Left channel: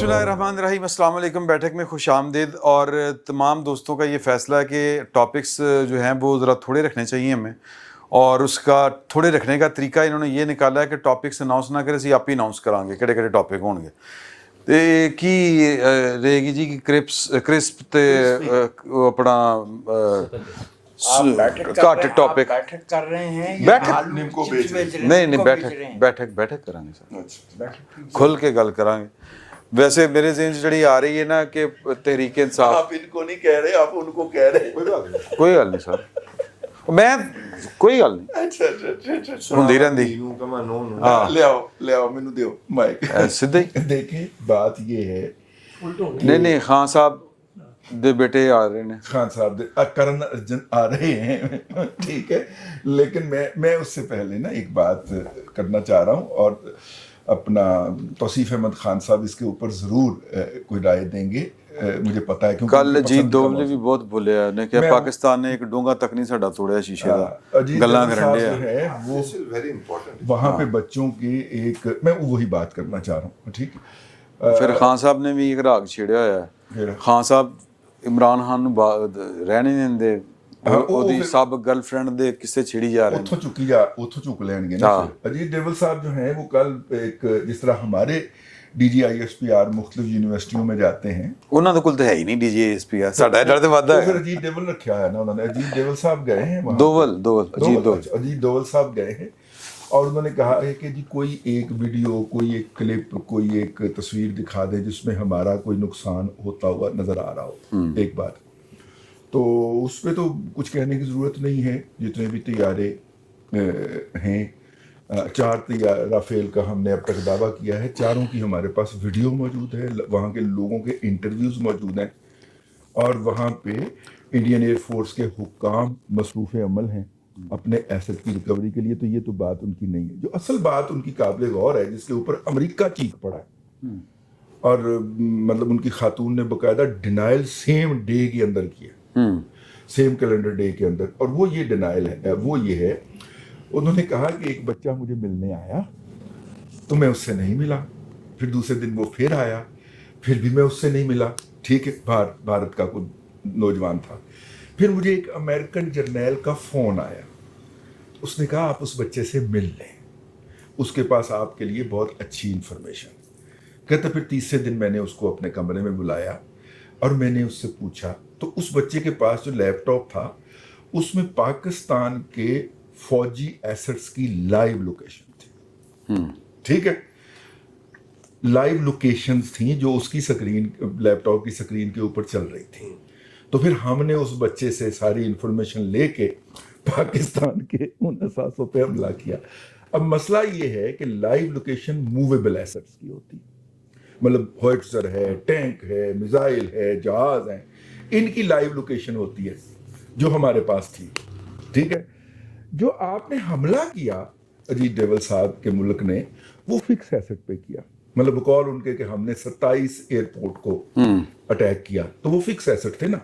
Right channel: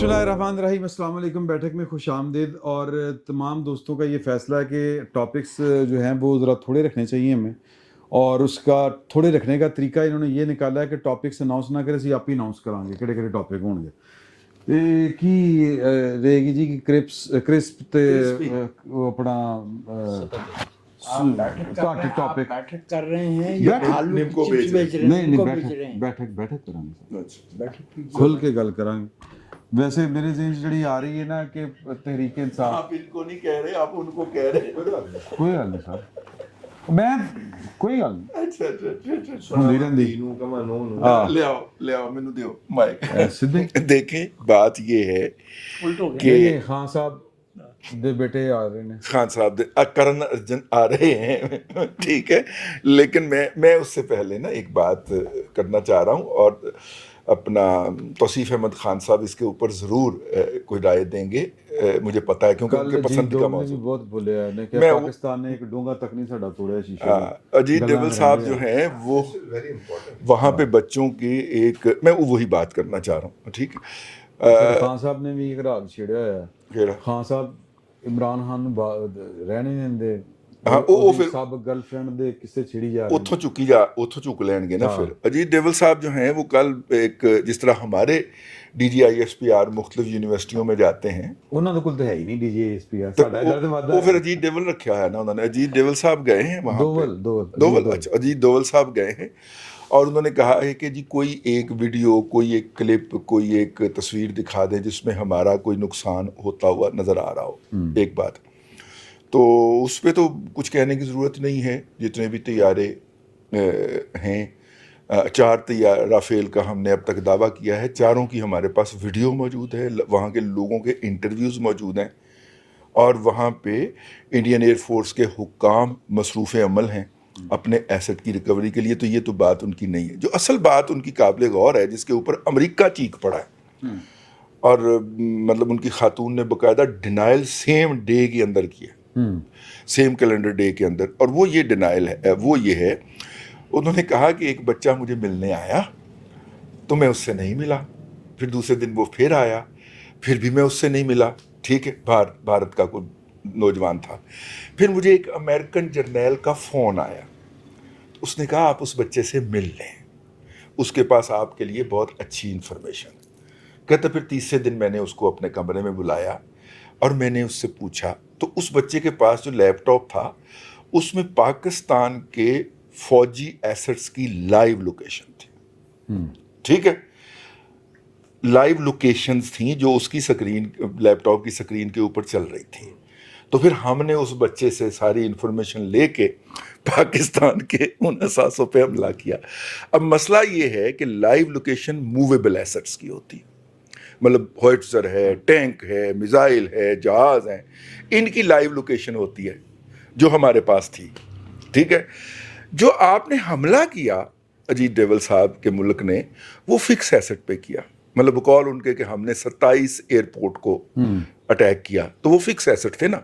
बिस्मिल्लाहिर्रहमानिर्रहीम, अस्सलाम वालेकुम। बैठक में खुश आमदीद। और तमाम दोस्तों का ये फ़ैसला है कि टॉपिक्स जो हैं वो ज़रा थोड़े रखने चाहिए हमें, और उसका थोड़े रखने का तरीका इन्होंने ये निकाला है कि टॉपिक्स अनाउंस ना करें, ਅਸੀਂ आप ही अनाउंस करांगे ਕਿਹੜੇ ਕਿਹੜੇ ਟੌਪਿਕ ਹੋਣਗੇ। ਤੇ ਕੀ ਰਹੇਗੀ ਜੀ ਕਿ ਕ੍ਰਿਸਪ ਤੇ ਉਹ ਆਪਣਾ ਘੱਟ ਟੌਪਿਕ बैठक कर रहे हैं या बैठक आलू नीम को चिप्स बेच रहे बेच रहे हैं, नहीं नीम नहीं को बेच रहे हैं। बैठक करांगे सर, बैठक खुल के गल करांगे। वैसे मेरे ज़हन च ਜਿਹੜੀ ਆ ਰਹੀ है ना कि तहरीक इंसाफ, आप इनको नहीं कह रहे, आप उनको कह रहे हैं। कोई गल नहीं सर, मैं कोई गल नहीं अच्छा ਹੁੰਦੀ ਰਹਿੰਦੀ। ले आओ मैनू दियो माइक। ਸਿੱਧੇ ਹੀ देखें बात ये है नहीं नहीं खान साहब ਦੇ ਬੇਟੇ ਆ ਰਹੇ ਨੇ। खान साहब करण अर्जुन आ रहे हैं ठीक है, लेकिन मैं उससे पहले ना एक बात करना चाह रहा हूँ, और अपना तौसीफ अहमद खान साहब इसके ऊपर ज़रूर कोई राय देंगे, मुझे पता है क्योंकि ਕੱਲ ਅਜੀਤ ਦੋਵਲ ਨੇ ਵੀ ਬਹੁਤ ਬੋਲਿਆ ਨੇ ਕਿ ਪਾਕਿस्तान ने एक डोंगा तक नहीं साडा तोड़िया शीशे ਦਾ। अजीत दोवल साहब जो है वो वेरी इंपॉर्टेंट, वहाँ पे बच्चों के एक मैं वही बात करना चाह रहा हूँ, ठीक। ਫਿਰ ਖਾਨ ਸਾਹਿਬ ਨੇ ਵੀ ਇੱਕ ਰਾਗ ਛੇੜਿਆ ਹੋਇਆ ਕਿਹੜਾ? ਹੈ। ਖਾਨ ਸਾਹਿਬ ਇਮਰਾਨ ਖਾਨ ਨੂੰ ਰਹਿਣ ਨਹੀਂ ਦਿੰਦੇ, ਉਹਦੀ ਸਭ ਗਰਲਫ੍ਰੈਂਡ ਦੇ ਕਿਸੇ ਛੇੜੀ ਜਾ ਰਹੇ ਨੇ। ਉੱਥੋਂ ਚੁੱਕ ਲੈਣਗੇ ਨਾ ਫਿਰ। ਅਜੀਤ दोवल साहब जो हैं वो कल एक जिस तरह हमारे DGISPR मुख्तलिफ यूनिवर्सिटियों में जाते हैं, ਉਹਨਾਂ ਦੇ ਕੋਲ ਤਾਂ ਹੈ ਹੀ ਨਹੀਂ DGISP ਆ, ਸਾਡਾ ਜਿਹੜਾ ਤੇ ਵਾਧਾ तो ਹੈ। फिर अजीत दोवल रखा है ना उन्होंने। अजीत दोवल साहब गए हैं वहाँ, अजीत दोवल साहब गए हैं, और उन्होंने कहा है कि जी कोई एक वीडियो, कोई एक क्लिप, कोई एक तस्वीर दिखा दे जिसमें हमारा कोई नुकसान होता हुआ नज़र आ रहा हो। एक बात तो उस पर तो कुछ कहने की ज़रूरत नहीं है। जितने भी तैयारे हैं, 4 तैयार राफेल का हमने अब तक दावा किया है, चारों की हमारे पास वीडियो मौजूद है, वहाँ के लोगों के इंटरव्यूज़ मौजूद हैं, और वहाँ पे इंडियन एयरफोर्स के हुक्काम मसरूफ़ अमल हैं अपने एसेट की रिकवरी के लिए। तो ये तो बात उनकी नहीं है। जो असल बात उनकी काबिल गौर है, जिसके ऊपर अमेरिका चीख पड़ा है, और मतलब उनकी खातून ने बाकायदा डिनाइल सेम डे के अंदर किया, सेम कैलेंडर डे के अंदर, और वो ये डिनाइल है, वो ये है, उन्होंने कहा कि एक बच्चा मुझे मिलने आया तो मैं उससे नहीं मिला, फिर दूसरे दिन वो फिर आया, फिर भी मैं उससे नहीं मिला, ठीक है, भारत का कोई नौजवान था। फिर मुझे एक अमेरिकन जर्नैल का फ़ोन आया, उसने कहा आप उस बच्चे से मिल लें, उसके पास आपके लिए बहुत अच्छी इन्फॉर्मेशन। कहते फिर तीसरे दिन मैंने उसको अपने कमरे में बुलाया और मैंने उससे पूछा, तो उस बच्चे के पास जो लैपटॉप था उसमें पाकिस्तान के फौजी एसेट्स की लाइव लोकेशन थी, ठीक है, लाइव लोकेशंस थी जो उसकी स्क्रीन, लैपटॉप की स्क्रीन के ऊपर चल रही थी। तो फिर हमने उस बच्चे से सारी इन्फॉर्मेशन लेके पाकिस्तान के उन असासों पे हमला किया। अब मसला ये है कि लाइव लोकेशन मूवेबल एसेट्स की होती, मतलब होइट्ज़र है, टैंक है, मिसाइल है, जहाज़ हैं, इनकी लाइव लोकेशन होती है जो हमारे पास थी, ठीक है। जो आपने हमला किया अजीत दोवल साहब के मुल्क ने, वो फिक्स एसेट पे किया, मतलब बकौल उनके कि हमने 27 एयरपोर्ट को अटैक किया, तो वो फिक्स एसेट थे ना।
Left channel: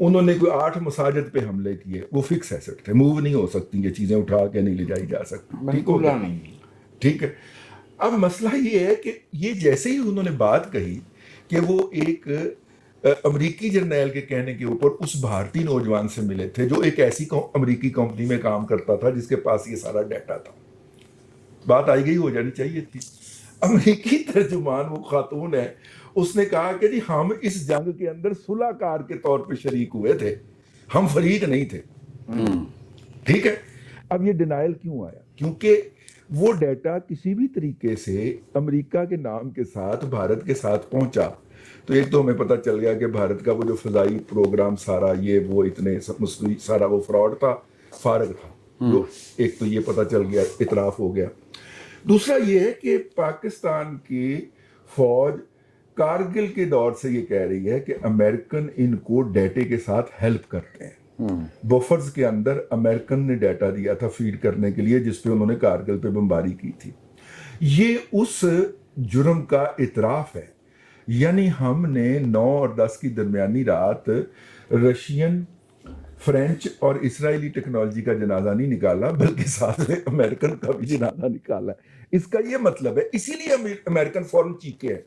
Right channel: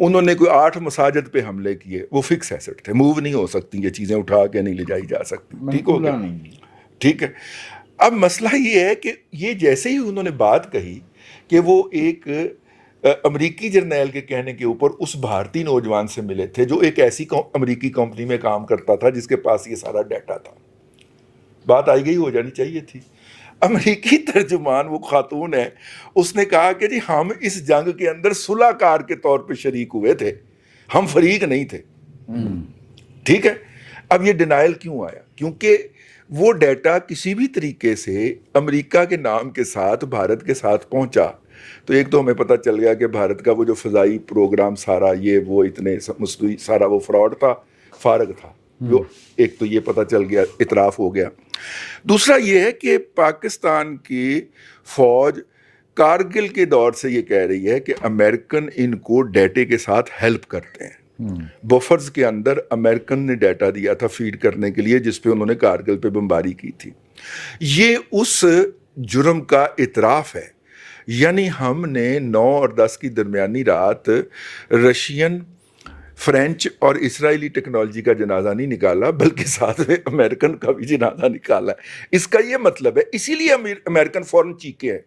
उन्होंने कोई 8 मसाजिद पे हमले किए, वो फिक्स एसेट थे, मूव नहीं हो सकती, ये चीज़ें उठा के नहीं ले जाई जा सकती, ठीक हो गया, ठीक है। अब मसला ये है कि ये जैसे ही उन्होंने बात कही कि वो एक अमरीकी जर्नैल के कहने के ऊपर उस भारतीय नौजवान से मिले थे जो एक ऐसी अमरीकी कंपनी में काम करता था जिसके पास ये सारा डाटा था, बात आई गई हो जानी चाहिए थी। अमरीकी तर्जुमान वो खातून है, उसने कहा कि जी हम इस जंग के अंदर सुलहकार के तौर पे शरीक हुए थे, हम फरीक नहीं थे, ठीक है। अब ये डिनाइल क्यों आया? क्योंकि वो डाटा किसी भी तरीके से अमेरिका के नाम के साथ भारत के साथ पहुंचा, तो एक तो हमें पता चल गया कि भारत का वो जो फ़ज़ाई प्रोग्राम सारा ये वो इतने सारा वो फ्रॉड था, फारग था, जो एक तो ये पता चल गया, इतराफ़ हो गया। दूसरा ये है कि पाकिस्तान की फ़ौज कारगिल के दौर से ये कह रही है कि अमेरिकन इनको डाटे के साथ हेल्प करते हैं। बफर्स के अंदर अमेरिकन ने डाटा दिया था फीड करने के लिए, जिस पे उन्होंने कारगिल पे बमबारी की थी। ये उस जुर्म का इतराफ़ है। यानी हमने 9 और 10 की दरमियानी रात रशियन, फ्रेंच और इसराइली टेक्नोलॉजी का जनाजा नहीं निकाला, बल्कि साथ में अमेरिकन का भी जनाजा निकाला है। इसका ये मतलब है, इसीलिए अमेरिकन फ़ौरन चीखे है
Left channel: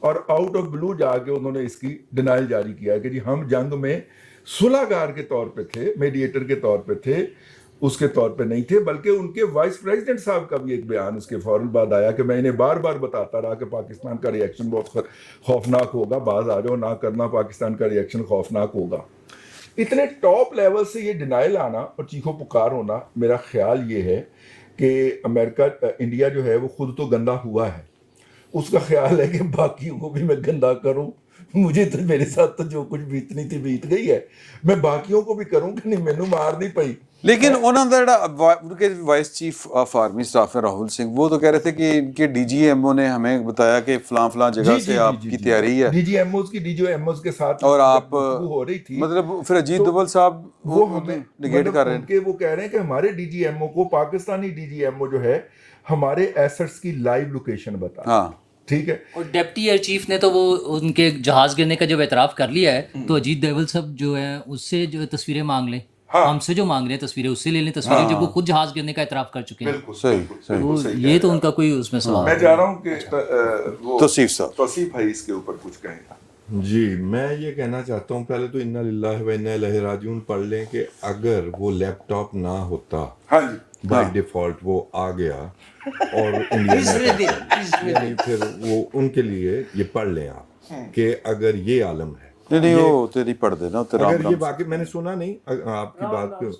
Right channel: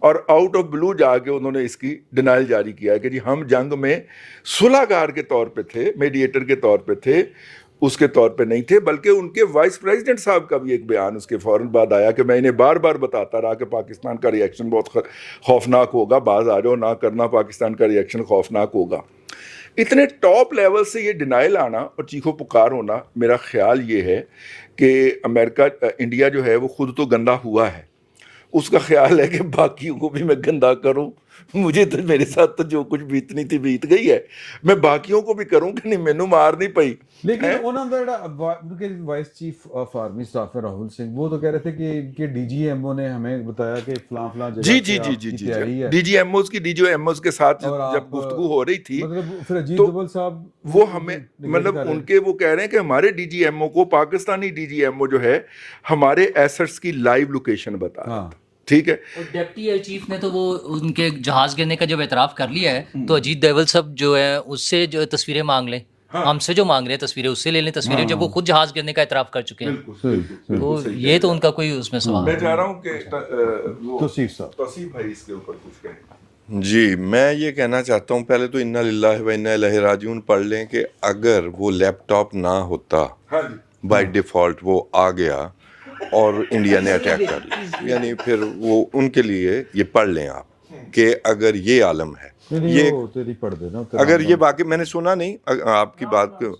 اور آؤٹ آف بلو جا کے انہوں نے اس کی ڈینائل جاری کیا ہے کہ جی ہم جنگ میں صلح گار کے طور پہ تھے, میڈیٹر کے طور پہ تھے, اس کے طور پہ نہیں تھے. بلکہ ان کے وائس پریزیڈنٹ صاحب کا بھی ایک بیان اس کے فوراً بعد آیا کہ میں انہیں بار بار بتاتا رہا کہ پاکستان کا ری ایکشن بہت خوفناک ہوگا, باز آ جاؤ, نہ کرنا, پاکستان کا ری ایکشن خوفناک ہوگا. اتنے ٹاپ لیول سے یہ ڈینائل آنا اور چیخو پکار ہونا, میرا خیال یہ ہے کہ امریکہ, انڈیا جو ہے وہ خود تو گندا ہوا ہے, اس کا خیال ہے کہ باقیوں کو بھی میں گندا کروں. مجھے تو میرے ساتھ تو جو کچھ بیتنی تھی بیت گئی ہے, میں باقیوں کو بھی کروں کہ نہیں, مینوں مار نہیں پئی. لیکن انہوں نے ان کے vice chief of army staff ہے راہل سنگھ, وہ تو کہہ رہے تھے کہ ان کے ڈی جی ایم او نے ہمیں بتایا کہ فلاں فلاں جگہ سے آپ کی تیاری ہے, ڈی جی ایم اوز کی, ڈی جی ایم اوز کے ساتھ اور جب آپ گفتگو ہو رہی تھی, مطلب پھر اجیت دوول صاحب وہ ہمیں مطلب ان کے وہ کہہ رہے ہیں کہ ہمارے ڈی جی ایم او کو, Pakistani D G M O جو ہے, ہمارے ایسٹس کی لائیو لوکیشن بتا. ہاں ٹھیک ہے. اور ڈپٹی ایئر چیف نے تو وہ ان کے جہاز گرنے کا جب اعتراف کر لیا ہے, تو اجیت دوول صاحب جو ہے اس سے جو تصویریں مانگ لیں, ہم سے جو مانگ رہے ہیں تصویریں اس سے لے لیں تصویریں, جب وہ خود جہاز گرنے کا اعتراف کر چکے ہیں. تو یہ تو ان کا کوئی اس میں سوال. میں چاہ رہا ہوں کہ توصیف صاحب, توصیف بھائی اس کے اوپر کچھ کہیں. جی, میں یہ کہنا چاہتا ہوں, پہلے تو انا للہ و انا الیہ راجعون پڑھ لیں کہ اگر وہ لیپ ٹاپ نہ ہوتا, بائی ڈیفالٹ وہ آ گیا اور انڈیا نے اٹیک کر لیا, یعنی پھر وہ ان کے لیے یہ پڑھ لیں آپ کہ اگر یہ عالم ہے, تیری پڑھ دینا, اگر یہ باقی میں نے سنا نہیں آپ کی بات کو,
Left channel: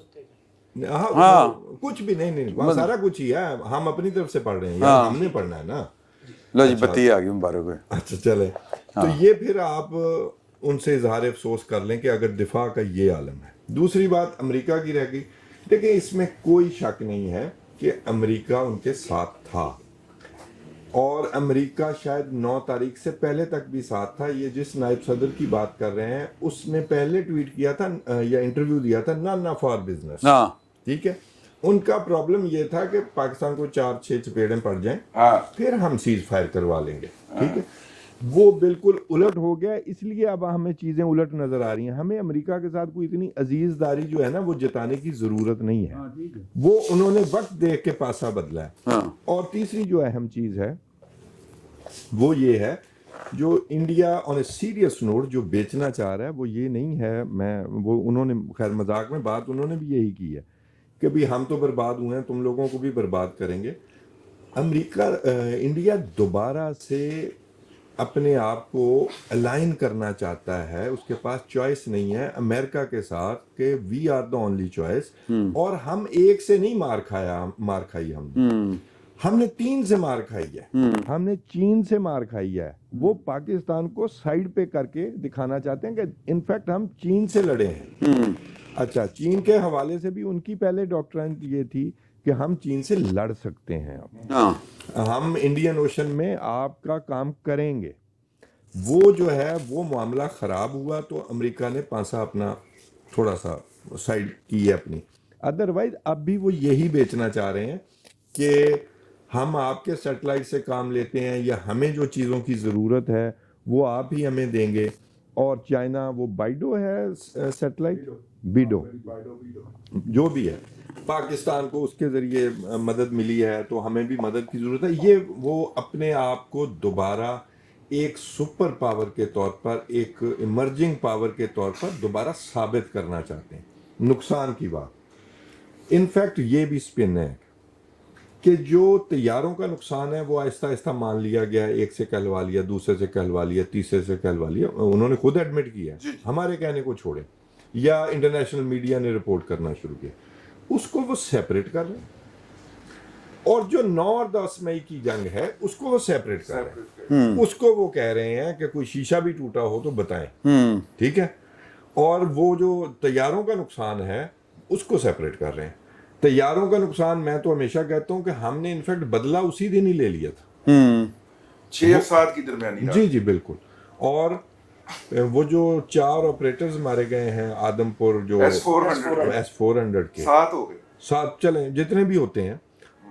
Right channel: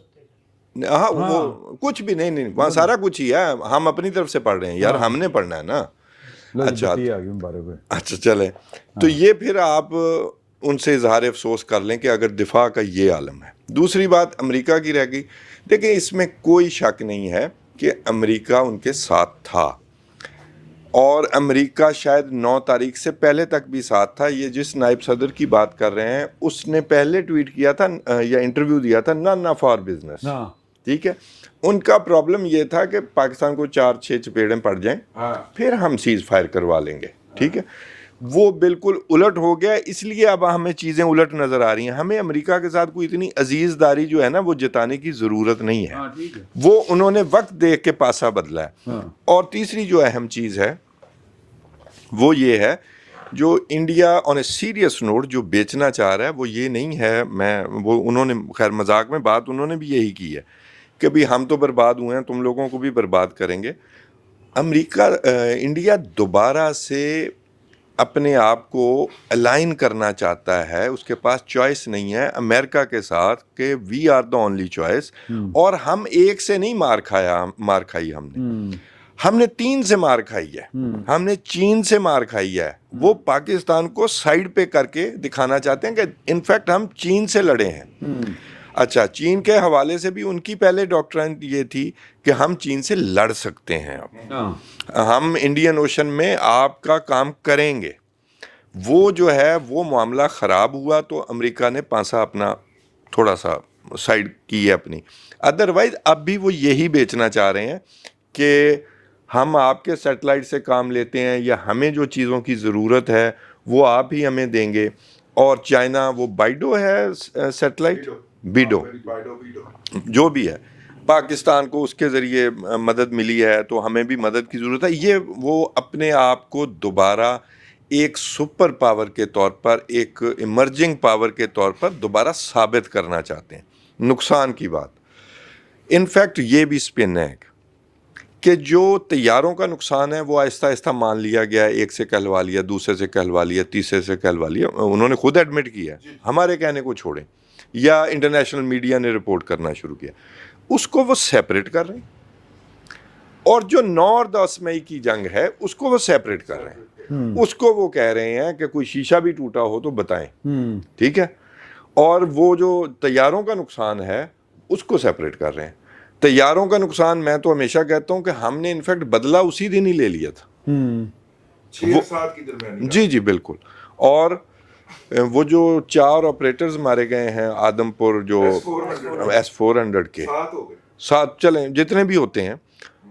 ہاں کچھ بھی نہیں, وہاں سارا کچھ ہی ہے, ہم اپنی طرف سے پڑھ رہے ہیں یار, ہم نے پڑھنا ہے نا. بتی آ گئی مبارک. اچھا چلیں, تو یہ پھر آپ ان سے اظہار افسوس کر لیں کہ اگر دفاع کا یہ عالم ہے. دوسری بات امریکہ کی رہ گئی. دیکھیں اس میں کوئی شک نہیں ہے کہ امریکہ ان کے ساتھ تھا, اور امریکہ شاید 9 تاریخ سے پہلے تک بھی ساتھ تھا. یہ جس نائب صدر کی بات کر رہے ہیں اس نے پہلے ٹویٹ کیا تھا یا انٹرویو دیا تھا, نہ فار بزنس. ٹھیک ہے, ان کا پرابلم یہ تھا کہ پاکستان کو 4-6 چپیڑیں پڑ جائیں, پھر ہم سیز فائر کروا لیں گے. ٹھیک ہے, وہ بالکل الٹ ہو گیا, اس لیے اب ہمیں چیزیں الٹ نظر آ رہی ہیں. ہمیں امریکہ کے ساتھ کوئی اتنی عزیز داری جو ہے نا وہ جتانے کی ضرورت نہیں ہے, وہ انہوں نے وقت دیکھ کے پاسا بدلا ہے. اور تیسری جو اہم چیز ہے وہ یہ ہے, جو India on a serious note جو بیچنا چاہ رہا ہے وہ یہ نہیں ہے, وہ انہوں نے خیر مذاق میں بات انہوں نے بھی یہی کی ہے کہ بھی ہم تو برباد ہوئے ہیں, تم لوگوں کو بھی برباد کریں گے. انڈیا دوبارہ سے اپنے آپ کو الائن کرنا چاہتا ہے, اس کے پاس چوائس نہیں ہے امریکہ کے ساتھ کہ we are the only choice. اور ہم ایک سے نہیں مار کھائی, ہم نے 3 سے مار کھائی ہے. ہم نے چین سے مار کھائی ہے, وہ پاکستان کو سائڈ پہ کر کے دکھانا چاہتے ہیں کہ انفیکٹ ہم چین سے لڑے ہیں. اچھا, چین کے حوالے سے بھی ان کی پہلے ڈاکٹرائن یہ تھی کہ ہم چین سے لڑ سکتے ہیں, اب ہم انڈین اوشن میں آپ کا کام کریں گے. وہ جو ہے وہ معاملہ خراب ہوا تو امریکہ نے پانسا اپنا تھوڑا سا سائڈ کی ہے اپنی. ادروائز اب بھی وہ یہی بیچنا چاہ رہے ہیں کہ ہم آپ کے سیٹلائٹ سے کام لیتے ہیں, یا ہمیں جو چیزوں کی ضرورت ہے وہ آپ ہی ہمیں دیں گے. اور چائنا وہ بائیڈو ہے سیٹلائٹ, بیڈو جو بھی ہے, پاکستان کو اس کے ذریعے مدد ملی ہے تو ہمیں بھی مدد کی ضرورت ہے. یہ وہ اپنے آپ کو دوبارہ ایک سپر پاور کے طور پر, ایک ایمرجنگ پاور کے طور پر دوبارہ ثابت کرنا چاہتے ہیں. نقصان کی بات انفیکٹ یہ بھی سپن ہے کہ جو طیاروں کا نقصان ہے وہ آہستہ آہستہ مان لیا گیا, ایک سے کہلوا لیا, دوسرے سے کہلوا لیا, تیسرے سے کہلوا لیا, انہوں نے خود ایڈمٹ کیا ہے, ہمارے کہنے کو چھوڑیں, یا انٹرنیشنل میڈیا نے رپورٹ کرنا شروع کیا. اس کو وہ سیپریٹ کر رہے ہیں, اور جو 9 اور 10 مئی کی جنگ ہے اس کو وہ سیپریٹ کر رہے ہیں. اس کو وہ کہہ رہے ہیں کہ کوئی شیشہ بھی ٹوٹا ہو تو بتائیں. ٹھیک ہے, اور وہ جو طیاروں کا نقصان ہے اس کو سیپریٹ کر رہے ہیں. طیاروں کا نقصان میں تو ہمیشہ کہتا ہوں کہ ہم نے انفیکٹ بدلہ اسی دن ہی لے لیا تھا, 6-7 کی درمیانی. جی بالکل. اور وہ جو 4 آپریٹرز مارے گئے ہیں آدم پور, جو S-400 کے 7 ہو گئے, 7 چلیں جتنے بھی ہوتے ہیں,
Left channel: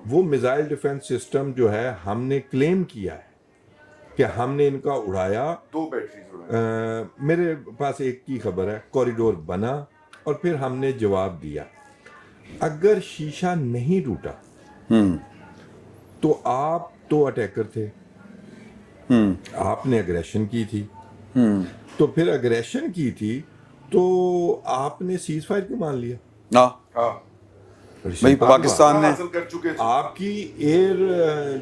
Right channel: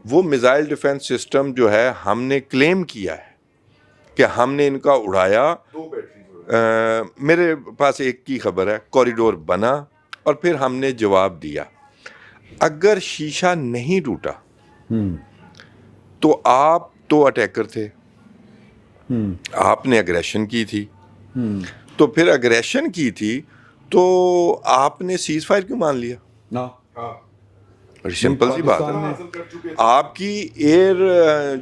وہ میزائل ڈیفنس سسٹم جو ہے ہم نے کلیم کیا ہے کہ ہم نے ان کا اڑایا. 2 بیٹریز میرے پاس ایک کی خبر ہے, کوریڈور بنا اور پھر ہم نے جواب دیا. اگر شیشہ نہیں ٹوٹا تو آپ تو اٹیکر تھے, آپ نے اگریشن کی تھی, تو پھر اگریشن کی تھی تو آپ نے سیز فائر کیوں مان لیا؟ پاکستان نے آپ کی ایئر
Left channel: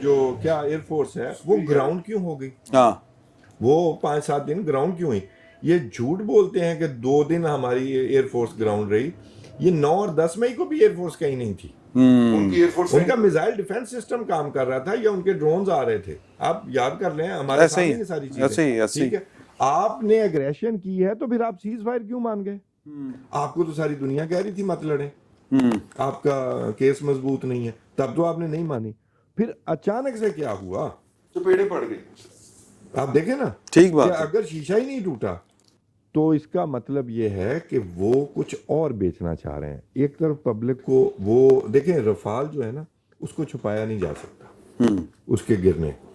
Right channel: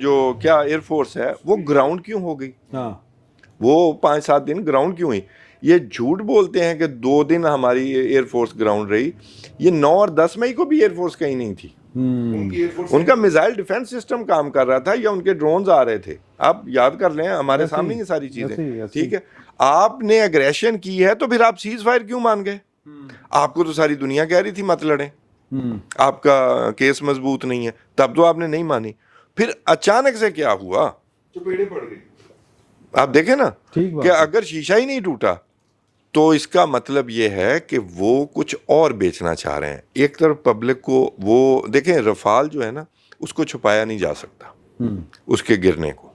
جو کیا ایئر فورس ہے وہ گراؤنڈ کیوں ہو گئی؟ وہ 5-7 دن گراؤنڈ کیوں ہوئی؟ یہ جھوٹ بولتے ہیں کہ 2 دن ہماری ایئر فورس گراؤنڈ رہی. یہ 9 اور 10 مئی کو بھی ایئر فورس کہیں نہیں تھی. ان کا میزائل ڈیفنس سسٹم کام کر رہا تھا یا ان کے ڈرونز آ رہے تھے؟ آپ یاد کر لیں, ہمارے سامنے یہ ساری چیزیں. ٹھیک ہے, آپ نے اگریشن کی ہے تو پھر آپ سیز فائر کیوں مان گئے؟ آپ کو تو ساری دنیا کہہ رہی تھی مت لڑیں, آپ کا کیس مضبوط نہیں ہے, تب تو آپ نے نہیں مانی. پھر اچانک سے کیا ہوا؟ چپیڑے پڑ گئی. آپ دیکھیں نا ٹھیک بات, کہ اگر شیشہ ہی نہیں ٹوٹا تو اس کا مطلب یہ ہے کہ وہ کچھ اور بیچنا چاہ رہے ہیں. ایک طرف پبلک کو وہ دیکھیں, رفال جو ہے نا اس کو چھپایا نہیں جا سکتا, اس کے گرنے کو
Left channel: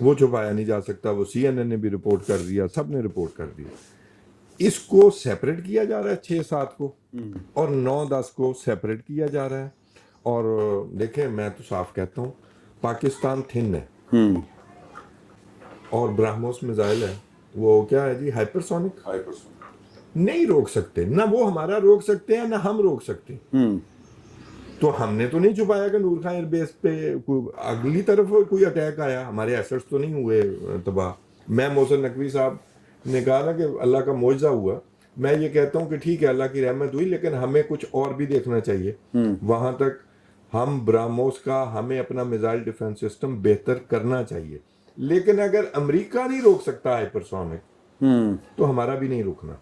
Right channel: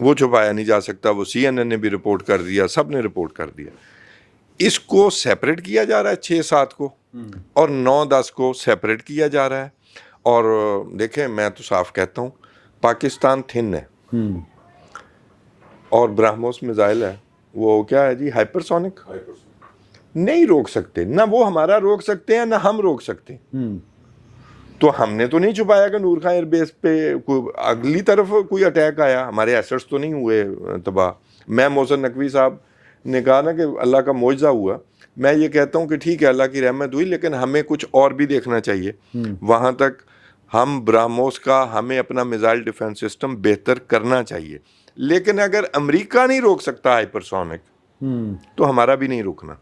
وہ چھپایا نہیں جا سکتا. وہ CNN نے بھی رپورٹ کر دیا, سب نے رپورٹ کر دیا. اس کو سیپریٹ کیا جا رہا ہے 6-7 کو, اور 9-10 کو سیپریٹ کیا جا رہا ہے. اور دیکھیں, میں تو صاف کہتا ہوں پاکستان تھن ہے اور برہموس میزائل ہے, وہ کیا ہے جی, ہائپرسونک. نہیں روک سکتے, نہ وہ ہمارا روک سکتے ہیں نہ ہم روک سکتے. تو ہم نے تو نہیں چھپایا کہ نور خان ایئر بیس پہ اگلی طرف کوئی اٹیک آیا, ہمارے ایسٹس تو نہیں ہوئے تباہ. میں محسن نقوی صاحب نے کہا نا کہ اللہ کا معجزہ ہوا. میں یہ کہتا ہوں کہ ٹھیک ہے اللہ کی رحمت ہوئی, لیکن ہمیں کچھ اور بھی دیکھنا چاہیے. وہاں تک ہم برہموس کا, ہمیں اپنا میزائل ڈیفنس سسٹم بہتر کرنا چاہیے. لیکن اگر امریکہ نہیں روک سکتا ہائپرسونک, تو ہمارا بھی نہیں روکنا.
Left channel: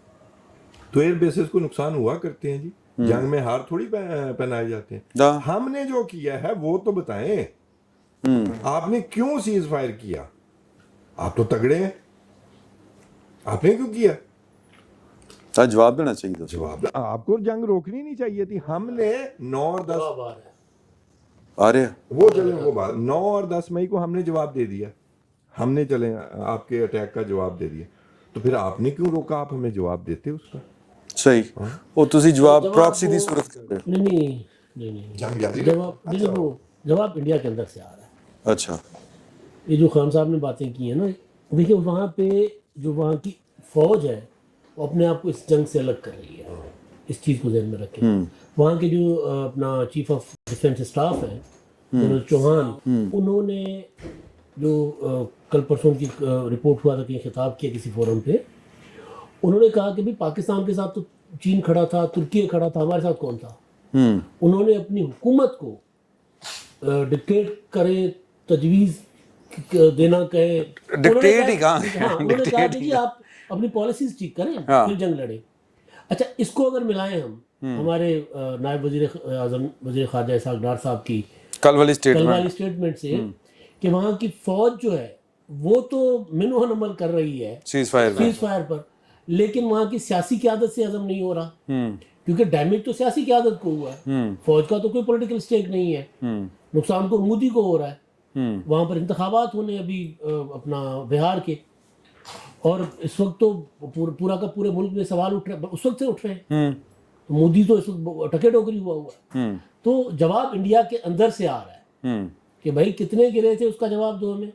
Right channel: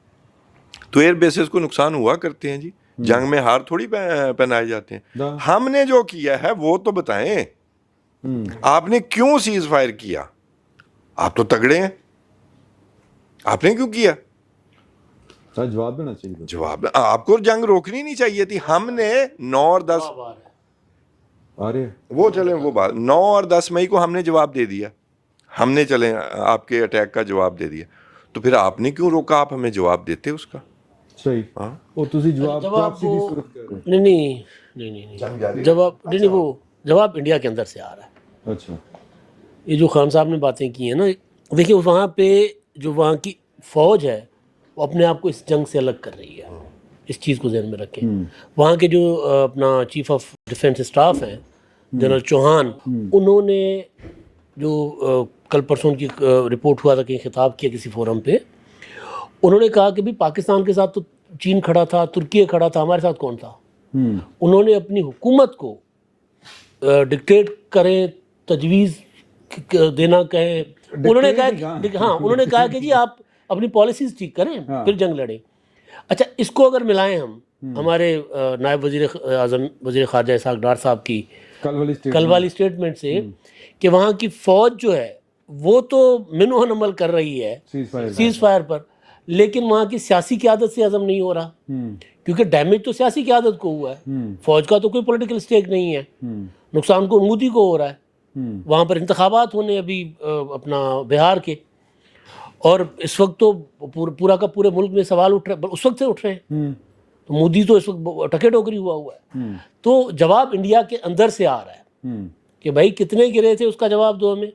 تو ایئر بیسز کو نقصان ہوا کرتے ہیں جی, جنگ میں ہار تھوڑی پہنائے جاتے ہیں. ہم نے جو کیا ہے وہ تو بتائیں, آپ نے کیوں سیز فائر کیا؟ آپ تو تگڑے ہیں, آپ نے کیوں کیا؟ جواب دینا چاہیے. جواب, آپ کو جنگ روکنی نہیں چاہیے تھی. ہم نے 9 اور 10 آ رہے وہ چلیں وہ بات 9 اور 10 مئی کو ہم نے جواب دے دیا, ہم نے چلیں آپ کے اٹیک کا جواب دے دیا. تو پھر آپ نے کیوں روکا؟ آپ ہمیں جواب دیتے اس کا. صحیح. وہ تسی جواب پراکسی دی صورت کر رہے ہیں. نہیں جواب نہیں, وہ جواب انڈیا کے اندر سے آ رہا ہے. اچھا, یہ جو خان صاحب نے باتیں کی ہیں نا, دیکھیے وہاں پہ جو وہاں کی فوج ہے وہ اپنے آپ کو اس جنگ سے الگ کر رہی ہے. اس چیز کو ذہن میں رکھیں. وہاں کے جو اپنا چیف آف ڈیفنس اسٹاف ہیں جنرل چوہان, انہوں نے جو کل پرسوں کی رپورٹ ہوا تھا کہ خطاب کیا کسی فورم پہ, انہوں نے کہا کہ بھی پاکستان کے ساتھ تو چین کھڑا تھا, ترکی کھڑا تھا, ہمارے ساتھ کون تھا؟ انہوں نے اپنی حکومت کو ڈکٹیٹ کریں, تجویز دینا کہیں, انہوں نے کہا کہ جی آپ اپنی پالیسیز ٹھیک کریں پھر جنگ لڑیں. اچھا, اس کو اگر ملائیں ہم ہمارے نائب وزیر اعظم وزیر خارجہ اسحاق ڈار صاحب کی کل والی اسٹیٹمنٹ سے, کہ وہاں کی فوج جو ہے وہ تو منو عمل کر رہی ہے سیز فائر پر, لیکن وہاں کی سیاسی قیادت سے عزم نہیں ہو رہا, کیونکہ ڈیمیج تو سیاسی قیادت کو ہوا ہے, فوج کا تو کوئی پولیٹیکل سٹیک نہیں ہے. نقصان کو مودی کو ہو رہا ہے. وہاں پر انتخابات ہونے ابھی اپنا بہار کے, اور اس وقت تو پورا کا پورے ملک میں سوال اٹھ رہے, اس وقت سے اٹھ رہے ہیں. مودی تو اس وقت ٹکے ٹوکری ہوا ہے. تو جواب انڈیا کے اندر سے آ رہا ہے کہ بھائی کتنے گرے تھے اس کا جواب دو ہمیں,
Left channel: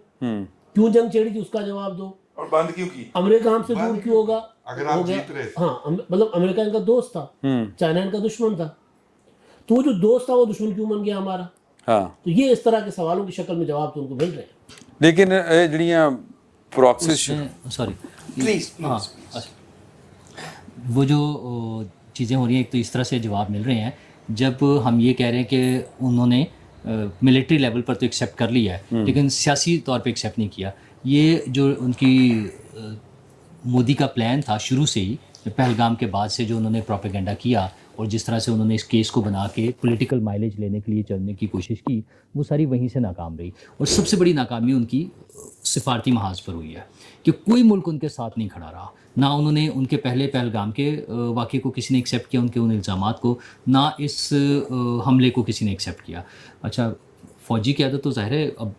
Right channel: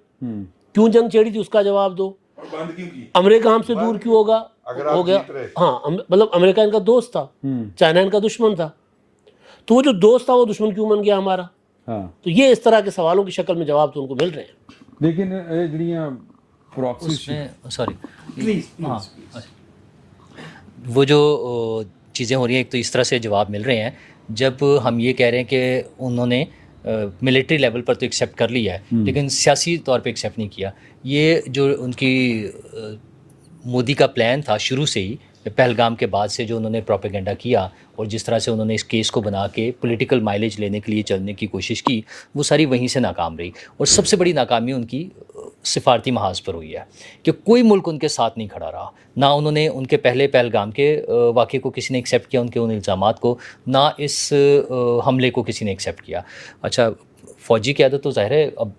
کیوں جنگ چھیڑی تھی اس کا جواب دو, اور بند کیوں کی, امریکہ ہم سے دور کیوں ہوگا, ہو گیا. ہاں مطلب امریکہ ان کا دوست تھا, چائنا ان کا دشمن تھا, تو وہ جو دوست تھا وہ دشمن کیوں بن گیا ہمارا؟ تو یہ اس طرح کے سوالوں کی شکل میں جواب تو ان کو مل رہے ہیں. لیکن جڑیاں پراکسی وہ جو چیزیں ہو رہی ہیں, ایک تو اس طرح سے جواب مل رہے ہیں جب ہم یہ کہہ رہے ہیں کہ انہوں نے ملٹری لیول پر تو ایکسیپٹ کر لیا ہے لیکن سیاسی طور پہ ایکسیپٹ نہیں کیا. یہ جو ان کی مودی کا پلان تھا شروع سے ہی, پہلگام کے بعد سے جو انہوں نے پروپیگنڈا کیا اور جس طرح سے انہوں نے اس کیس کو بنا کے پولیٹیکل مائلیج لینے کے لیے چلنے کی کوشش کی, وہ ساری وہیں سے ناکام رہی. اور سب سے بڑی ناکامی ان کی سفارتی محاذ پر ہوئی ہے کہ کوئی ملک ان کے ساتھ نہیں کھڑا رہا. نہ انہوں نے ان کے پہلے پہلگام کے واقعے کو کسی نے ایکسیپٹ کیا, ان کے ان الزامات کو, نہ اس حملے کو کسی نے ایکسیپٹ کیا. اچھا, فوجی قیادت تو ظاہر ہے اب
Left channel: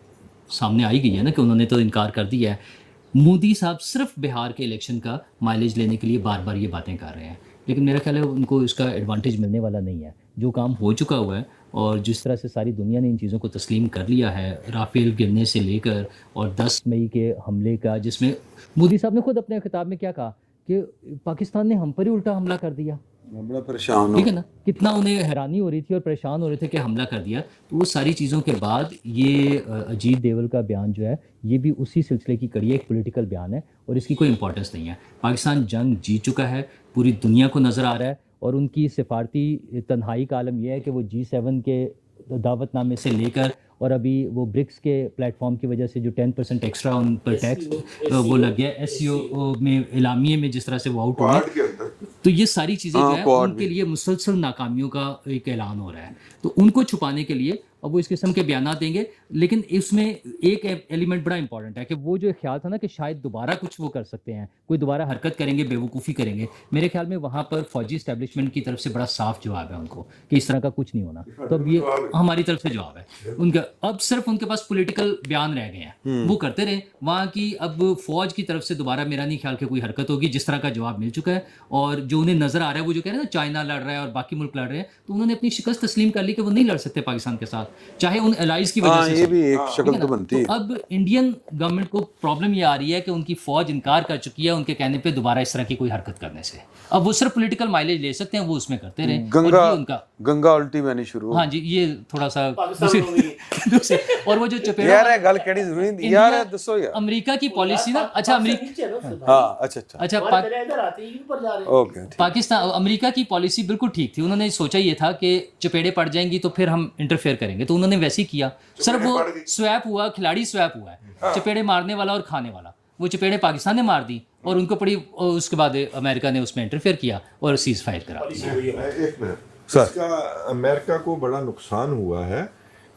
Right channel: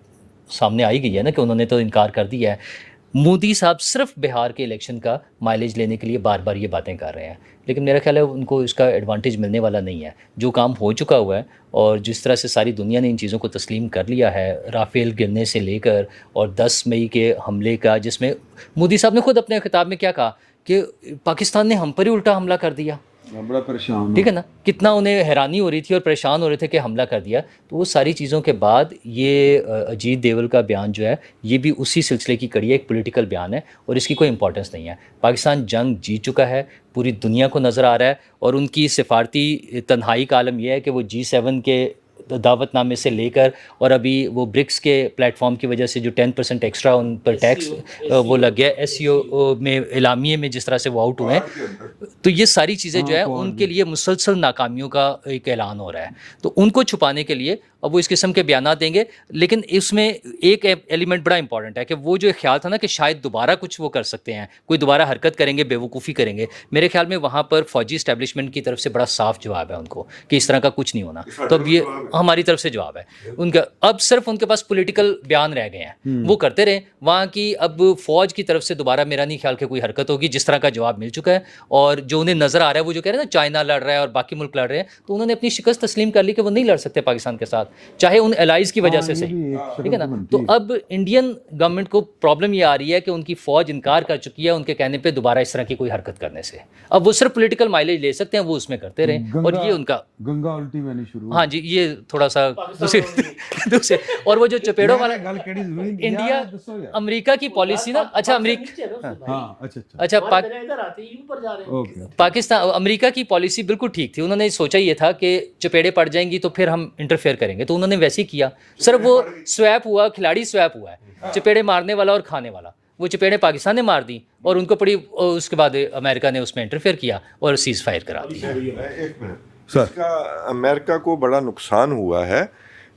سامنے آئی گئی ہے نا کہ انہوں نے تو انکار کر دیا ہے. مودی صاحب صرف بہار کے الیکشن کا مائلیج لینے کے لیے بار بار یہ باتیں کر رہے ہیں, لیکن میرا خیال ہے ان کو اس کا ایڈوانٹیج ملنے والا نہیں ہے. جو کام ہو چکا ہوا ہے اور جس طرح سے ساری دنیا نے ان چیزوں کو تسلیم کر لیا ہے، رافیل گرنے سے لے کر اور 10 مئی کے حملے کا، جس میں مودی صاحب نے خود اپنے خطاب میں کیا کہا کہ پاکستان نے ہم پر ہی الٹا حملہ کر دیا، بڑا پریشان ٹھیک ہے نا، کتنا انہیں حیرانی ہو رہی تھی اور پریشان ہو رہے تھے کہ حملہ کر دیا. تو وہ ساری چیزوں کے بعد یہ اجیت دیول کا بیان جو ہے یہ بھی اسی سلسلے کی کڑی ہے، ایک پولیٹیکل بیان ہے اور اس کی کوئی امپورٹنس نہیں ہے. پاکستان جنگ جیت چکا ہے، پوری دنیا کو نظر آ رہا ہے، اور ان کی سفارتی تنہائی کا عالم یہ ہے کہ وہ G7 کے دعوت نامے سے لے کر اور ابھی وہ برکس کے پلیٹ فارم کی وجہ سے جو 10% ایکسٹرا ان پر ٹیکس وہ لگ گیا، SCO میں اعلامیے میں جس طرح سے وہ آؤٹ ہوئے ہیں، تو یہ ساری چیزیں جو ہے ان کے لیے مسلسل ناکامیوں کا ایک اعلان ہو رہا ہے. تو ان کو چھپانے کے لیے اب وہ اس قسم کے بیانات دیں گے. لیکن اس میں ایک ایلیمنٹ بڑا امپورٹنٹ ہے کہ وہ جو خیال تھا نا کہ شاید دوبارہ کچھ وہ کر سکتے ہیں، کوئی دوبارہ حرکت کریں گے، بیوقوفی کریں گے، میرے خیال میں وہاں پر فوجی اسٹیبلشمنٹ کی طرف سے بڑا صاف جواب ہے ان کو کہ اس طرح کا کچھ نہیں ہونا. تو اب یہ ہماری طرف سے جواب ہے ان کا. اب صرف ان کے پاس پولیٹیکل بیان رہ گئے ہیں، وہ کرتے رہے وہاں کی. اب فوج کی طرف سے دوبارہ میرا نہیں خیال کہ کوئی حرکت ہوگی، جس طرح کا جواب مل چکا ہے. اور جو انہیں نظر آ رہا ہے وہ جو کہہ رہے ہیں نا چائنا لڑ رہا ہے اور باقی ملک لڑ رہے ہیں، تو انہوں نے اپنی شکست تسلیم کر لی کہ وہ نہیں لڑ سکتے پاکستان کے ساتھ، چاہے ان الائز کی وجہ سے. یہ بھی ایک شکل تو بنتی ہے. تو اب انڈین گورنمنٹ کو پرابلم یہ آ رہی ہے کہ ان کی فوج انکار کر چکی ہے ان کے کہنے پہ دوبارہ اس طرح کی کوئی حرکت کرنے سے. اب وہ صرف پولیٹیکل مائلیج لے سکتے ہیں، وہ اس میں کرتے رہیں. اور یہ ان کا گنگا الٹی میں نہیں شروع. ہاں جی، یہ تھوڑا سا دوسرے. اور وہ جو چپیڑوں گل کہڑی ضروری انڈیا دسو یار. امریکہ کی پالیسی نا، اچھا امریکہ، ہاں اچھا پاکستان امریکہ کی پالیسی بالکل ٹھیک تھی. انہوں نے سوچا یہ تھا کہ چپیڑے پڑ جائیں گی تو پھر ہم انٹرفیئر کریں گے، تو انہوں نے ویسے ہی کیا. صرف وہ سویپ ہوا، کھلاڑی سویپ ہوا ہے، چپیڑے مارنے والا اور کھانے والا. وہ چپیڑے پاکستان نے مار دی اور ان کو پڑی، اس کے بعد امریکہ نے اس میں انٹرفیئر کیا اور سیز فائر کرا دی. ایک منٹ، اس کا امریکہ کو بڑا نقصان ہوا ہے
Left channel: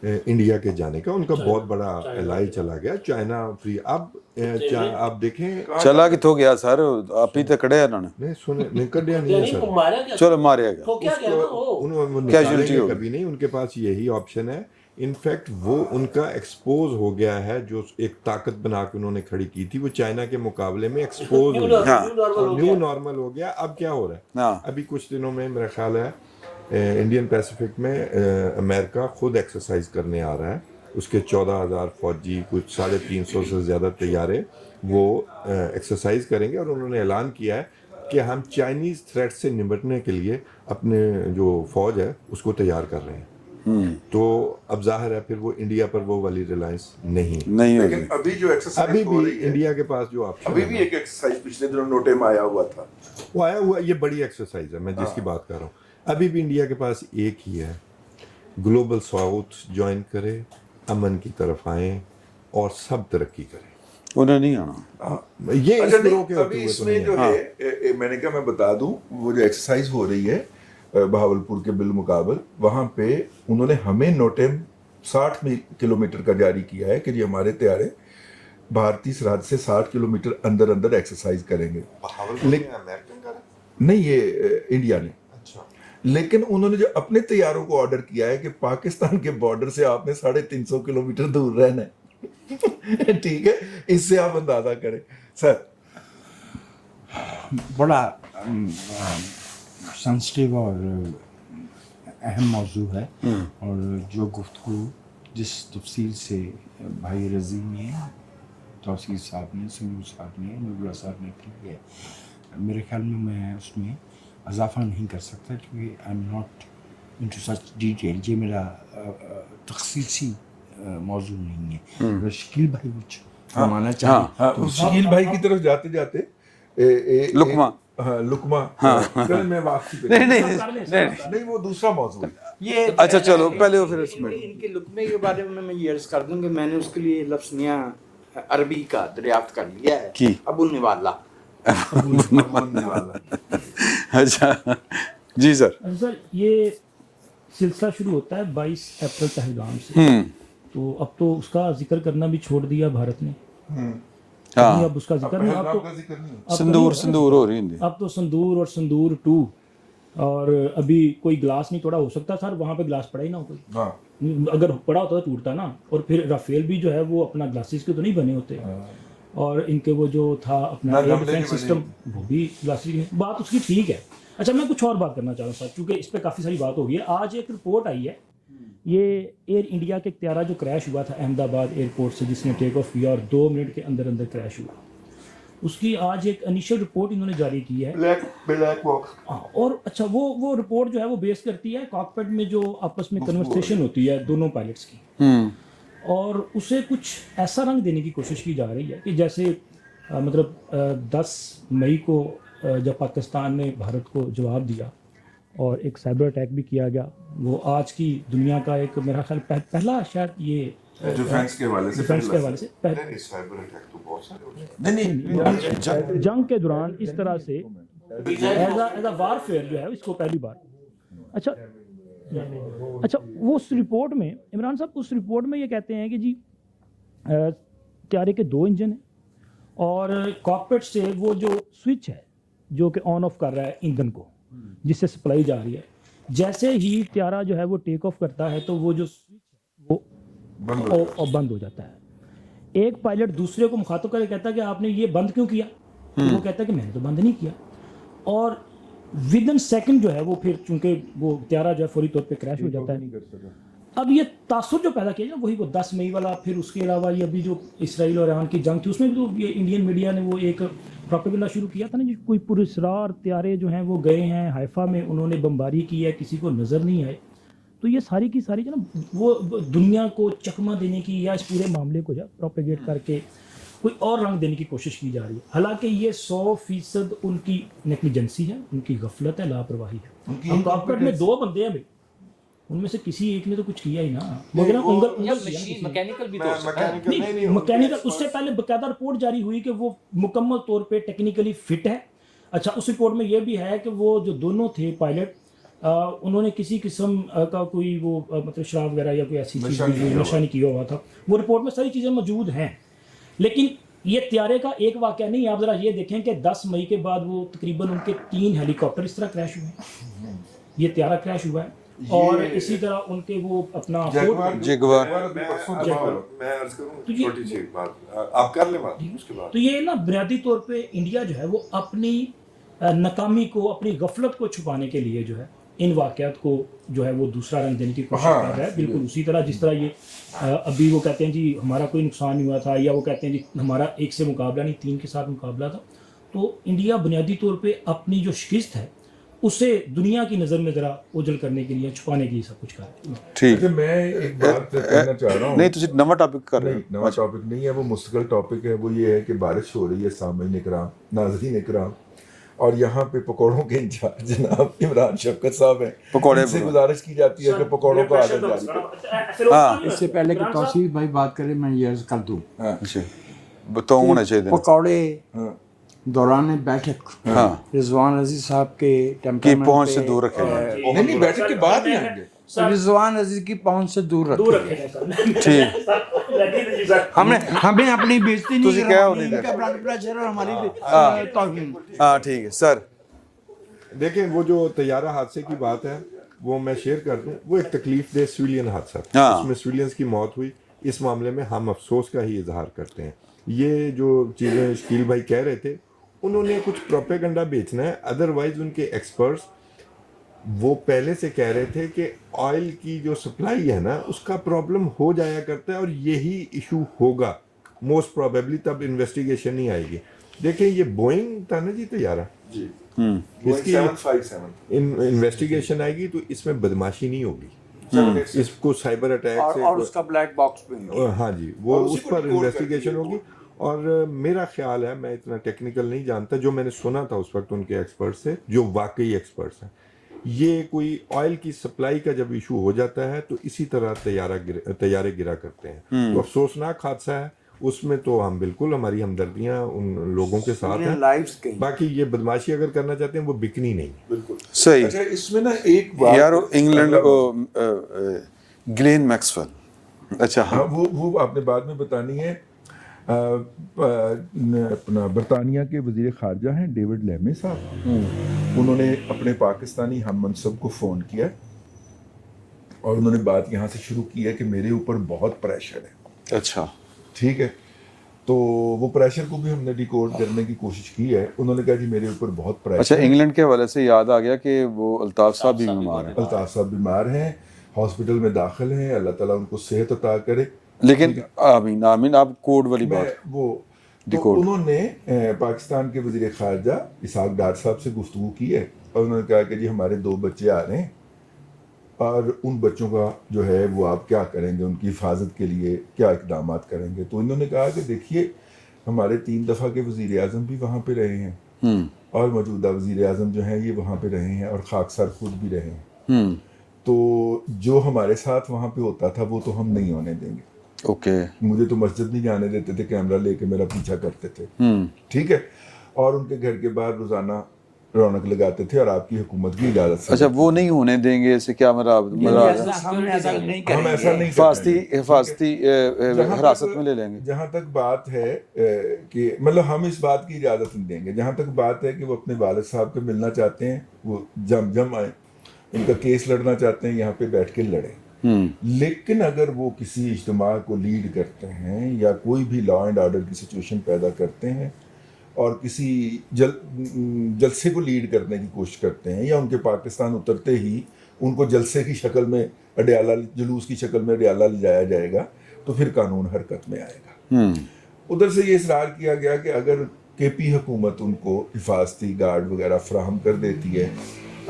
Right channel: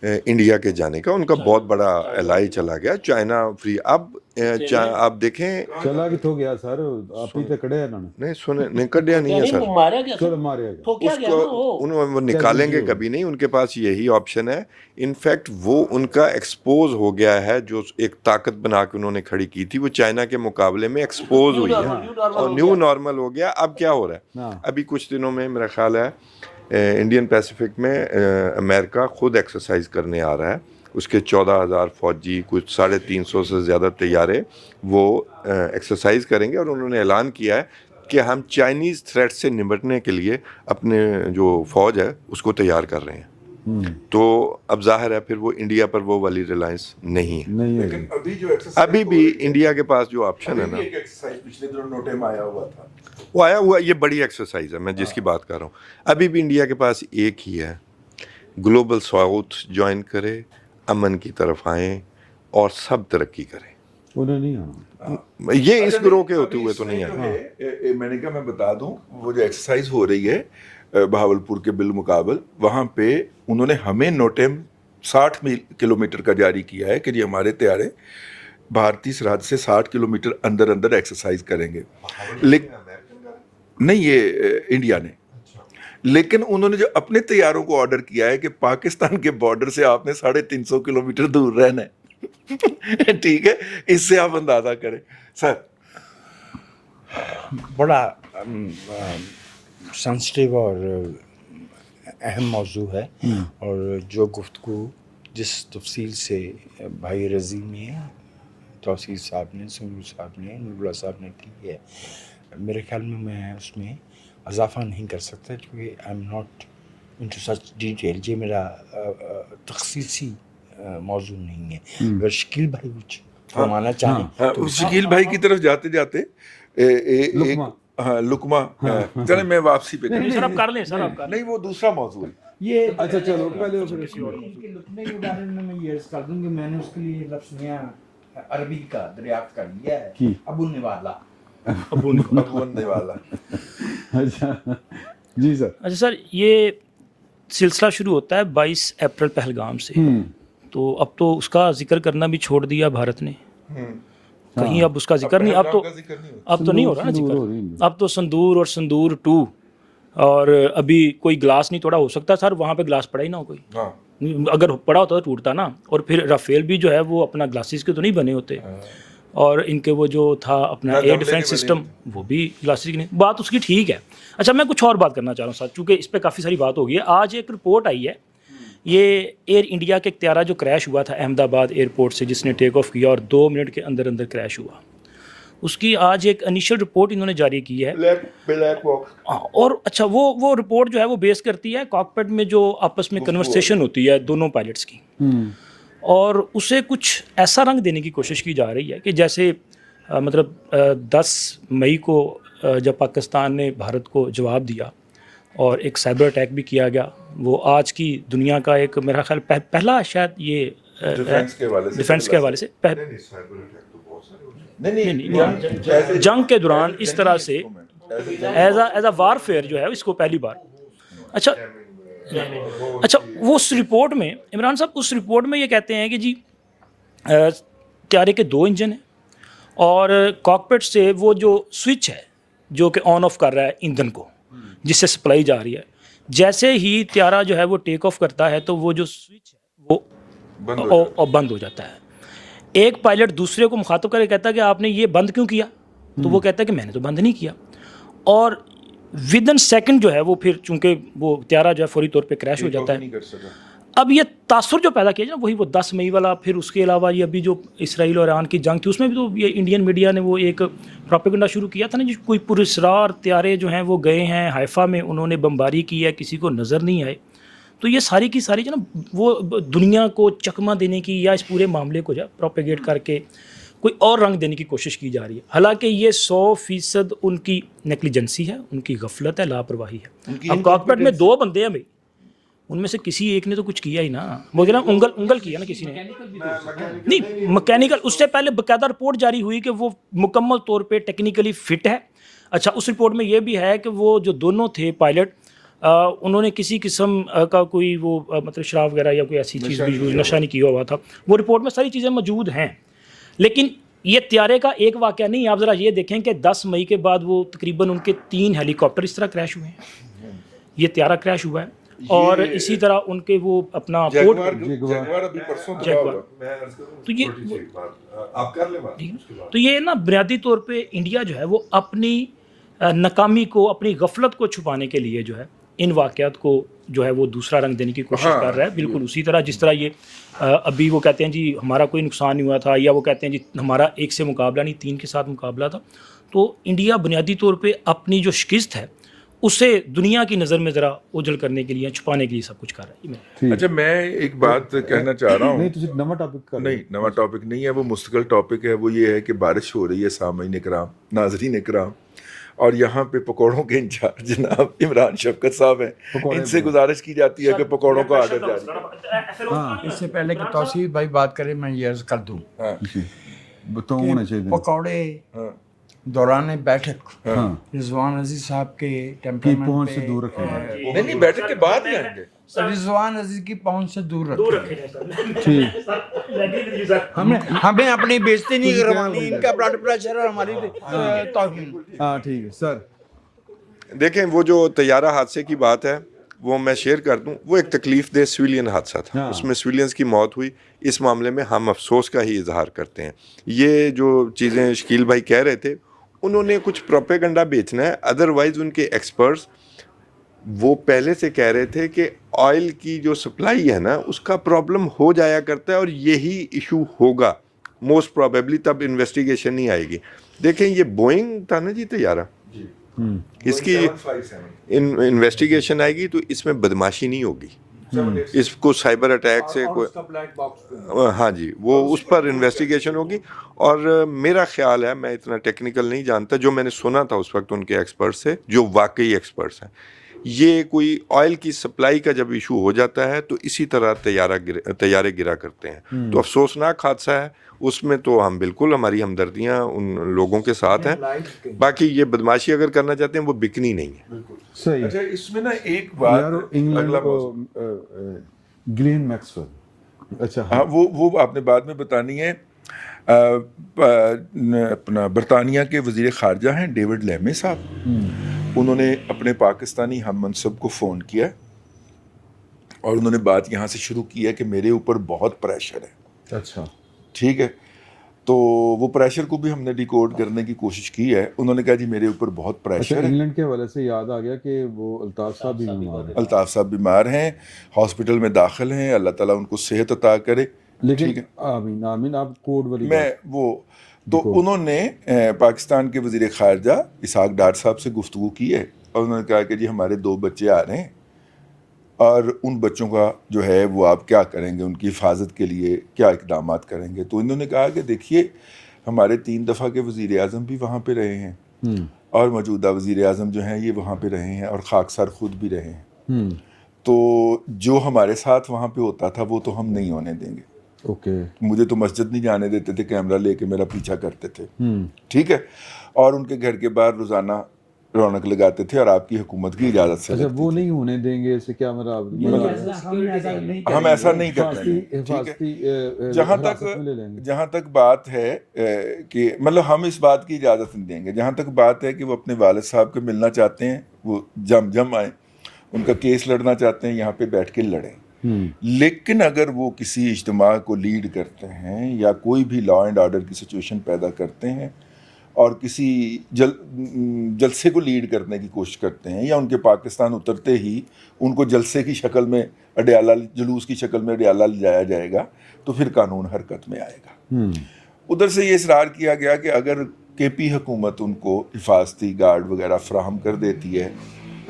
انڈیا کے جانے کا. ان کا بہت بڑا الائی چلا گیا، چائنا فری. اب آپ دیکھیں چلا کت ہو گیا سر، آپ ہی تو کڑے انہوں نے. نہیں سنے نہیں کڈیا نہیں ہے سر، چلو ماریا گیا. وہ نکالیں گے کبھی نہیں، ان کے پاس یہی آپشن ہے. انفیکٹ وہ ان کا ایکسپوز ہو گیا ہے، جو ایک طاقت بنا کے انہوں نے کھڑی کی تھی وہ چائنا کے مقابلے میں ایکسپوز ہوئی ہے اور نیو نارمل ہو گیا. اب کیا ہو رہا ہے، ابھی کچھ دنوں میں میرا خیال ہے انڈین پیسیفک میں امریکہ خود ایکسرسائز کرنے آ رہا ہے. اس کے 14,000 فوجی، کچھ 350 سے زیادہ طیارے وہ ایکسرسائز کریں گے. اور انہوں نے اعلان کیا ہے کہ ہم چائنیز تھریٹ سے نمٹنے کے لیے اپنے جو فوج ہے اس کو تیار کر رہے ہیں. تو اب ظاہر ہے پھر وہ انڈیا پر وہ والی ریلائنس نہیں ہوگی. ابھی جو ابھی بھی انڈیا کے پاس جو آپشن ہے نا، ایک ایکسرسائز پچھلے دنوں نوٹے میں آیا ہوا تھا، وہ آیا ہوا، یہ بڑی ایکسرسائز ہے میں جس کی بات کر رہا ہوں. ابھی بھی انڈیا کے پاس ایک ہی ہے، گلوبل ساؤتھ جوائن کرے، امن کی طرف آئیں اور سب ترقی کریں. انہیں نہیں آنا. یہ اس گروہ کے ہوتے ہوئے تو نہیں ہے. میں نے کہا میں بتا دوں، وہ جو ایکسرسائز ہو رہی ہے بہاولپور کے بالمقابل، وہاں پہ انہوں نے ہمیں نوٹے 60 کلومیٹر کا جاری کیا ہے کہ یہ ہمارے طیارے بھارتی سرحد سے 60 کلومیٹر اندر ایکسرسائز کریں گے. نہیں، یہ انڈیا نے. لیکن انہوں نے جو اپنے طیاروں کو آرڈر کیا ہے کہ پاکستان کے بارڈر سے آپ نے 350 کلومیٹر دور رہنا ہے. ٹھیک ہے، اس سے آپ اندازہ کریں. سر بڑا سینسٹیو اور اہم موضوع ہے، اور جو گفتگو جس تفصیل سے بھائی رضی نے، توسیع صاحب نے، سنو صاحب نے، نور صاحب نے کی ہے، میرے خیال میں اس میں اضافہ نہیں کر سکتا کیونکہ I am not into such detail. یہ میرا تخصیصی موضوع نہیں ہے. اگر شکیل بھائی کچھ فرمانا چاہیں تو شکیل بھائی کی طرف جاتے جاتے لقمہ چلے میں واپسی پہ نہیں، وہ دوسرا موضوع ہے یہ. اچھا چلو پہلے پھر اس میں ان کے لقمے کے بارے میں یہ عرض کر دوں کہ میں نے اس کے لیے لفظ نیا عربی کا دریافت کر لیا ہے، ابولنے والا. اچھا جی سر. اچھا سر، یہ سلسلہ شروع ہوتا ہے 22 اپریل پہلگام سے، تو اب تو اس کا ذکر کرنا بھی چھوڑ دیا بھارت نے. کہیں اب اس کا ذکر نہیں، اب تو نہیں ہو رہا. اب تو سندور اور سندور 2، اور ابھی کوئی گلاس نہیں توڑا. ہو سکتا سر وہاں پہ گلاس پڑا ہی نہ ہو کوئی، اگر پڑا ہوتا تو ٹوٹتا نا. اور پھر رافیل بھی جو ہے وہ اپنا گلاسز کے تو نہیں بنے ہوتے، اور ان کے وہ جو تھا اپنا ایئر ڈیفینس سسٹم وہ بھی گلاسز کی نہیں. بات اس کی ٹھیک ہے. اچھا میں کچھ اور بات کرنا چاہ رہا ہوں سر، چونکہ اس پہ کافی ساری بات ہو گئی ہے. آج ایک رپورٹ آئی ہے یہ ایئر انڈیا کے ایک طیارہ جو کریش ہوا تھا احمد آباد ایئرپورٹ سے، جس نے ٹیک آف کیا اور 2 منٹ کے اندر اندر کریش ہوا، اس کی آج ایک انیشل رپورٹ انہوں نے جاری کی ہے. اور اچھا وہ رپورٹ جو ہے وہ بیس کرتی ہے کاکپٹ میں جو آپس میں کنورسیشن ہوتی ہے دونوں پائلٹس کی، اور اسے کچھ ایسا رنگ دینے کی کوشش کی جا رہی ہے کہ جیسے مطلب 10 مئی کو جب پاکستان نے بھارت کو جواب دیا اور ایک سائبر اٹیک بھی کیا گیا، وہ آج کی دنیا کا ایک میرا خیال پہلا شاید یہ ڈیفینس کے حوالے سے جنگ کے دوران اس طرح سے ایز اے وار فیئر جو ہے اس کو پہلی بار. اچھا وہ اس رپورٹ میں عمران صاحب اس رپورٹ میں یہ کہتے ہیں کہ جی طیارے کے 2 انجن ہیں اور کاکپٹ سے وہ جو سوئچ ہے جو کہ آن آف کر رہا ہے ایندھن کو جس سے سپلائی جا رہی ہے، جیسے ہی طیارہ جو ہے وہ ٹیک آف کرتا ہے تو وہ جو سوئچ ہے وہ بند ہو جاتا ہے. ایک پائلٹ دوسرے کو مخاطب کر کے کہتا ہے کہ آپ نے یہ بند کیوں کیا؟ تو وہ کہتا ہے کہ میں نے تو بند نہیں کیا. اور ودن سیکنڈ جو ہے وہ پھر چونکہ وہ طیارہ جو ہے فوری طور پہ کریش ہو جاتا ہے. اب یہ تاثر جو پیدا کیا جائے وہی وہ 10 مئی والا، پھر اس کے علاوہ یہ ابھی جو اسرائیل اور ایران کی جنگ تھی اس میں بھی تو یہ انڈین میڈیا نے وہ ایک پروپیگنڈا شروع کیا تھا نا، جو کوئی پراسرار طیارے جو ہیں وہ گئے ہیں حیفا میں، انہوں نے بمباری کی ہے، کسی کو نظر نہیں آئے. تو یہ ساری کی ساری جو نا وہ دنیا کو چکمہ دینے کی یا اس پورے معاملے کو جو ہے پروپیگیٹ کر کے کوئی اور رنگ دینے کی کوشش کی جا رہی ہے، حالانکہ یہ 100% ان کی نیگلیجنسی ہے، ان کی غفلت ہے، لاپرواہی ہے. اب کاکپٹ میں 2 بندے ہیں بھائی، ان میں سے کسی ایک نے تو کچھ کیا ہی نا، مگر انگل کیا نا کسی نے، نہیں مکینیکل. اس سے پہلے باقاعدہ رپورٹ جاری ہوئی کہ وہ مکمل طور پہ ٹیکنیکلی فٹ ہے. اچھا اس رپورٹ میں یہ بھی ہے کہ وہ جو دونوں تھے پائلٹ انہوں نے کسی قسم کا کوئی وہ مطلب شراب وغیرہ یا کوئی ایسی چیز بھی نشہ نہیں کیا ہوا تھا. وہ رپورٹ میں ساری چیزیں موجود ہیں، لیکن یہ طیارے کا ایک واقعہ نہیں. آپ ذرا یہ دیکھیں کہ 10 مئی کے بعد وہ تقریباً ان کے 3 ہیلی کاپٹر اس طرح کریش ہوئے ہیں، یہ طیارہ کریش ہوا ہے. اور اسی طرح ان کے وہ اپنا تو یہ نا بنیادی طور پہ انڈیا جو ہے وہ اپنی ناکامی کو، اپنی غفلت کو چھپانے کے لیے جو ہے ان واقعات کو جو ہے وہ دوسرا رنگ دینے کی کوشش کر رہا ہے. بالکل اسی طرح جس طرح یہ ابھی وہ کہتے ہیں جی ہمارا کوئی نقصان نہیں ہوا تھا، یا وہ کہتے ہیں جی ہمارا 1 سے مقابلہ نہیں 3 کے ساتھ مقابلہ تھا. تو انڈیا بنیادی طور پہ اپنی جو شکست ہے اسے دنیا کی نظر میں ذرا اوجھل کرنے کے لیے، چھپانے کے لیے سب کچھ کر رہا ہے. اچھا میں ایک بات کہنا چاہ رہا ہوں. نہیں تو نوا ٹاپک کر رہے ہیں. نہیں نوا ٹاپک نہیں ہے، وہ مستقل ٹاپک ہے. وہ یہ ہے کہ بارش ہو رہی ہے سامعین اکرام، ناظرین اکرام، اور یہاں پہ پکوڑوں کے انچارج جناب عمران شفقت صاحب ہیں. ان سے گزارش کی جاتی ہے کہ پکوڑوں کو آڈر جاری کریں. ہاں اس سے پہلے کہ توصیف بھائی بات کریں میں یہ عرض کر دوں تو ہونا چاہیے پکوڑے دوران بیٹھک رضوان عزیز صاحب کے کی پہنچ سے دور رکھیں. نہیں بیٹھک کے بعد ہی آئیں گے. رضوان عزیز کی پہنچ سے دور رکھیں. ٹھیک ہمیں اپنی بےزتی نہیں کرانی، ان کا بلڈ پریشر ہے ہماری توہین. ہاں ٹھیک ہے سر. دیکھیں وہ جو طیارہ حادثے کی بات ہے وہ میں شیئر کر دوں، وہ ایک تکلیف دہ سویلین حادثہ تھا، اس میں سویلینز کی موت ہوئی. اس معاملے میں ہم افسوس کا ہی اظہار کرتے ہیں. یہ جو چیزیں شکیل بھائی کہہ رہے تھے انہوں نے کچھ پروپیگنڈا بیچنا ہے، ادروائز ان کے ایکسپرٹس وہ پہلے سے کہہ رہے تھے کہ آئل کی جو سپلائی ہے نا اس کا پرابلم ہو جایا کرتا ہے اور یہی ایشو ہوگا موسٹ پروبیبلی، تب انویسٹیگیشن نہیں آئے گی. دیکھیں یہ بوئنگ تھا نا جی طیارہ، اس کی انویسٹیگیشن آئے گی تو اس میں بدماشی نہیں ہوگی، اس کو سائبر اٹیک سے ہاں جی وہ اس پر انویسٹیگیشن ہوگی. اور میرا خیال ہے، میں اتنا ٹیکنیکل نہیں جانتا، جو میں نے سنا تھا اس وقت ان کے ایکسپرٹ سے جو واقعی ایکسپرٹس ہیں، یہ کوئی آئل کی سپلائی کا جب ایشو ہو جاتا ہے تو اسی طرح طیارے گرا کرتے ہیں. تو افسوسناک حادثہ ہے، اس میں تو ہم بالکل ہماری ہمدردیاں ان لوگوں کے ساتھ ہیں. باقی یہ بدماشی اگر کرنا چاہتے ہیں وہ بکنی نہیں ہے. بالکل صحیح. اچھا اس میں نا ایک بات یار انگلینڈ کو گلین میکسویل، اچھا ہاں وہ آپ نے بعد میں بتانی ہے. اپنا برطانیہ کے وزیر خارجہ ہیں ڈیوڈ لیمی صاحب، انہوں نے اپنے پاکستانی ہم منصب کو فون کیا اور انہوں نے بات یہاں سے شروع کی ہے کہ میرے اوپر بہت پریشر ہے. اچھا ٹھیک ہے. تو وہ پریشر کو بھی ہم نے ڈیکوڈ کرنے کی کوشش کی ہے. انہوں نے کہا جی میرے اوپر بہت اچھا پریشر ہے. انگلینڈ کے حوالے سے یاد آ گیا کہ وہ الطاف صاحب بھی بیمار ہیں. الطاف صاحب بیمار ہیں, ہاسپٹل میں داخل ہیں, اللہ تعالیٰ ان کو صحت عطا کرے. لیکن آمین آمین. آپ کوڈ والی میں بات وہ تو انہوں نے پاکستان کے وزیر خارجہ اسحاق ڈار صاحب سے گفتگو کی ہے, اور انہوں نے کہا کہ جی ہمارے 2 بچے آ رہے ہیں, اور ان بچوں کا جو ہے وہ آپ کیا کریں گے, ان کی حفاظت کے لیے کیا اقدامات کریں گے. تو انہوں نے کہا کہ دیکھیے ہمارے 3 دفعہ کے وزیر اعظم بھی وہاں پہ رہے ہیں, اور موجودہ وزیر اعظم جو ہیں یہ وہاں پہ رہے ہیں, اور خاکسار خود بھی رہے ہیں. تو جو ہمارے ساتھ وہاں پہ ہوتا تھا وہ تو ہم نہیں ہونے دیں گے. اوکے. مجھے تو مسجد نہیں جانے دیتے تھے, کیمرہ لے کے میرا پیچھا کرتے تھے, ٹھیک ہے, اور ان کے گھر کے باہر روزانہ رونق لگاتے تھے, اور آپ کی حکومت کی اجازت سے. اچھا وہ نہیں ہونے دیں گے, اسے کیا مراد ہم ایسا نہیں حفاظتی کریں. حراست میں لے لیں گے. جہاں تک بات ہے کہ مطلب ہم اس بات کی اجازت نہیں دیں گے. جہاں تک بات ہے کہ وہ اپنے والد صاحب کو ملنا چاہتے ہیں, وہ جم آئیں, ان کا کیس لڑنا چاہتے ہیں, یہاں پہ بیٹھ کے لڑیں. لیکن اگر وہ کسی اجتماع کو لیڈ کرتے ہیں یا کوئی بھی لا اینڈ آرڈر کی سچویشن پیدا کرتے ہیں, اور کسی جلسے کو لیڈ کرنے کی کوشش کرتے ہیں, یا ان کے پاکستان اترتے ہی ان کو جلسے کی شکل میں اڈیالہ, جلوس کی شکل میں اڈیالہ لے جایا جائے گا, تو پھر قانون حرکت میں آئے گا. ادھر سے یہ اصرار کیا گیا کہ اگر کے پی حکومت ان کو حفاظتی گارڈ وغیرہ فراہم کر دیتی ہے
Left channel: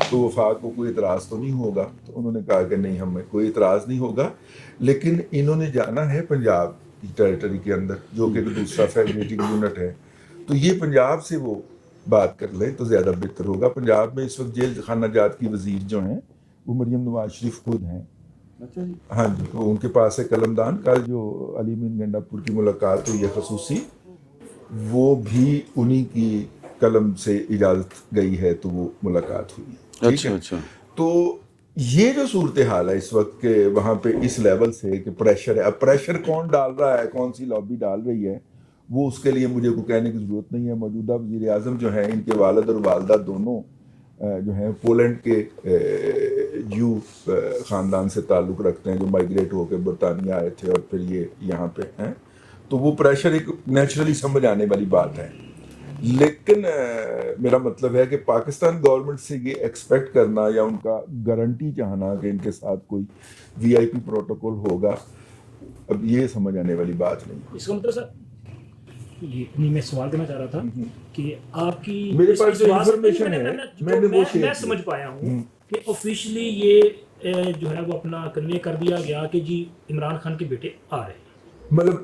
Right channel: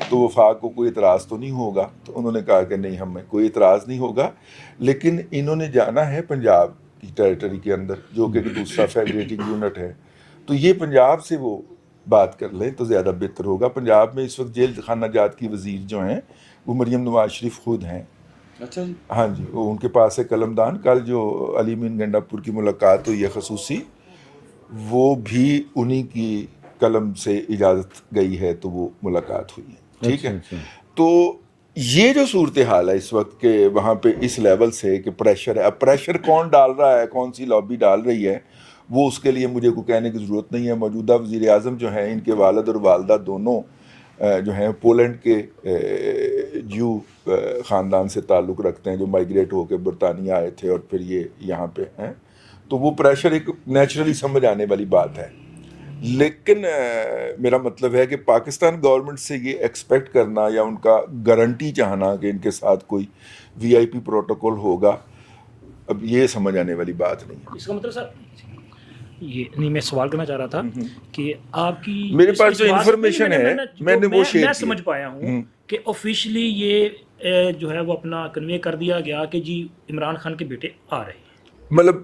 تو وفاق کو کوئی اعتراض تو نہیں ہوگا. تو انہوں نے کہا کہ نہیں, ہمیں کوئی اعتراض نہیں ہوگا, لیکن انہوں نے جانا ہے پنجاب کی ٹیریٹری کے اندر, جو کہ دوسرا فیڈریٹنگ یونٹ ہے. تو یہ پنجاب سے وہ بات کر لیں تو زیادہ بہتر ہوگا. پنجاب میں اس وقت جیل خانہ جات کی وزیر جو ہیں وہ مریم نواز شریف خود ہیں. اچھا جی. ہاں جی, وہ ان کے پاس ہے قلم دان. کل جو علی مین گنڈا پور کی ملاقات ہوئی ہے خصوصی, وہ بھی انہی کی قلم سے اجازت گئی ہے, تو وہ ملاقات ہوئی ہے. ٹھیک ہے. تو یہ جو صورتحال ہے اس وقت کہ وہاں پہ اس لیول سے کہ پریشر ہے. اب پریشر کون ڈال رہا ہے, کون سی لابی ڈال رہی ہے, وہ اس کے لیے مجھے کوئی کہنے کی ضرورت نہیں ہے. موجودہ وزیر اعظم جو ہیں, ان کے والد اور والدہ دونوں جو ہیں پولینڈ کے جیو خاندان سے تعلق رکھتے ہیں, جو مائیگریٹ ہو کے برطانیہ آئے تھے اور پھر یہ یہاں پہ ہیں. تو وہ پریشر ایک نیچرلی سمجھ آنے والی بات ہے. لیکن میرا مطلب ہے کہ پاکستان گورنمنٹ سے یہ ایکسپیکٹ کرنا یا ان کا گارنٹی چاہنا کہ ان کے ساتھ کوئی وی آئی پی پروٹوکول ہوگا, اب یہ سمجھ آنے والی بات نہیں ہے. اس کا مطلب سر یہ نہیں, میں سوال کرنا چاہ رہا تھا کہ آپ کی میرے پاس جو انفارمیشن ہے میں نے وہ شیئر میں سمجھ پایا ہوں کہ آفیشلی یہ جو ہے وہ اپنا کنوے کر دیا گیا کہ جی عمران خان کے بیٹے آ رہے ہیں. مطلب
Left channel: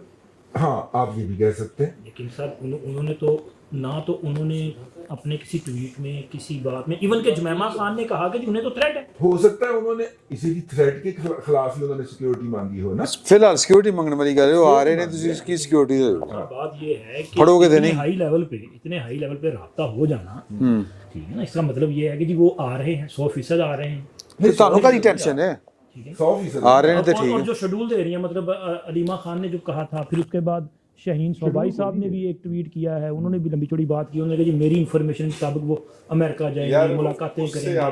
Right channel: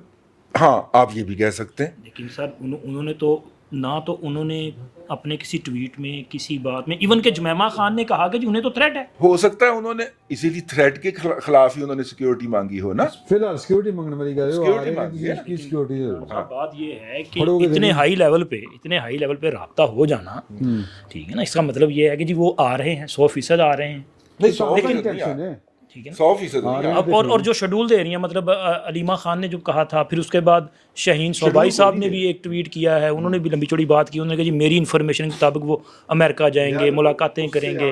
ہاں آپ یہ بھی کہہ سکتے ہیں. لیکن سر انہوں نے تو نہ تو انہوں نے اپنے کسی ٹویٹ میں کسی بات میں, ایون کہ جمیمہ خان نے کہا کہ جی انہیں تو تھریٹ ہے. ہو سکتا ہے انہوں نے اسی لیے تھریٹ کے خلاف ہی انہوں نے سیکیورٹی مانگی ہو نا. فی الحال سیکیورٹی منگنے والی کہہ رہے ہو, آ رہے ہیں تو اس کی سیکیورٹی دے دو. بات یہ ہے کہ اتنے ہائی لیول پہ رابطہ ہو جانا, ٹھیک ہے نا, اس کا مطلب یہ ہے کہ جی وہ آ رہے ہیں, 100% آ رہے ہیں. نہیں تو کا ٹینشن ہے, ٹھیک ہے, 100% آ رہے ہیں. اور جو شیڈول دے رہی ہیں, مطلب علیمہ خان نے جو کہا تھا, پھر اس کے بعد شاہین صوبائی صاحب نے بھی ایک ٹویٹ کیا ہے, انہوں نے بھی لمبی چوڑی بات کی. انہوں نے کہا جی میری انفارمیشن کے مطابق وہ امریکہ جائیں گے, ملاقاتیں کریں گے.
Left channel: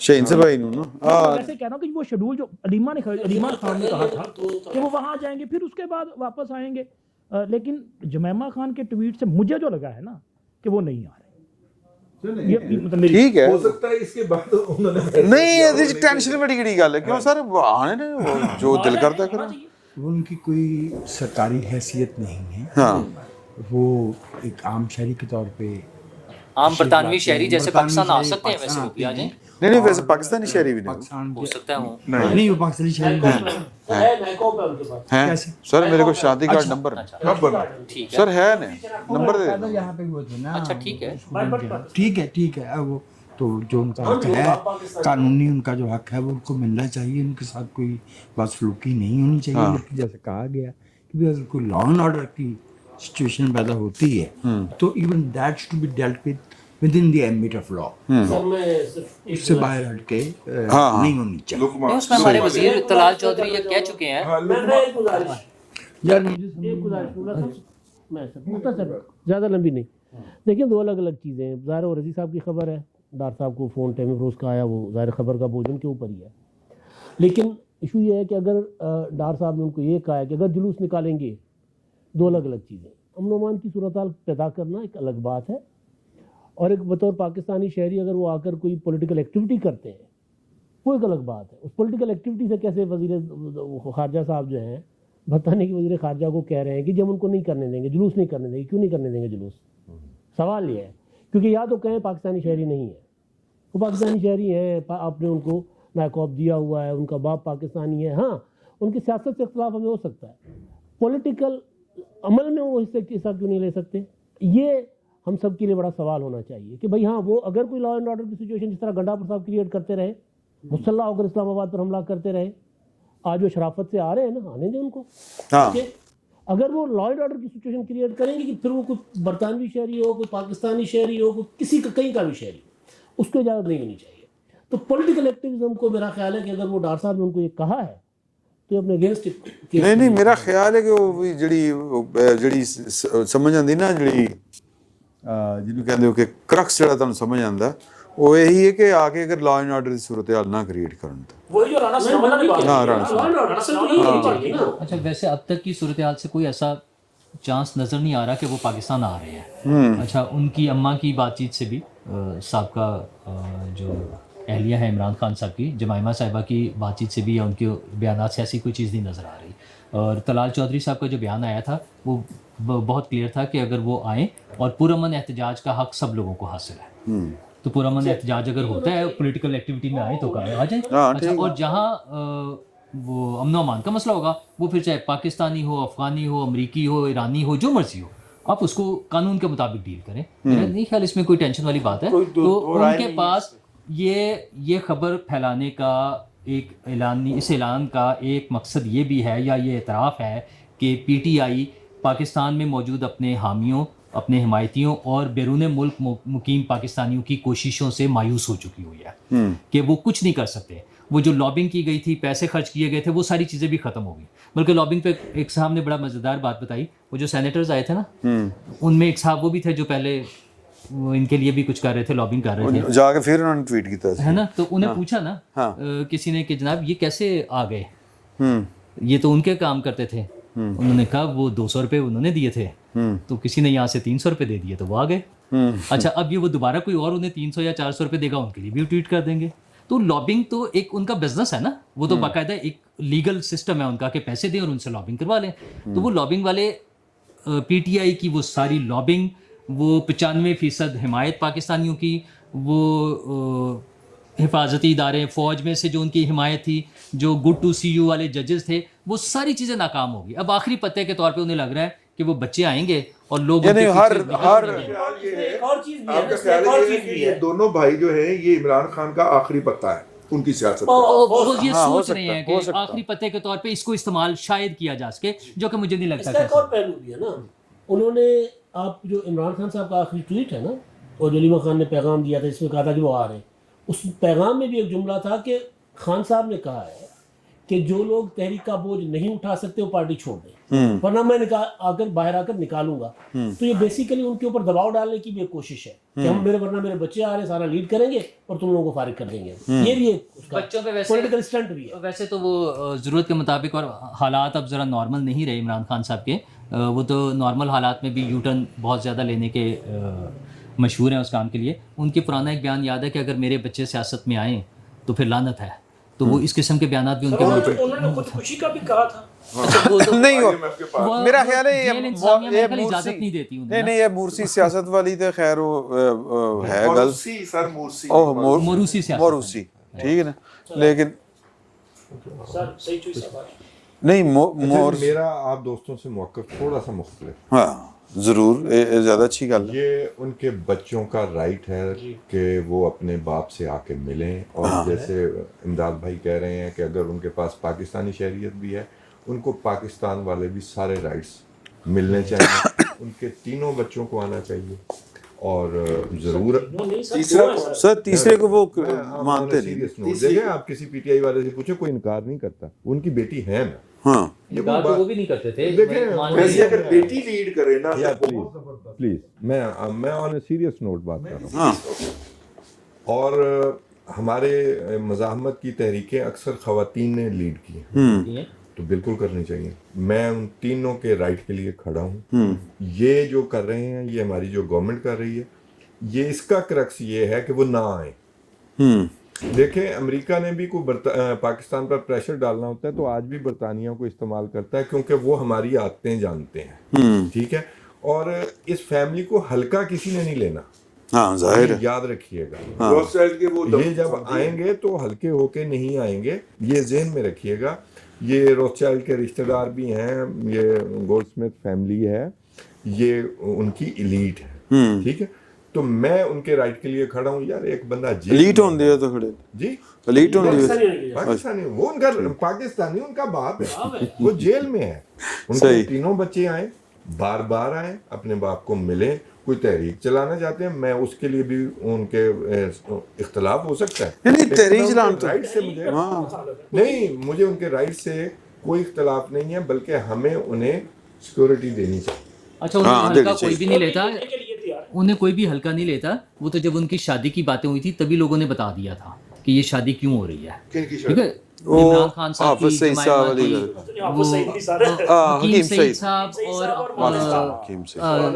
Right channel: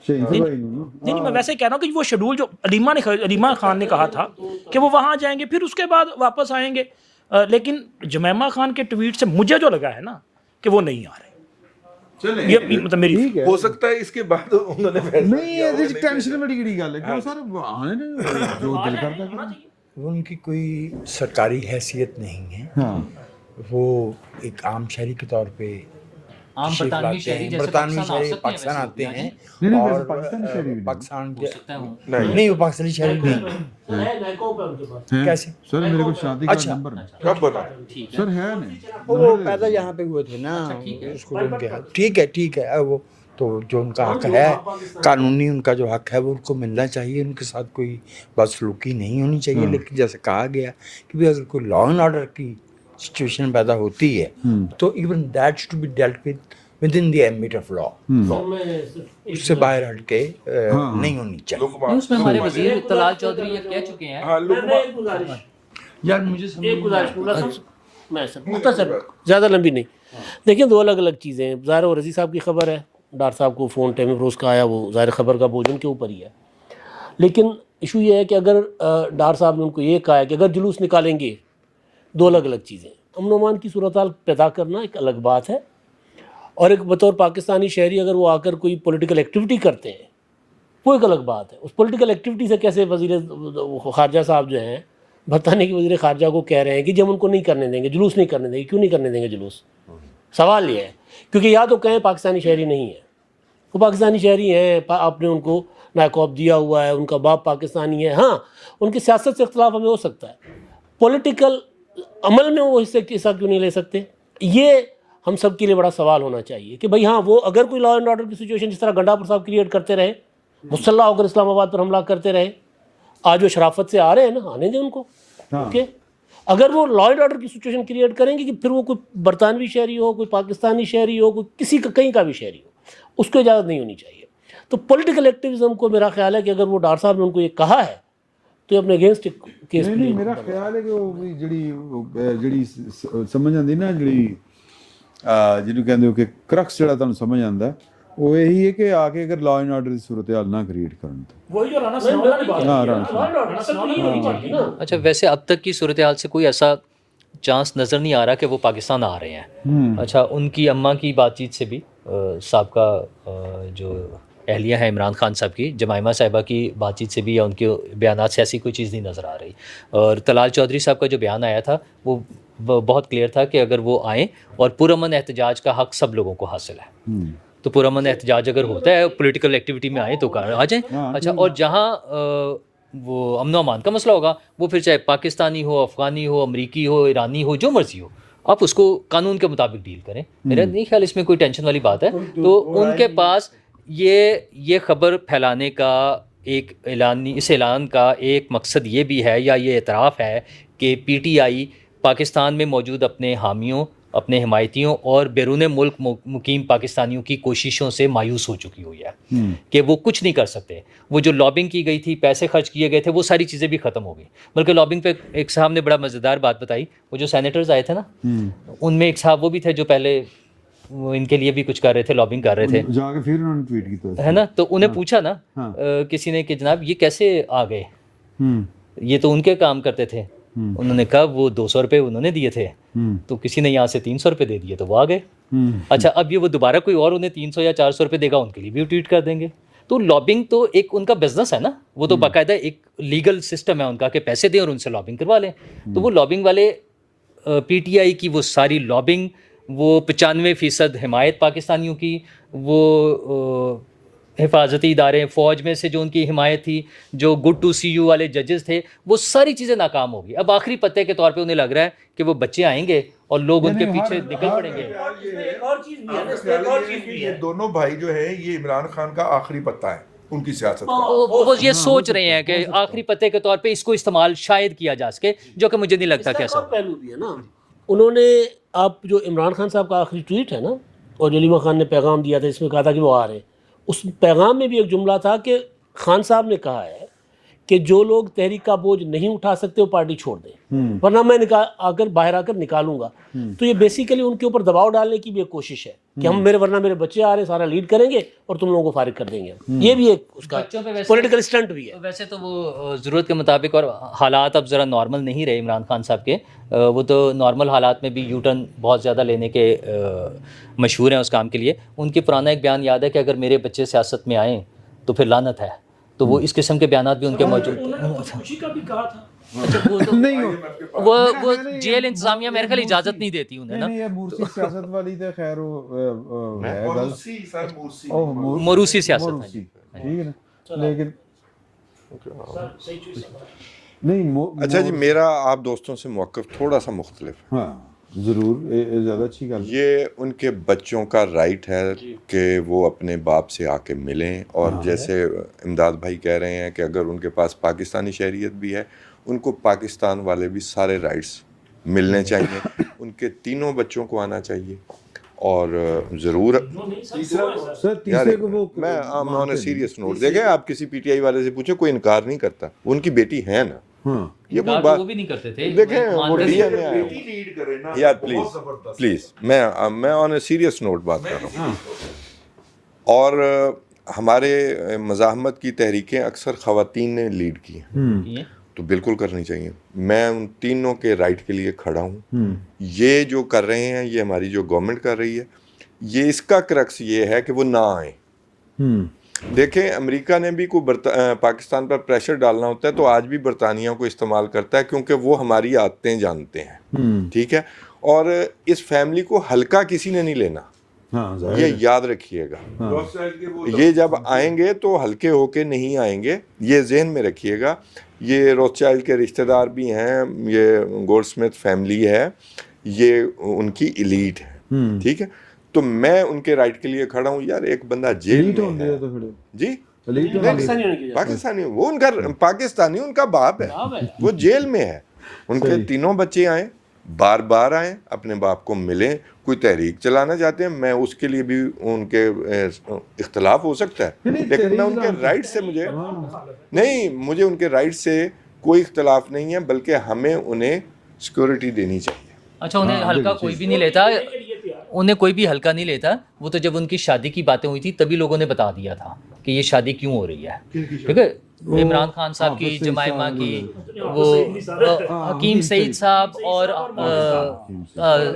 شہین سے بھائی نو میں ویسے کہہ رہا ہوں کہ وہ شیڈول جو علیمہ خان نے کہا تھا کہ وہ وہاں جائیں گے, پھر اس کے بعد واپس آئیں گے. لیکن جمیمہ خان کے ٹویٹ سے مجھے جو لگا ہے نا کہ وہ نہیں آ رہے. ٹھیک ہے, ہو سکتا ہے اس کے بعد انہوں نے نہیں ٹینشن بڑی بڑی گل ہے. کیوں سر آنے نا, جو دل کرتا کریں. ان کی کوئی سرکاری حیثیت نہیں ہے, ہاں وہ ایک عام شہری کے طور پہ, عام برطانوی شہری جیسے پاکستان آ سکتے ہیں ویسے وہ بھی آ جائیں. نہیں ویسے پاکستانی شہری بھی پاکستان ہو سکتا ہے وہ نہیں, وہ پاکستانی شہری ہیں. سر میرے کو شادی کارڈ نمبر سر ہے نمبر پیدا یہاں پہ ہوئے تھے نا. ٹھیک ہے, ٹھیک ہے, وہ تو جو ان کا حق ہے قانونی, ان کا جو حق ہے وہ ان کو ملنا چاہیے. ان کے ساتھ کوئی بدسلوکی نہیں ہونی چاہیے. لیکن جیسے کہا گیا کہ بھی اگر کوئی لا اینڈ آرڈر کی سچویشن پیدا ہوتی ہے تو even that should be dealt with in the ambit of law. اس سے باہر ہٹ کے نہیں ہونی چاہیے. اس میں ہمارے وزیر طلال چودھری یہ کہہ چکے ہیں. یار مجھے مختصر, زیادہ لمبی نہیں. دیکھیں دو الگ الگ چیزیں ہیں. ظاہر و رضی صاحب کی خبر ہے, ڈار صاحب کو فون ٹیم فروز کا آیا, وہ ظاہر خبر کا بوجھ ان کے اوپر ہی ہے. لیکن ایشو یہ ہے کہ اگر ڈار صاحب نے ان کو یہ کہا ہے کہ اگر جلوس نکالیں گے دو الگ الگ چیزیں ہیں. امن و امان کی صورتحال پیدا کرنا ایک الگ بات ہے, اور ایک بطور پاکستانی شہری اگر وہ آ کر کوئی پولیٹیکل ایکٹیویٹی کرتے ہیں وہ ایک الگ بات ہے. اس پولیٹیکل ایکٹیویٹی سے کیسے وزیر خارجہ صاحب جو ہیں برطانیہ کے وزیر خارجہ کو کہہ رہے ہیں کہ جی ہم ان کو نہیں کرنے دیں گے, جلوس نہیں کرنے دیں گے. کیوں نہیں کرنے دیں گے جلوس؟ سوال یہ ہے کیونکہ یا تو کہیں پاکستانی شہری نہیں ہے, وہ پاکستانی شہری ہیں, آپ نے ان کو نائکوب دیا ہوا ہے, ان کا باپ پاکستانی ہے. ہاں ان کی سیاست سے اختلاف ہمیں ہو سکتا ہے, پولیٹیکل عمل میں وہ حصہ کیوں نہیں لے سکتے؟ یہ ہم سب کے لیے بڑا سوال ہونا چاہیے کہ بھئی ہاں وہ اگر کوئی لا اینڈ آرڈر کی سچویشن جس طرح گنڈا پر صاحب کریٹ کرتے رہے, مسلح ہو کر اسلام آباد پر حملہ کرتے رہے, آج وہ شرافت سے آ رہے ہیں نا, آنے دیں ان کو. کہ اگر وہ لا اینڈ آرڈر کی سچویشن کریٹ کریں گے کہ پھر وہ کوئی برطانوی شہری ہو, کوئی پاکستانی شہری ہو, کوئی کسی کا کہیں کا بھی شہری ہو, اس کو اجازت نہیں ہونی چاہیے. تو پولیٹیکل ایکٹیویزم کو میرا خیال ہے کہ اگر وہ ڈار صاحب نے ان کو یہ کہا ہے تو اپنے اگینسٹ کیس نہیں میرا خیال ہے کہ وہ جڑی سمجھ آتی نا, جنوں کہتے ہو کہ کرکس جڑا تمہیں سمجھ آتا وہ یہی ہے کہ آ کے اگر لا اینڈ آرڈر کی صورتحال نہ کریٹ کرن تو. اچھا ویسے اب تک کی صورتحال سے کوئی ایسا چانس نظر نہیں آ رہا کہ وہ پاکستان آ رہے ہیں. اچھا ان کی اماں کی بات چیت سے بھی, سابقہ جو اہلیہ ہے عمران خان صاحب کی, جمائمہ صاحبہ کی بات چیت سے بھی یا ان کے بیانات سے ایسی کوئی چیز نہیں نظر آ رہی. اور طلال چودھری صاحب کا جو بیان آیا تھا وہ بہت کلیئر تھا کہ اگر وہ آئیں اور پرامن احتجاج کا حق سب لوگوں کو حاصل ہے, تو پرامن احتجاج اگر ہوتا ہے پولیٹیکل ایکٹیویٹی میں آئیں تو آ جائیں. اچھا اور جہاں وہ امن و امان کا مسئلہ ہوگا وہ پھر چاہے پاکستانی ہو, افغانی ہو, امریکی ہو, ایرانی ہو, جو مرضی ہو, آپ اس کو قانون کے مطابق ڈیل کریں. میرا نہیں خیال اس میں کوئی ٹینشن والی بات ہے. تو ان کے پاس یہ خبر پھیلانے کا ایک اس اعلان کا ایک مقصد یہ بھی ہے یا یہ اعتراف ہے کہ پی ٹی آئی پاکستان میں موجود اپنے حامیوں, اپنے حمایتیوں اور بیرون ملک مقیم پاکستانیوں کی کوششوں سے مایوس ہو چکی ہوئی ہے کہ وہ کچھ نہیں کر سکتے. وہ جو لابنگ کی گئی تھی, پیسے خرچ کیے گئے تھے, وہ ساری چیزیں بھی ختم ہو گئی. بلکہ لابنگ پہ ایک صاحب نے بڑا مزیدار بات بتائی, وہ جو سینیٹرز آئے تھے نا, ان میں ایک صاحب وہ بھی تھے جو پہلے ان کے لیے بھی کچھ کر رہے تھے, لابنگ کر رہے تھے, جا کے پھر انہوں نے ٹویٹ کیا ہے نا. تو انہیں پوچھا نا کسی نے کہ جناب یہ کیسے آ گئے, یہ تو ان کے کام کرتے تھے. انہوں نے کہا وہ 200 روپے انہوں نے دیے تھے, تو کسی نے یہاں سے 300 روپے دے دیے تو وہ آ گئے. اچھا اب یہ وہ دوبارہ کوئی اور انہیں 300 یا 400 روپے دے گا, ان کے لیے بھی ٹویٹ کر دیں گے. تو لابنگ تو ایک ان کا بزنس ہے نا, وہ تو باقاعدہ ایک لیگل سسٹم ہے ان کا کہ پیسے دیں اور ان سے لابنگ کروا لیں. تو وہ لابنگ والے پی ٹی آئی کی وہ ساری لابنگ, وہ 95% حمایت پاکستانیوں کی, وہ حفاظتی ادارے, فوج میں سے جو ان کی حمایت تھی, جو گڈ ٹو سی یو والے ججز تھے, وہ ساری چیزیں ناکام ہوگی. اب آخری پتے کے طور پہ انہیں لگ رہا ہے کہ وہ بچے آئیں گے اور لوگ ان کے پیچھے نکل پڑیں گے. یہ دونوں بھائی جو ہیں یہ عمران خان کا آخری پتہ ہے ان کی سیاست. وہ یہ سوچ رہے ہیں کہ آخری پتے کے طور پہ اس کو استعمال شاید کیا جا سکے, جو کہ مجھے نہیں لگتا کیسا. پہلو بھی ہے نا, انہوں نے آپ جو عمران خان صاحب کا آخری ٹویٹ ہے نا, اور جو علیمہ خان نے پیغام دیا تھا اس میں کہا تھا کہ وہ آ رہے ہیں, اس پیغام میں بھی ایک جملہ تھا کہ خان صاحب نے کہا ہے کہ جو لوگ تحریک کا بوجھ نہیں اٹھا سکتے وہ پارٹی چھوڑ دیں, ورنہ میں باہر آ کر نکالوں گا. تو یہ بیسیکلی ان کے اوپر دباؤ ڈالنے کی بھی ایک کوشش ہے کہ ہم ورنہ میرے بچے آ رہے ہیں, سارا لیڈ کریں گے اور تم لوگوں کو فارغ کر دیں گے. یہ بھی ایک اس کا پولیٹیکل اسٹنٹ بھی ہے. ویسے تو وہ ضرورت کے مطابق, اور حالات اب ذرا نارمل نہیں رہے عمران خان صاحب کے, وہ تو نارمل حالات میں بھی یو ٹرن بہت زیادہ لینے کے مشہور ہیں اس کام کے لیے. ان کے پرانا ایک بیان یاد ہے کہ اگر میرے بچے سیاست میں آئیں تو پھر لعنت ہے. تو وہ اس قسم کے بیانات بھی ان کے موجود. انہوں نے خودکشی کا بھی کہا تھا. نہیں وہ جیل انتظامیہ میرے خیال اجازت نہیں دیتی انہیں. نہیں یہ مورسی سیاست والی تو خیر وہ ہے گل, موروثی سیاست, موروثی ٹھیک ہے نا, لیکن نہیں اچھا جی, میرا آپ دوستوں سے موقف تھوڑا سا مختلف ہے. ہاں ضرور, زیادہ اچھی گل. یہ ان کے بچوں کا رائٹ ہے کہ وہ اپنے باپ سے آ کے ملیں, اور جیسے امداد بھائی کہہ رہے ہیں کہ اگر ان کے پاس پاکستانی شہریت بھی ہے, ان کو پاکستان والے بھی سارے رائٹس ملنے چاہیے. ان کے تینوں بچوں کو آنا چاہیے. اور ضرور تیسرے کو وہ سیریس نوٹ دیکھیں, آپ کسی پی ٹی آئی والے سے پوچھیں, کوئی انکار نہیں کرتا, ان کی بیٹی ہے نا. ہاں یہ کوئی بات وہ بھی نہیں کرتے تھے. بیٹی لیڈ کرے نا یار پلیز میں آن اے سیریس نوٹ بات کر رہا ہوں. اور ہمارے مزاحمت کی تحریکیں اکثر خواتین نے لیڈ کی ہیں, तो बिल्कुल करनी चाहिए। मैं उन तीनों के राइट के लिए खड़ा हूँ। ये जो कर रहे हैं, ये हमारी जो गवर्नमेंट कर रही है, ये इसका क्रक्स ये है कि वो ना आए। देखें, अमेरिका ने भी कोई पाकिस्तान पर प्रेशर डालना होता है तो आज भी बरतानिया को इस्तेमाल करता है, क्योंकि वो हमारी आदतें जानते हैं, ठीक है। और इस फैमिली को हल्का किसी ने नहीं लेना, हाँ जाहिर ये है। याद रखिएगा। ये जब आएंगे तो हल्के होके नहीं आएंगे, ये जहन में रखिएगा। ये रोथशाइल्ड के रिश्तेदार भी हैं, ये गोल्डस्मिथ फैमिली है, ये उनकी एलीट है, ठीक है। तो मैं उनके राइट के लिए खड़ा हूँ यार। एक बंदा एलीट होंदे है तो खड़े जी, एलीट होंदे पाकिस्तानी, वो उनका पाकिस्तानी उनका बाप है, वो जेल में है। उनके तीनों बच्चे आए, बार बार आए, अपने बाप को मिले, कोई तहरीक चलाना चाहते हैं, मैं उसके लिए भी उनके इख्तलाफ हो सकता है, लेकिन राइट से मुझे नहीं, मुझे उनके राइट से कोई इख्तलाफ नहीं है, बल्कि हमें उन्हें सिक्योरिटी देनी चाहिए। अच्छा, उन्हें हल्का कोई भी नहीं लेता, उन्हें कोई भी हल्का नहीं लेता। वो तो जब उनकी शादी की बातें हुई थी तभी लोगों ने बता दिया था कि ये शादी क्यों हो रही है, ठीक है। इमरान खान साहब की, जमाइमा की, वो हकीम सईद साहब और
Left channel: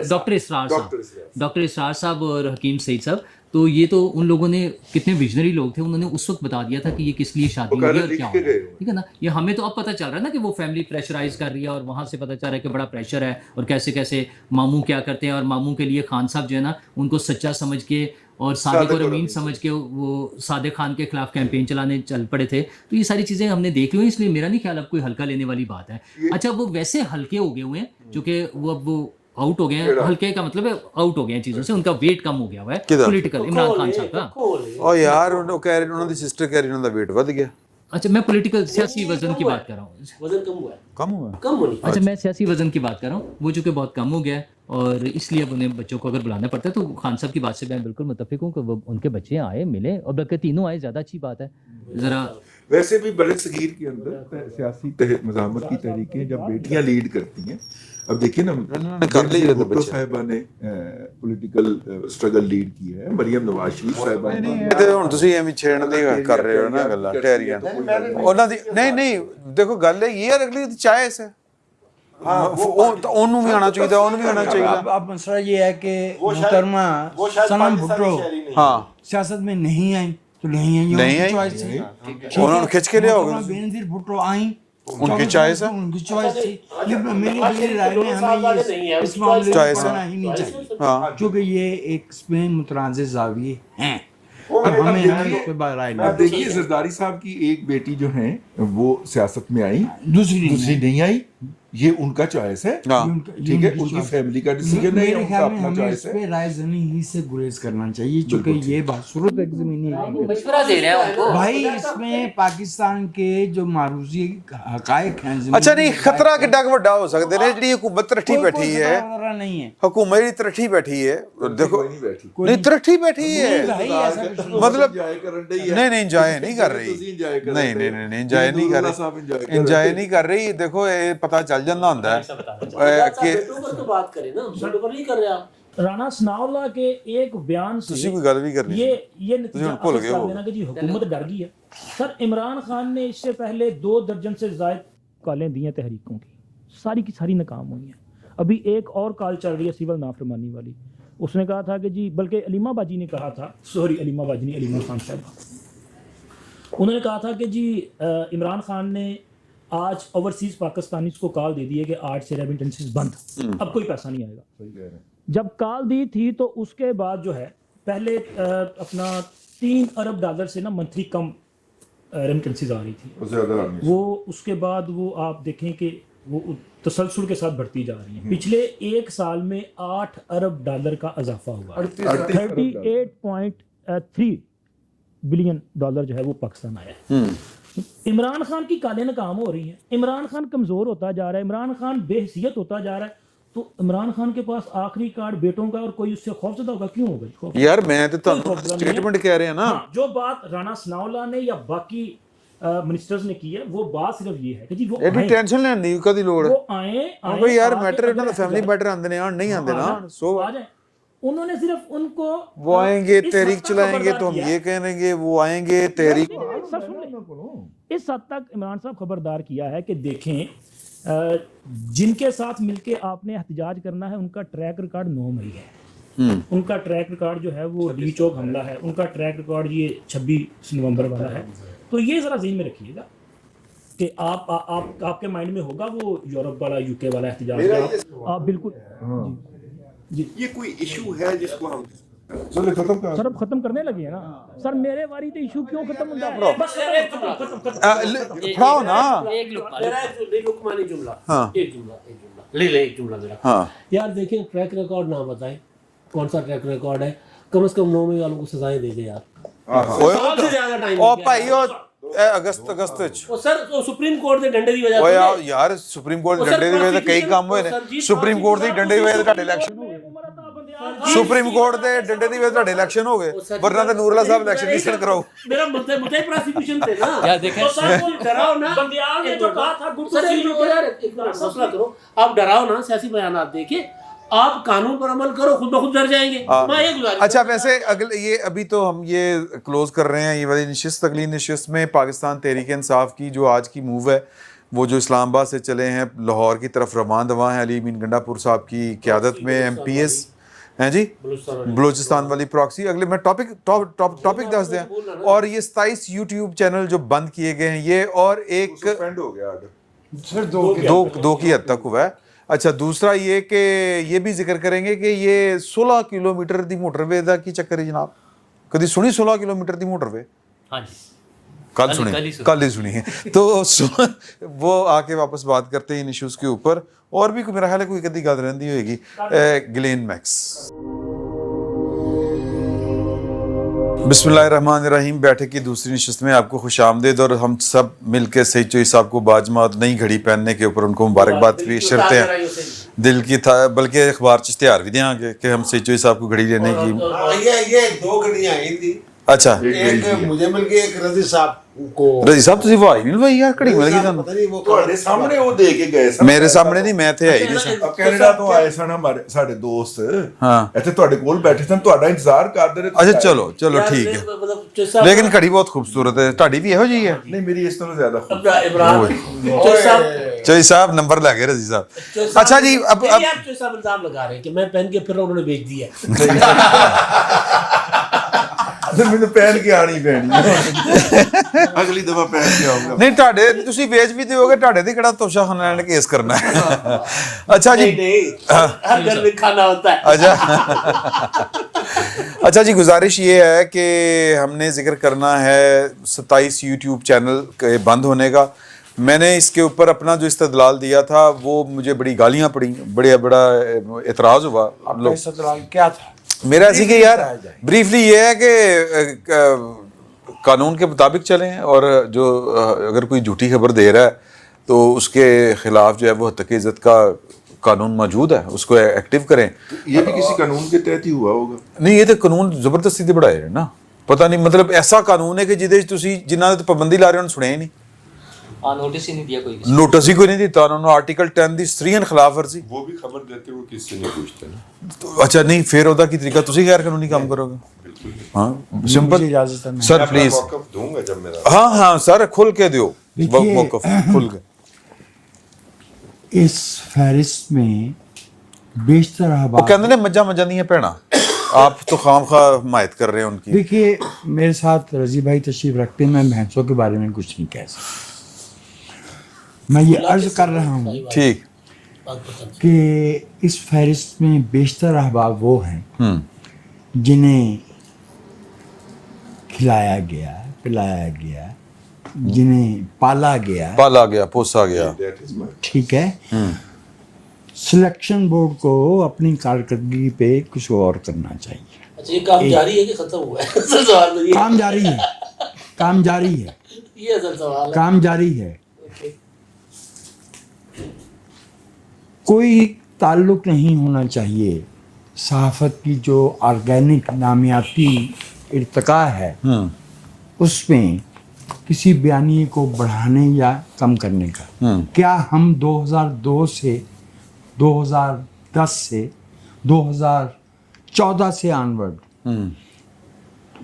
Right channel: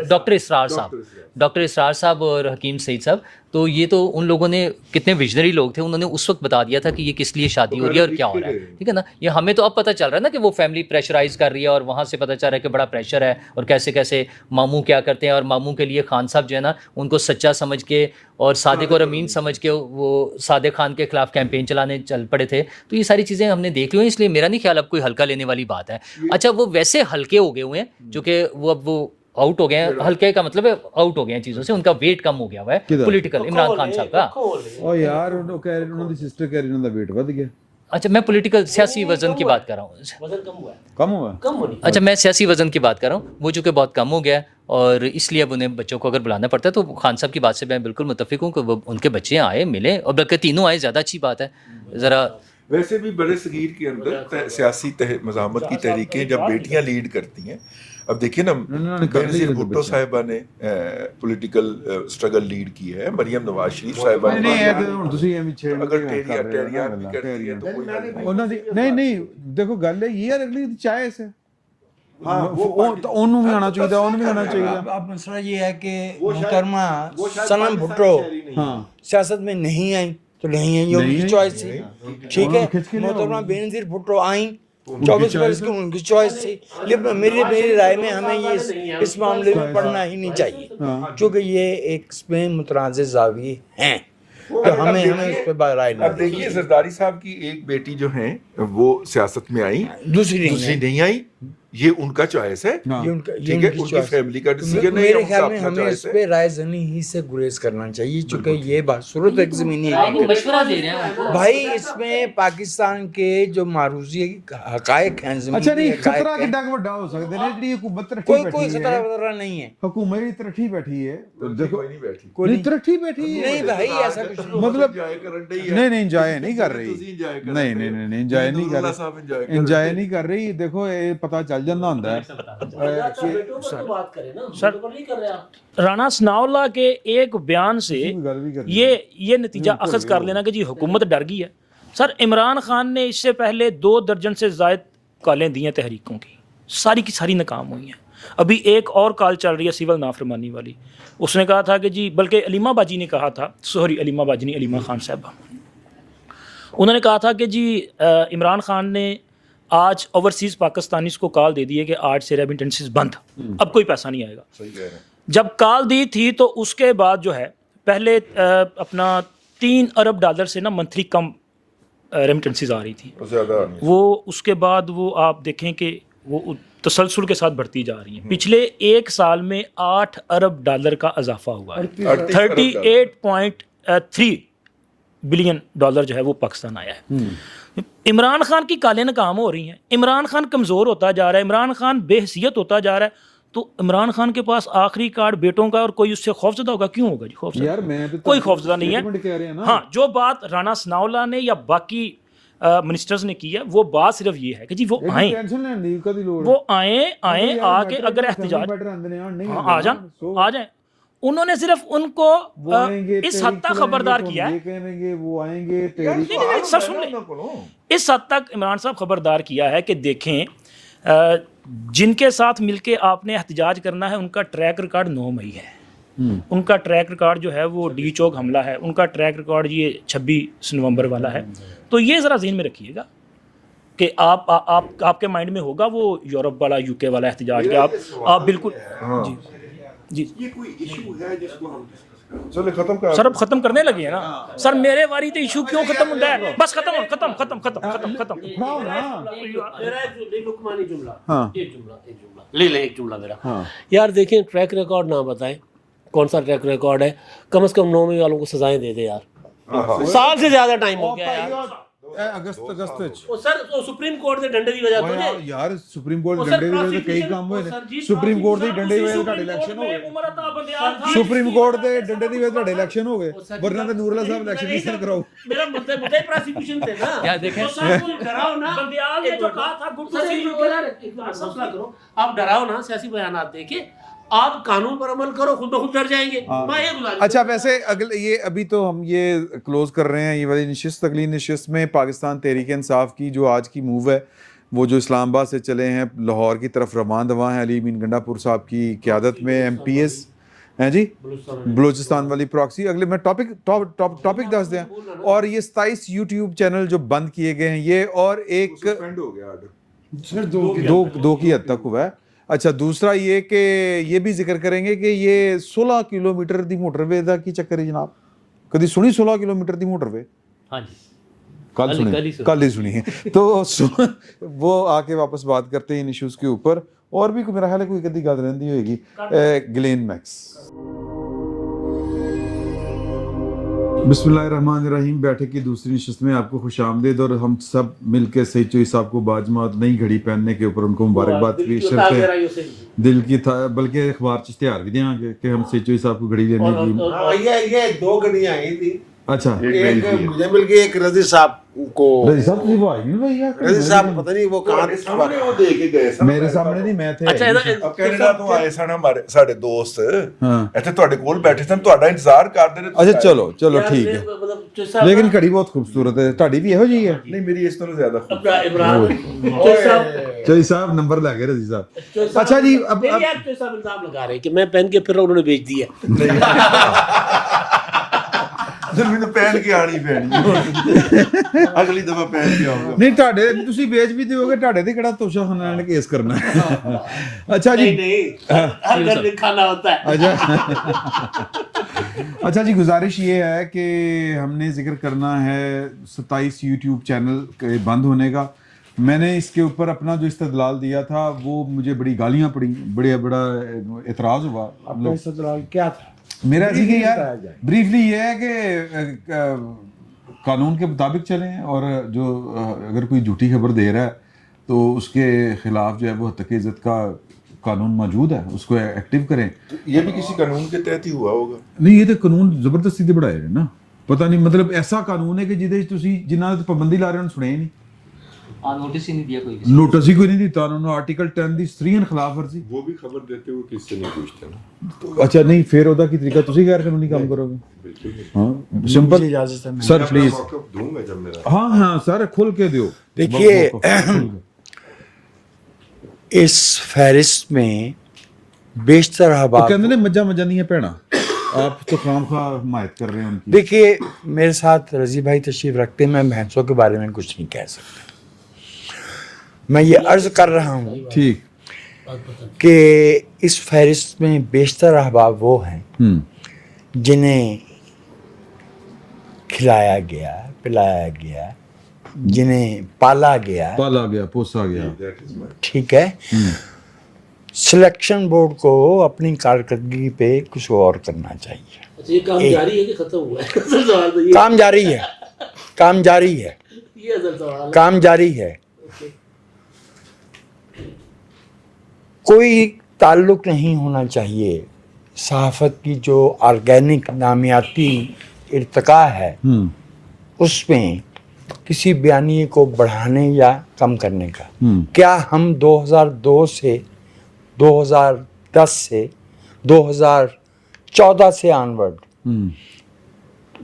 डॉक्टर इसरार साहब और हकीम सईद साहब, तो ये तो उन लोगों ने, कितने विजनरी लोग थे, उन्होंने उस वक्त बता दिया था कि ये किस लिए शादी हो रही है और क्या हो रहा है, ठीक है ना। ये हमें तो अब पता चल रहा है ना कि वो फैमिली प्रेशराइज कर रही है, और वहाँ से पता चल रहा है कि बड़ा प्रेशर है, और कैसे कैसे मामू क्या करते हैं। और मामू के लिए खान साहब जो है ना, उनको सच्चा समझ के और सादिक और अमीन समझ के वो सादिक खान के खिलाफ कैंपेन चलाने चल पड़े थे। तो ये सारी चीज़ें हमने देख ली हैं, इसलिए मेरा नहीं ख्याल अब कोई हल्का लेने वाली बात है। अच्छा, वो वैसे हल्के हो गए हुए हैं जो कि वो अब वो आउट हो गए हैं। हल्के का मतलब है आउट हो गए हैं चीज़ों से, उनका वेट कम हो गया हुआ है पॉलिटिकल, इमरान खान साहब का। ओ यार, उन्होंने कह रहे, उन्होंने सिस्टर कह रही उनका वेट बढ़ गया। अच्छा, मैं पॉलिटिकल सियासी वजन की बात कर रहा हूँ। वजन कम हुआ है, कम हुआ? कम होनी। अच्छा, मैं सियासी वजन की बात कर रहा हूँ, वो जो कि बहुत कम हो गया है, और इसलिए अब उन्हें बच्चों को अगर बुलाना पड़ता है, तो खान साहब की बात से मैं बिल्कुल मुत्तफिक हूँ कि वो उनके बच्चे आए, मिले, और बल्कि तीनों आए, ज़्यादा अच्छी बात है। ज़रा वैसे भी बड़े सगीर के अंदर सियासी मज़ामत की तहरीकें जब बेटियां लीड करती हैं, अब देखिए ना, भुट्टो साहिबा ने पॉलिटिकल स्ट्रगल लीड की है, मरियम नवाज शरीफ साहिबा ने। नहीं, ਇਹ ਤੇ ਹੁਣ ਤੁਸੀਂ ਐਵੇਂ ਛੇੜਦੇ ਕਰ ਰਹੇ ਹੋ ਨਾ ਗੱਲਾਂ ਟੈਰੀਆਂ ਉਹਨਾਂ ਦੀ। ਨਹੀਂ ਦੇਖੋ, ਗੱਲ ਇਹ ਯਾਰ, ਅਗਲੀ ਦੀ ਚਾਇਸ ਹੈ। ਉਹਨੂੰ ਵੀ ਆਉਣਾ ਚਾਹੀਦਾ, ਉਹਨੂੰ ਵੀ ਆਉਣਾ ਚਾਹੀਦਾ। अब मसला ये है कि मुहतरमा सनम भुट्टो हाँ, सियासत में नहीं आई तो नहीं आई, ये उनकी चॉइस थी, ठीक है। खिंच के ले आओ। मुहतरमा बेनज़ीर भुट्टो आई, उनकी चॉइस है, उनकी चॉइस थी। ये मेरी राय में हमें ये इस मामले में पढ़ना ही नहीं चाहिए, क्योंकि ये एक इसमें मुतनाज़िर ज़ाविये हैं, तो हमें इस पे राय अब नहीं। देखिए, जरदारी साहब की एक बेटी जो है वो सियासत में आई, दूसरी नहीं आई, ये उनका चॉइस है, ठीक है, उनकी फैमिली का डिसीजन है, मेरे उनका ख्याल में अपना हमें इस चॉइस है। पे राय जनी ही से गुरेज करना चाहिए, क्योंकि ये बात सूरत एक ज़मीनी हकीकत मशवरा दे रहे हैं उनको। भाई, इसमें पाकिस्तान के जो मारूजी हकायक हैं, ज़मीनी अच्छा नहीं, हकायक खतरा हैं, किड्डा ਵੱਡਾ ਹੋ ਸਕਦਾ ਨੇ। ਜਿਹੜੀ ਹੁਕੂਮਤ ਤਰੱਠੀ कोई ਬੈਠੀ खतरा है, वगैरह नहीं है, हुकूमत ਜਿਹੜੀ ਤਰੱਠੀ बैठी है, देखो नहीं बैठी, नहीं तरट्ठी बैठी है, नहीं भाई, ऐसा कुछ नहीं। मतलब नहीं इंजॉय नहीं कर रही, नहीं इंजॉय नहीं कर रही, इंजॉय नहीं कर रही। देखो, ये पता चल ਜਾਂਦਾ ਹੁੰਦਾ ਹੈ कि बात करें ना, सर नहीं कर रहे आप। राना सनाउल्लाह के एक बयान से ਤੁਸੀਂ ਵੀ ਗੱਲ ਵੀ ਕਰਨੀ ये नतीजा अखज़ कर लेना कि जी हुकूमत डर गई है। सर, इमरान खान ने इससे पहले 2 दर्जन से ज़ायद कॉलें दी हैं तहरीकों की, सारी की सारी नाकाम हुई हैं। अभी एक और कॉल चल रही है सिविल नाफरमानी वाली। उसने कहा था कि जी, बल्कि अलीमा बाजी ने कहा था, सॉरी अलीमा बाजी नहीं, अलीमा खान साहबा, उन्होंने कहा था कि जी इमरान खान ने आज ओवरसीज़ पाकिस्तानीज़ को कॉल दे दी है कि आज से रेमिटेंसेस बंद, अब कोई पैसा नहीं आएगा। सही कह रहे हैं। जब कॉल दी थी तो उसके बाद जो है, पहले अपना $3 अरब से ना मंथली कम रेमिटेंसेस आ रही थी, वो उसके बाद वो आप देखें कि वो तसलसल के साथ बढ़ती जा रही हैं। पिछले 1 साल में $8 अरब का इजाफा हुआ है, 38.3 बिलियन डॉलर जो है वो पाकिस्तान आया है। इमरान खान की कालें नाकाम हो रही हैं, इमरान खान कमज़ोर होता जा रहा है, इमरान खान बेहसियत होता जा रहा है। तो इमरान खान के पास आखिरी कार्ड बेटों का, और कोई उससे खौफजदा होगा? क्यों होगा जी खौफजदा? यार मैं तो कोई खौफजदा नहीं है, स्टेटमेंट कह रहे हैं ना। हाँ, जो बात राना सनाउल्लाह ने या बाकी मिनिस्टर्स ने की है, वो बात सिर्फ ये है कि जी वो आए, टेंशन लेने ਦੀ ਕਦੀ ਲੋੜ वो आए यार, आके मैटर अगर फैमिली मैटर आंदे ने नहीं आ आंदे जाए, सो आ जाए। उन्होंने सिर्फ उनको वो आएंगे, इस हद तहरीक तक चलाएंगे, खबरदार तो हम किया ये कहेंगे, वो आएंगे तहरीक। सर सुन ले, इस हद तक इमरान साहब खबरदार किया है कि देखें जिनके साथ मिलके आपने एहतजाज करना है उनका ट्रैक रिकॉर्ड 9 मई है, उनका ट्रैक रिकॉर्ड जो है वो डी चौक हमला है, उनका ट्रैक रिकॉर्ड ये 26 नवंबर वाला है। तो ये ज़रा ज़हन में रखिएगा कि आपके माइंड में होगा वो यूरोप वाला यूके वाला एहतजाज कि आप बिल्कुल जी जी। ये कोई इशू है जिसको हम सर अब खत्म करने लगे हैं ना सर, मेरे वारी तो इशू क्यों खत्म होता है, बस खत्म उठाओ ना। एक जुमला मेरा। यार देखें, ट्रैक रिकॉर्ड ना बताएं कौन सा ट्रैक रिकॉर्ड है, कम से कम 9 मई वालों को सजाएं दे दे यार। साल से ज्यादा टाइम हो गया ਭਾਈ ਉਹ ਅਗਸਤ ਚ ਉਹ ਸਰ ਉਹ ਸੁਪਰੀਮ ਕੋਰਟ ਦੇ ਡੰਡੇ ਦੀ ਵਜ੍ਹਾ ਓਏ ਤੋਂ ਯਾਰ ਸੁਪਰੀਮ ਕੋਰਟ ਦੇ ਡੰਡੇ ਦੀ ਵਜ੍ਹਾ ਤੇ ਕਈ ਕੰਮ ਹੋਏ ਨੇ। ਸੁਪਰੀਮ ਕੋਰਟ ਦੀ ਡੰਡੇ ਦੀ ਵਜ੍ਹਾ ਤੇ ਤੁਹਾਡੇ ਇਲੈਕਸ਼ਨ ਹੋ ਗਏ। ਸੁਪਰੀਮ ਕੋਰਟ ਦੇ ਡੰਡੇ ਦੀ ਵਜ੍ਹਾ ਤੇ ਤੁਹਾਡੇ ਇਲੈਕਸ਼ਨ ਹੋ ਗਏ, ਵਰਨਾ ਤਾਂ ਨੂਰਲਾ ਸਾਹਿਬ ਇਲੈਕਸ਼ਨ ਨਹੀਂ ਸਰ ਕਰਾਓ। मेरा मुद्दे ही प्रोसिक्यूशन थे ना यार देखें, तो सर को डराओ ना। बंदियाल ने तो कहा था सर एक मिनट फैसला करो, आप डराओ ना, सियासी बयान देके आप कानून पर अमल करो, खुद ब खुद डर जाएंगे। मैं ये गुजारिश अच्छा वैसे अगले ये अभी तो हम ये क्लोज कर रहे हैं ये वाली नशिस्त, अगली नशिस्त में पाकिस्तान तहरीक इंसाफ की जो आज की मूव है वो जो इस्लामाबाद से चले हैं लाहौर की तरफ रवान दवा हैं, अली अमीन गंडापुर साहब की क़यादत में MPS हैं जी, बलूचिस्तान वाली प्रॉक्सी। अगले मैं टॉपिक दस दें। और ये 27 YouTube चैनल जो बंद किए गए हैं ये, और एक सस्पेंड हो गया आर्डर दो की हद तक हुआ है। अच्छा दूसरा ये कि ये भी जिक्र करेंगे कि ये 16 किलोमीटर दी मोटरवे दा की चक्कर है जनाब, कभी सुनी 16 किलोमीटर दी मोटरवे? हाँ जी, कल ही सुनी है। तो वो आके वापस बात करते हैं इन इश्यूज़ के ऊपर। और भी मेरा ख्याल है कोई कदी गल रही होगी। Glenn max. बिस्मिल्लाहिर्रहमानिर्रहीम। बैठक की दूसरी नशिस्त में आपको खुश आमदीद, और हम सब मिल के सईद चोई साहब को बाजमात नई घड़ी पहनने के ऊपर उनको मुबारकबाद पेश करते हैं। दिल की था बल्कि अखबार च इश्तिहार भी देंगे कि हम सईद चोई साहब को घड़ी लेने की। ये 2 घड़ियां आई थी। अच्छा एक मुझे मिल गई, एक रजी साहब को। रजी साहब तुझे वो आई नहीं भाई यार घड़ी मिल गई पता नहीं वो ਤੁਹਾਡੇ ਸਾਹਮਣੇ ਉਹ ਦੇ ਕੇ ਗਏ ਸਨ। मेरे सामने नहीं, मैं थे आई नहीं। अब कनाडा ਤੋਂ ਆਏ ਸਨ ਹਮਾਰੇ ਸਾਡੇ ਦੋਸਤ, हाँ ਇੱਥੇ ਤੁਹਾਡੇ ਕੋਲ ਬੈਠੇ ਸਨ, ਤੁਹਾਡਾ ਇੰਤਜ਼ਾਰ ਕਰਦੇ ਰਹੇ। अच्छा चलो ठीक है, लेकिन घड़ी बहुत खूबसूरत है। ਤੁਹਾਡੀ भी ਇਹੋ ਜਿਹੀ ਹੈ? ਨਹੀਂ ਮੇਰੀ ਇਸ ਤੋਂ ਜ਼ਿਆਦਾ खूब। चोई साहब नंबर लगे रजी साहब। अच्छा जी अब यार चोई साहब इल्जाम लगा रहे हैं कि मैं पहन के फिर उन्होंने बेच दिया। ਮੈਨੂੰ ਪਹਿਨ ਕੇ ਆਣੀ ਪੈਣੀ ਅਗਲੀ ਦਫਾ ਪਹਿਨ ਕੇ ਆਉਂਗਾ। ਨਹੀਂ ਤੁਹਾਡੇ ਤੁਸੀਂ ਵੇਚ ਵੀ ਦਿਓਗੇ, ਤੁਹਾਡੇ ਤੇ ਕਿਹੜਾ ਤੋਸ਼ਾਖਾਨਾ ਨੇ ਕੇਸ ਕਰਨਾ ਹੈ। अच्छा जी हर घर में खाना होता है। अच्छा जी गुजारिश ये है कि हमने जिक्र करना है 27 YouTube चैनल के बंद होने का। मैंने इसके ऊपर अपना जो इस्तदलाल दिया था वो मुझे बड़ी गालियाँ पड़ी, बड़ा एतराज़ हुआ। आपका इस्तदलाल क्या था? मेरा ऐसी कि यार ब्रीफली ये है कि कानून के मुताबिक चलें, और जो अगर कोई झूठी खबर दे रहा है तो उसके खिलाफ जो है वो हत्या की इज़्ज़त का कानून मौजूद है, उसको एक्टिव करें। ये भी किसी कानून के तहत ही हुआ होगा? नहीं ये तो कानून ਜ਼ਬਰਦਸਤੀ ਤੇ ਬਣਾਏ ਨਾ, ਪਤਾ ਨਹੀਂ ਮਤਲਬ ਐਸਾ ਕਾਨੂੰਨ ਹੈ ਕਿ ਜਿਹਦੇ ਵਿੱਚ ਤੁਸੀਂ ਜਿਨ੍ਹਾਂ ਤੇ ਪਾਬੰਦੀ ਲਾ ਰਹੇ ਹੋ ਸੁਣਿਆ ਹੀ ਨਹੀਂ। नोटिस ही नहीं दिया कोई। नोटिस ही कोई नहीं दिता उन्होंने। आर्टिकल 10 ਦੀ ਸਰੀਨ ਖਿਲਾਫ ਵਰਜ਼ੀ। वो भी खबर देते हुए किससे नहीं पूछते ना। अच्छा नहीं फिर ਉਹਦਾ ਕੀ ਤਰੀਕਾ, ਤੁਸੀਂ ਗੈਰ ਕਾਨੂੰਨੀ ਕੰਮ ਕਰੋਗੇ? हाँ सिंपल इजाजत है सर प्लीज। मौक़िफ़ दूंगा जब मेरा। हाँ हाँ सर खुल के दियो। देखिए, खुल के इस फहरिस्त में बेशतर वो अहबाब, कहते हैं मजा मजा नहीं है भैना, आप तो खामखा हिमायत कर रहे हैं उनकी। देखिए मेरे साथ रजी भाई तशरीफ रखते हैं, मैं भैंसों के बारे में कुछ नहीं कह सकता। मैं ये अर्ज कर रहा हूँ ठीक कि इस फहरिस्त में बेशतर अहबाब वो हैं जिन्हें खिलाया गया, पिलाया गया, जिन्हें पाला गया, पोसा गया। ठीक है। सिलेक्शन बोर्ड को अपनी कारकर्दगी पे कुछ और करना चाहिए। ये काम जारी है कि खत्म हुआ है? असल सवाल तो ये काम जारी है, काम जारी है, ये असल सवाल है। काम जारी है। कोई ताल्लुक नहीं होना चाहिए सहाफ़त की जो ऑर्गेनिक नामियाती इर्तिका है उसमें किसी बयानिए को बढ़ाने या कम करने का। क्या हम 2002 से 2010 से 2014 से ऑनवर्ड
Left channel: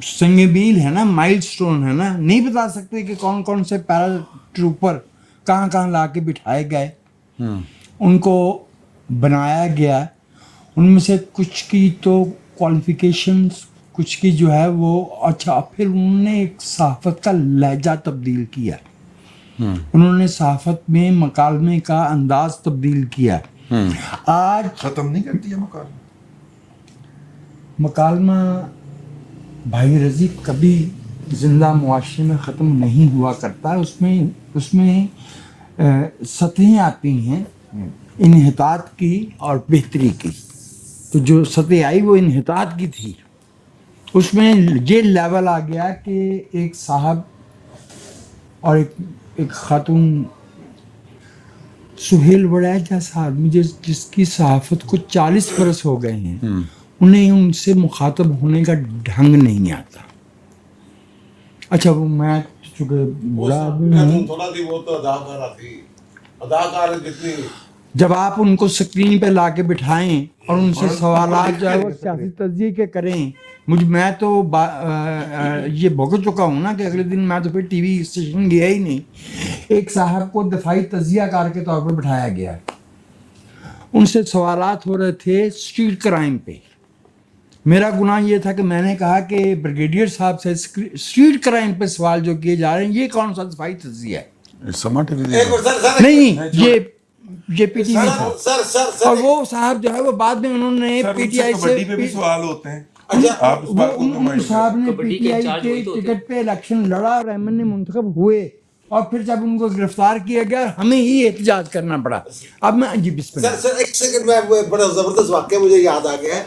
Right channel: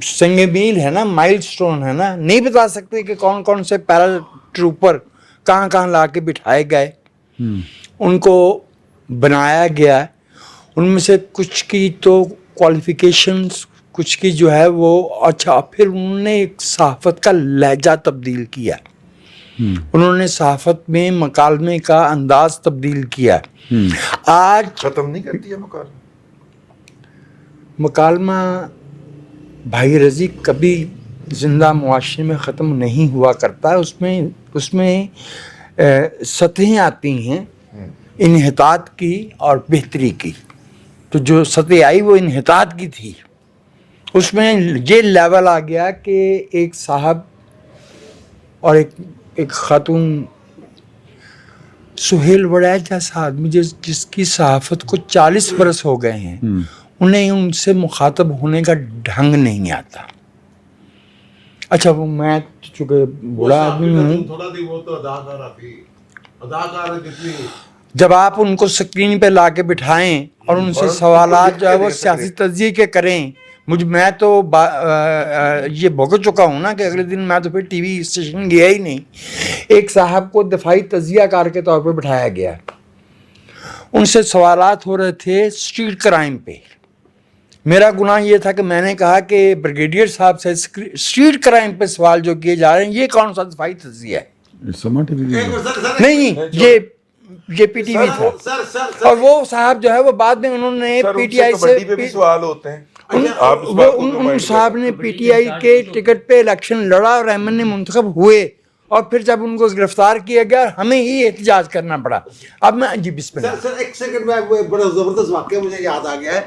संगमील है ना, माइलस्टोन है ना, नहीं बता सकते कि कौन कौन से पैरा ट्रूपर कहाँ कहाँ ला के बिठाए गए, उनको बनाया गया। उनमें से कुछ की तो क्वालिफिकेशंस, कुछ की जो है वो अच्छा, फिर उन्होंने एक सहाफ़त का लहजा तब्दील किया, उन्होंने सहाफ़त में मकालमे का अंदाज तब्दील किया। आज खत्म नहीं करती है मकालमा भाई रजी कभी ज़िंदा मुआशरे में ख़त्म नहीं हुआ करता, उसमें सतहें आती हैं इन्हितात की और बेहतरी की। तो जो सतह आई वो इन्हितात की थी, उसमें ये लेवल आ गया कि एक साहब और एक खातून, सुहेल वड़ैच जैसा आदमी जिसकी सहाफ़त को 40 बरस हो गए हैं, उन्हें उनसे मुखातब होने का ढंग नहीं आता। अच्छा वो मैं चूँकि बूढ़ा आदमी हूँ, थोड़ा सी वो तो अदाकारा थी, अदाकार जितनी जब आप उनको स्क्रीन पे ला के बिठाएं और उनसे सवालात जो है वो सियासी तज्ज़िये के करें, मैं तो ये भुगत चुका हूँ ना कि अगले दिन मैं तो फिर टीवी स्टेशन गया ही नहीं। एक साहब को दफाई तज्ज़ियाकार के तौर पे बिठाया गया, उनसे सवालात हो रहे थे स्ट्रीट क्राइम पे। मेरा गुनाह ये था कि मैंने कहा कि ब्रिगेडियर साहब से स्ट्रीट क्राइम पे सवाल जो किए जा रहे हैं, ये कौन सा दफाई तज्ज़िया है? समा टीवी नहीं, ये पीटीवी था। सर और वो साहब जो है वो बाद में उन्होंने पीटीआई से कबड्डी पे भी सवाल होते हैं। उन साहब ने पीटीआई के टिकट पे इलेक्शन लड़ा और अहमद ने मुंतखब हुए, और फिर जब उनको गिरफ्तार किया गया हमें ही एहतजाज करना पड़ा। अब मैं जी बिस्मिल्लाह। सर एक सेकंड में, वो बड़ा ज़बरदस्त वाक़या मुझे याद आ गया है।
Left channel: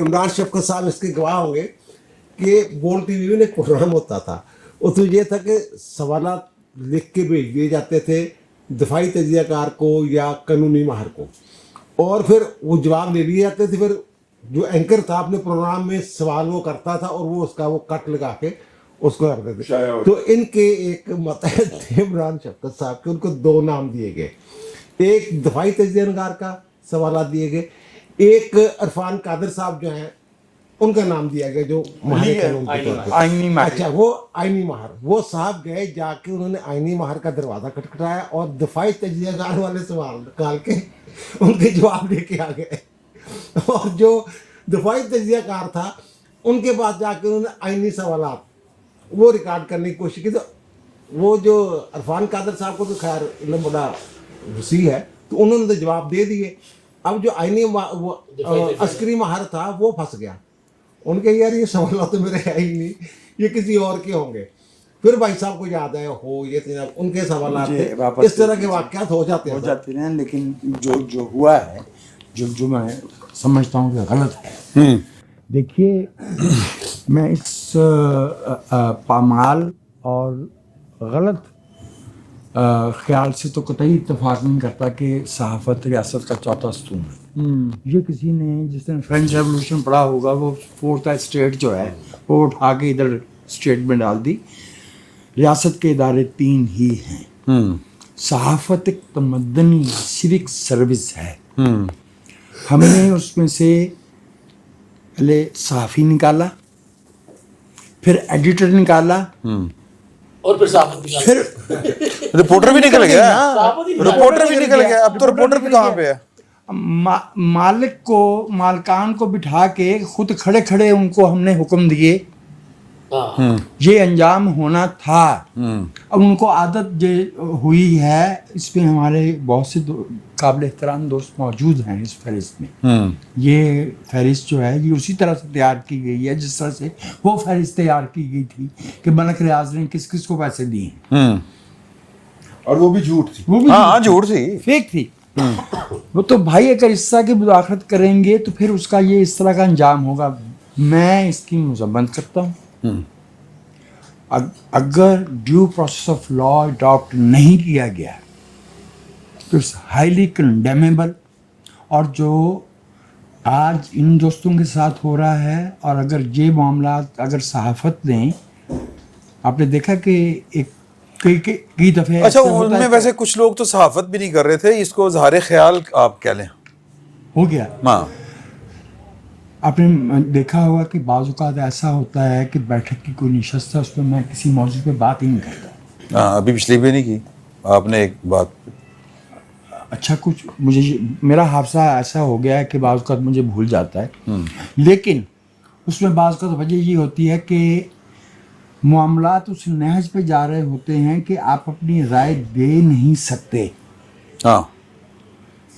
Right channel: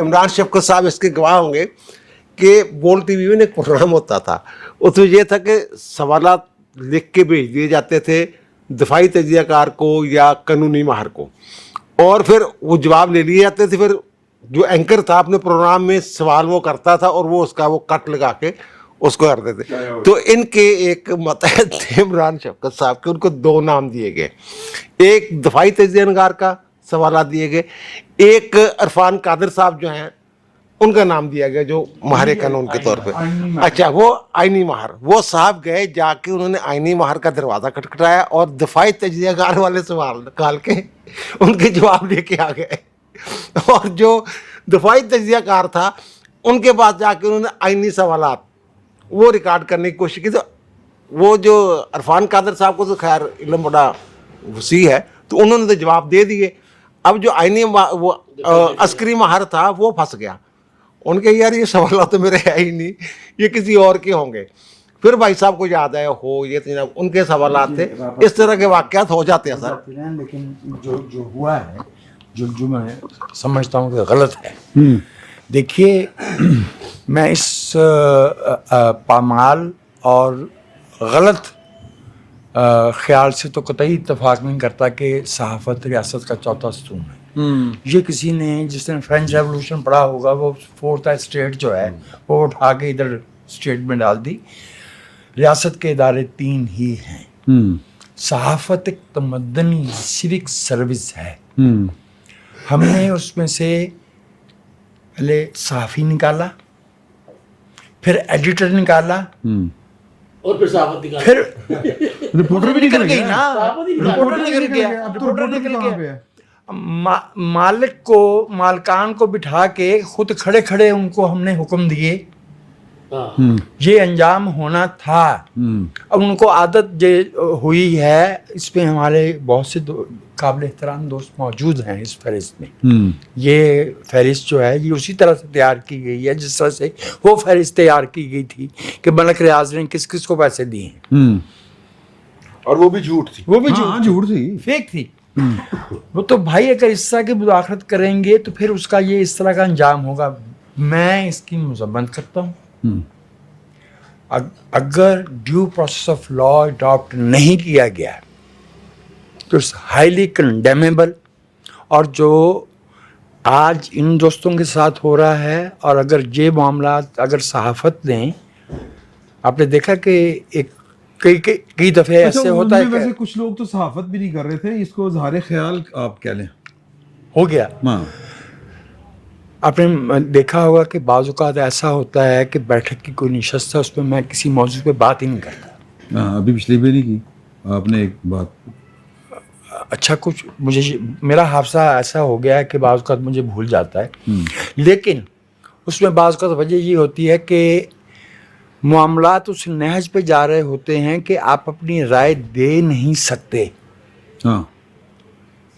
इमरान शफकत साहब इसके गवाह होंगे कि बोल टीवी में एक प्रोग्राम होता था, उसमें ये था कि सवालात लिख के भेज दिए जाते थे दफाई तज्ज़ियाकार को या कानूनी माहर को, और फिर वो जवाब ले लिए जाते थे। फिर जो एंकर था अपने प्रोग्राम में सवाल वो करता था और वो उसका वो कट लगा के उसको करते थे। तो इनके एक मतहत थे इमरान शफकत साहब के, उनको 2 नाम दिए गए, एक दफाई तज्ज़ियाकार का सवाल दिए गए, एक इरफान कादिर साहब जो हैं उनका नाम दिया गया जो माहर कानून के तौर पे। अच्छा वो आइनी माहर, वो साहब गए जाके उन्होंने आइनी माहर का दरवाज़ा खटखटाया और दफाई तज्ज़ियाकार वाले सवाल निकाल के उनके जवाब लेके आ गए। और जो दफाई तज्ज़ियाकार था उनके पास जाके उन्होंने आइनी सवालात वो रिकॉर्ड करने की कोशिश की। तो वो जो इरफान कादिर साहब को तो खैर इल्म बड़ा वसी है, तो उन्होंने तो जवाब दे दिए। अब जो आइनी वो अस्करी माहर था वो फंस गया, उनके यार ये सवाल तो मेरे है ही नहीं, ये किसी और के होंगे। फिर भाई साहब को याद आया हो ये तो उनके सवाल थे। इस तरह के वाक़यात हो जाते हैं सर। लेकिन जो हुआ है, जो मैं समझता हूँ कि गलत है। देखिए मैं इस पामाल और गलत ख्याल से तो कतई इत्तेफाक नहीं करता कि सहाफ़त रियासत का चौथा स्तून है। ये किसी ने जिसने फ्रेंच रेवोल्यूशन पढ़ा होगा वो 4th स्टेट जो है वो उठा के इधर स्टेट में डाल दी। रियासत के इदारे 3 ही हैं। सहाफ़त एक तमद्दनी सिविक सर्विस है। हमने उसमें से पहले सहाफ़ी निकाला, फिर एडिटर निकाला, और फिर साहब फिर रिपोर्टर भी निकल गया, रिपोर्टर भी निकल गया। अब तो रिपोर्टर भी कहाँ पे है? मालकान को बिठा के खुद खड़े खड़े उनको हमने हुक्म दिए, ये अंजाम होना था। अब उनको आदत हुई है, इसमें हमारे बहुत से काबिल एहतराम दोस्त मौजूद हैं इस फहरिस्त में। ये फहरिस्त जो है ये उसी तरह से तैयार की गई है जिस तरह से वो फहरिस्त तैयार की गई थी कि मलक रियाज ने किस किस को पैसे दिए, और वो भी झूठ थी, वो भी झूठ थी, फेक थी। वो तो भाई अगर इस तरह की मुदाखलत करेंगे तो फिर उसका ये इस तरह का अंजाम होगा। मैं इसकी मज़म्मत करता हूँ। अगर due process of law adopt नहीं किया गया तो इट्स हाईली कंडेमेबल। और जो आज इन दोस्तों के साथ हो रहा है, और अगर ये मामला अगर सहाफ़त ने, आपने देखा कि एक कई दफ़े ऐसे होता है। वैसे कुछ लोग तो सहाफ़त भी नहीं कर रहे थे, इसको ज़ाहिर ख्याल आप क्या लें हो गया। आपने देखा होगा कि बाज़ औक़ात ऐसा होता है कि बैठक की कोई नशस्त है, उस पर मैं किसी मौजू पे बात ही नहीं करता। हाँ, अभी पिछली भी नहीं की आपने एक बात। अच्छा, कुछ मुझे मेरा हादसा ऐसा हो गया है कि बाज़ औक़ात मुझे भूल जाता है, लेकिन उसमें बाज़ औक़ात वजह ये होती है कि मामलात उस नहज पे जा रहे होते हैं कि आप अपनी राय दे नहीं सकते। हाँ,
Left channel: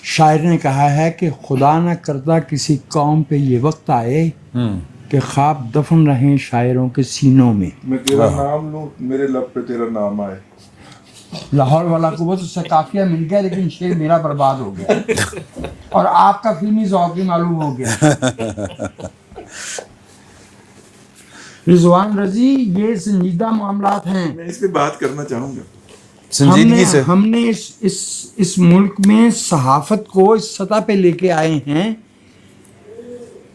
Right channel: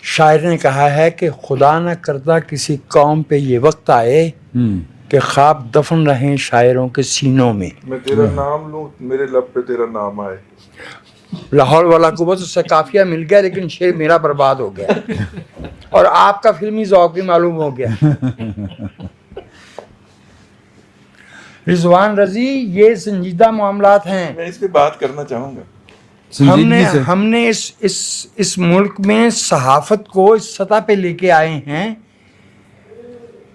शायर ने कहा है कि खुदा न करता किसी कौम पे ये वक्त आए कि ख्वाब दफन रहें शायरों के सीनों में। मैं तेरा नाम लूं, मेरे लब पे तेरा नाम आए। लाहौर वाला को बस उससे काफिया मिल गया, लेकिन शेर मेरा बर्बाद हो गया और आपका फिल्मी ज़ौक़ भी मालूम हो गया। रिजवान रजी, ये संजीदा मामलात हैं। मैं इस पे बात करना चाहूँगा। संजीदगी से हमने इस मुल्क में सहाफत को इस सतह पे लेके आए हैं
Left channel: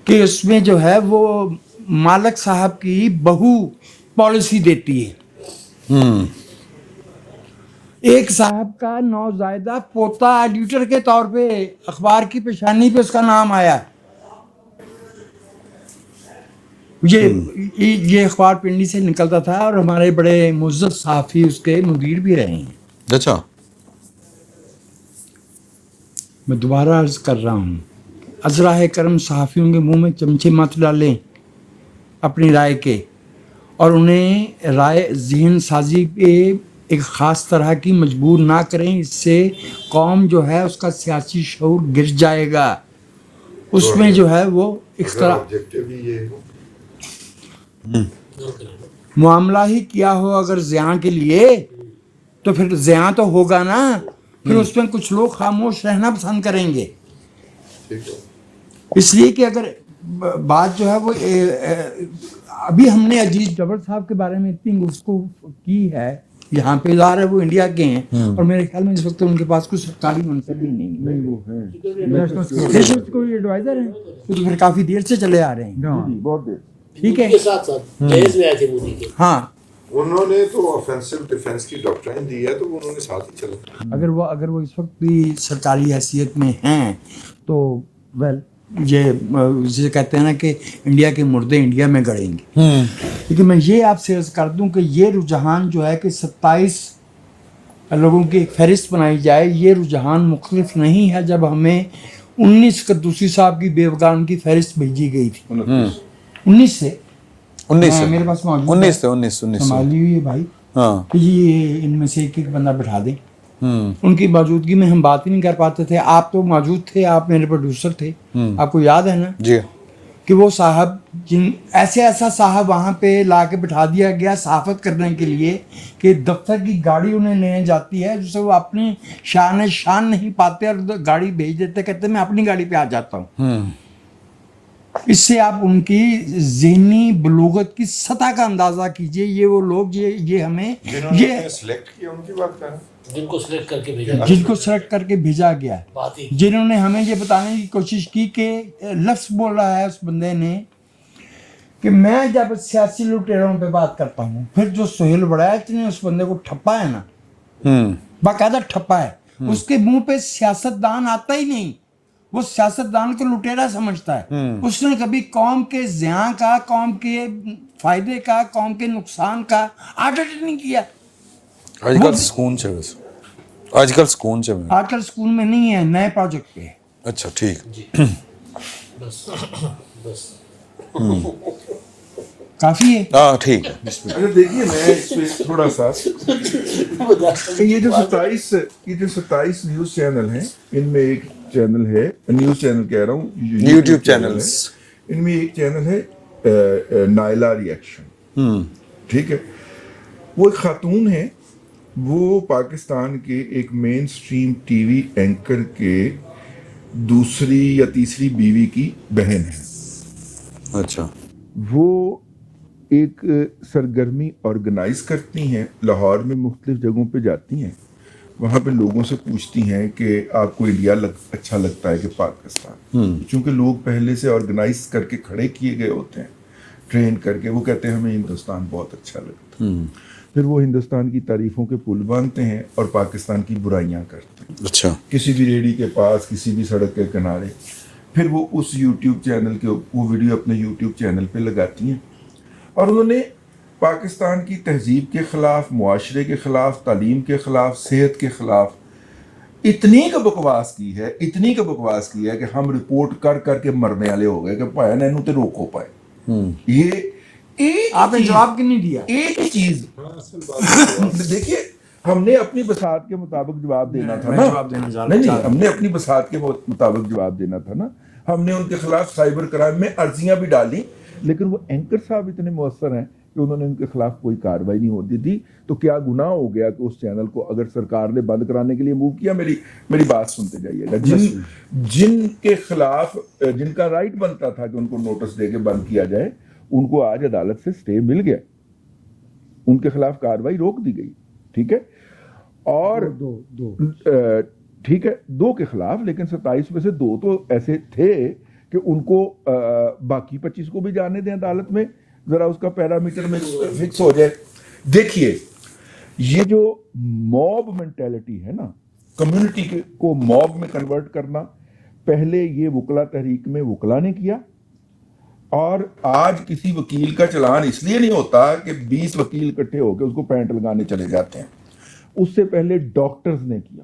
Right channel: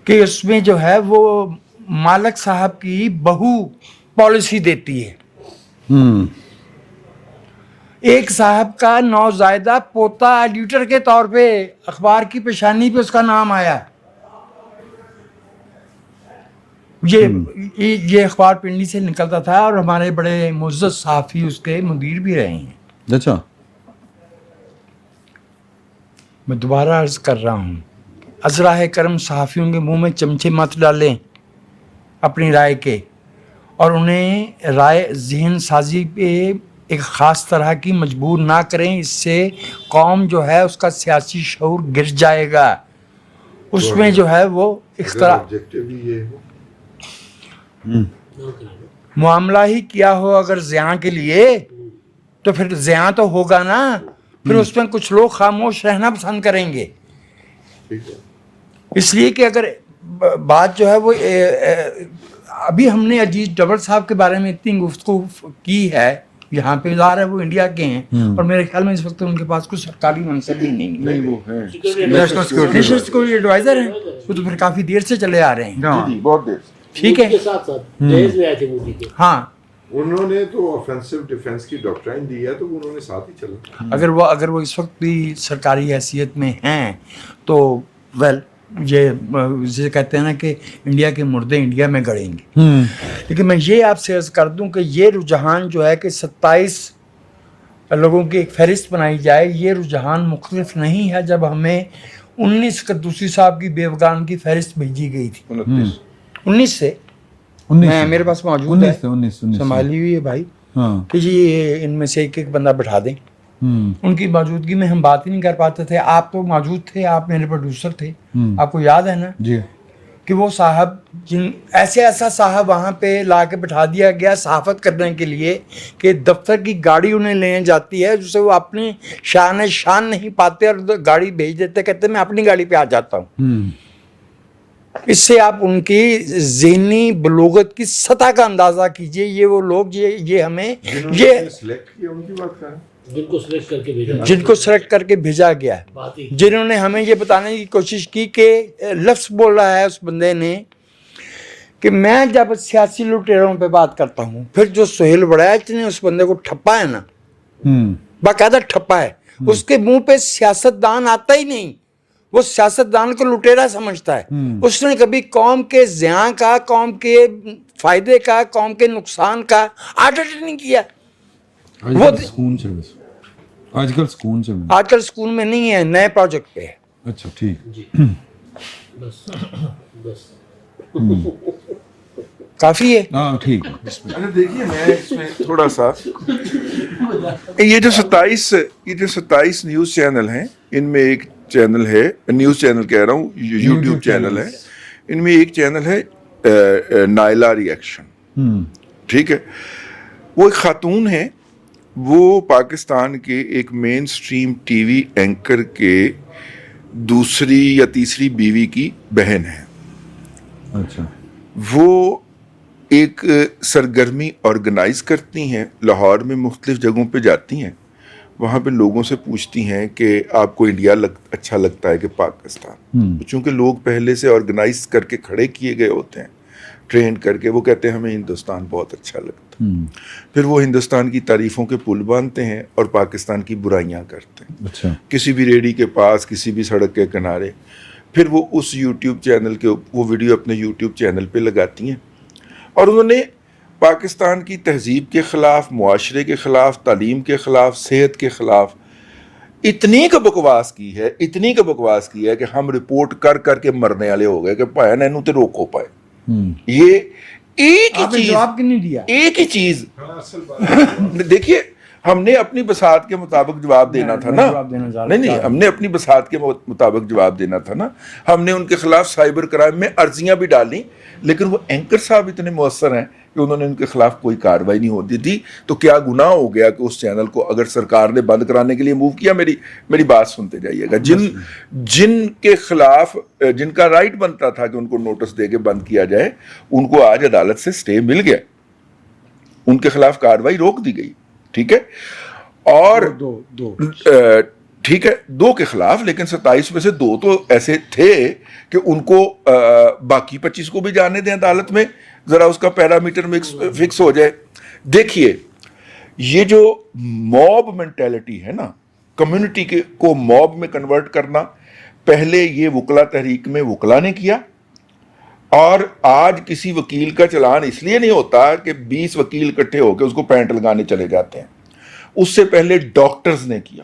कि उसमें जो है वो मालिक साहब की बहू पॉलिसी देती है। एक साहब का नौज़ायदा पोता एडिटर के तौर पे अखबार की पेशानी पे उसका नाम आया। ये अखबार पिंडी से निकलता था और हमारे बड़े मुअज़्ज़ज़ सहाफ़ी उसके मुदीर भी रहे हैं। अच्छा, मैं दोबारा अर्ज़ कर रहा हूँ, अज़राए करम सहाफ़ियों के मुंह में चमचे मत डालें अपनी राय के, और उन्हें राय ज़हन साजी पे एक ख़ास तरह की मजबूर ना करें। इससे कौम जो है उसका सियासी शऊर गिर जाएगा। उसमें जो है वो मामला ही किया हो अगर ज़ियां के लिए, तो फिर ज़ियां तो होगा ना, फिर उसमें कुछ लोग खामोश रहना पसंद करेंगे। इसलिए कि अगर बात जो है वो अभी हमने अजीज डबल साहब के बारे में इतनी गुफ्तगू की है, यहाँ पे ज़ाहिर है वो इंडिया के हैं और मेरे ख्याल में इस वक्त उनके पास कुछ सरकारी मनसब भी नहीं, वो है नेशनल सिक्योरिटी एडवाइजर हैं, वो तो फिर काफ़ी देर से चले आ रहे हैं। बहुत देर। ठीक है, हाँ, उन्होंने तो ऑफेंसिव डिफेंस की डॉक्ट्राइन दी है, तो उन्होंने साथ ही चला। अगर वो इस वक्त भी सरकारी हैसियत में हैं तो वेल, ये जिसे कहते हैं ना कि इंडिया के मुर्दे इंडिया में गड़ेंगे। लेकिन मैं ये आपसे अर्ज़ कर दूं कि ये रुझान जो है कि 27 लोगों की एक फहरिस्त बनाई जाए, ये रुझान मुख्तलिफ नहीं है जब हमें 19 कद्दूसी साहब की बेवगान की फहरिस्त भेजी गई थी। 19 से मेरे पास मौजूद 19 संभाली हुई है भाई। हाँ, कि जी इनमें से एक बंदा बैठा दें। उनकी मौजूदगी में हम बात ही नहीं कर पाते थे। आप तो मौजूद थे, आप मेरे प्रोड्यूसर थे, आपको याद है ना जी, कि वो साहब ऐसा साहब वहाँ पे ला के बिठा दिया गया सहाफत करने के लिए कि दफ्तर की गाड़ी उन्हें लेने जाती है, जिससे वो अपनी शान नहीं पाते और गाड़ी भेज देते, कहते मैं अपनी गाड़ी पे आ जाता हूँ। इससे आप उनकी ज़हनी बलोगत की सतह का अंदाज़ा कीजिए। ये वो लोग ये हमें ये सिलेक्ट किया, उनकी बात कर रहा हूं। जिनको सेलेक्ट करके भेजा गया, जिन्होंने हमें ये बताने की कोशिश की कि लफ्ज़ बोल रहा है उस बंदे ने कि मैं जब सियासी लुटेरों पे बात करता हूँ, फिर जो सुहेल बड़ैच ने उस बंदे को ठप्पा है ना, बाकायदा ठप्पा है, उसके मुंह पे सियासतदान आता ही नहीं, वो सियासतदान को लुटेरा समझता है। उसने कभी कौम के ज़ियां का, कौम के फायदे का, कौम के नुकसान का ऑडिट नहीं किया। आजकल सुकून से आजकल स्कूल में नहीं है, नए प्रोजेक्ट पे है। अच्छा, ठीक, काफी है। हाँ, ठीक। अच्छा देखिए, मैं इसमें थोड़ा सा ये जो 27 न्यूज़ चैनल हैं, इनमें एक चैनल है, न्यूज़ चैनल कह रहा हूँ, यूट्यूब चैनल है, इनमें एक चैनल है नायला रिएक्शन। ठीक है, वो एक खातून है, वो पाकिस्तान के एक मेन स्ट्रीम टीवी एंकर के दूसरी या तीसरी बीवी की बहन है। अच्छा, वो एक सरगर्मी ऑर्गेनाइज करती हैं, लाहौर में मुख्तलिफ जगहों पे जाती हैं, वहाँ पे लोगों से पूछती हैं कि आपको इंडिया अच्छा लगता है कि पाकिस्तान। चूँकि लोग पहले से ऑर्गेनाइज करके खड़े किए गए होते हैं, ट्रेन करके, वो कहते हैं हमें हिंदुस्तान बहुत अच्छा लगता है। फिर वो हिंदुस्तान की तारीफ़ों के पुल बांधते हैं और पाकिस्तान की बुराइयां करते हैं। अच्छा, किसी भी रेडी के पास, किसी भी सड़क के किनारे। پھر وہ اس یوٹیوب چینل کے وہ ویڈیو اپنے یوٹیوب چینل پہ لگاتی ہیں، اور انہوں نے پاکستان کی تہذیب کے خلاف، معاشرے کے خلاف، تعلیم کے خلاف، صحت کے خلاف اتنی کا بکواس کی ہے کہ ہم رپورٹ کر کر کے مرنے والے ہو گئے کہ پایا نہ انہوں تے روکو پائے. یہ ایک ہی جواب کیوں نہیں دیا؟ ایک ہی چیز دیکھیے، ہم نے اپنی بساط کے مطابق جواب دینا تھا نا. نہیں ہم نے اپنی بساط کے مطابق جواب دینا تھا نا. ہم نے ان کے خلاف سائبر کرائم میں عرضیاں بھی ڈالیں، لیکن وہ اینکر صاحب اتنے مؤثر ہیں کہ انہوں نے ان کے خلاف کوئی کارروائی نہیں ہوتی تھی. تو کیا گناہ ہو گیا کہ اس چینل کو اگر سرکار نے بند کرانے کے لیے موو کیا؟ میری بات سنتے جائیے گا. جن کے خلاف جن کا رائٹ بنتا تھا کہ ان کو نوٹس دے کے بند کیا جائے، ان کو آج عدالت سے سٹے مل گیا، ان کے خلاف کارروائی روک دی گئی. ٹھیک ہے، اور ٹھیک ہے 2 کے خلاف، لیکن 27 میں سے 2 تو ایسے تھے کہ ان کو باقی 25 کو بھی جانے دیں عدالت میں، ذرا اس کا پیرامیٹر فکس ہو جائے. دیکھیے یہ جو موب مینٹیلٹی ہے نا، کمیونٹی کو موب میں کنورٹ کرنا، پہلے یہ وکلا تحریک میں وکلا نے کیا، اور آج کسی وکیل کا چلان اس لیے نہیں ہوتا کہ 20 وکیل اکٹھے ہو کے اس کو پینٹ لگانے چلے جاتے ہیں. اس سے پہلے ڈاکٹرز نے کیا،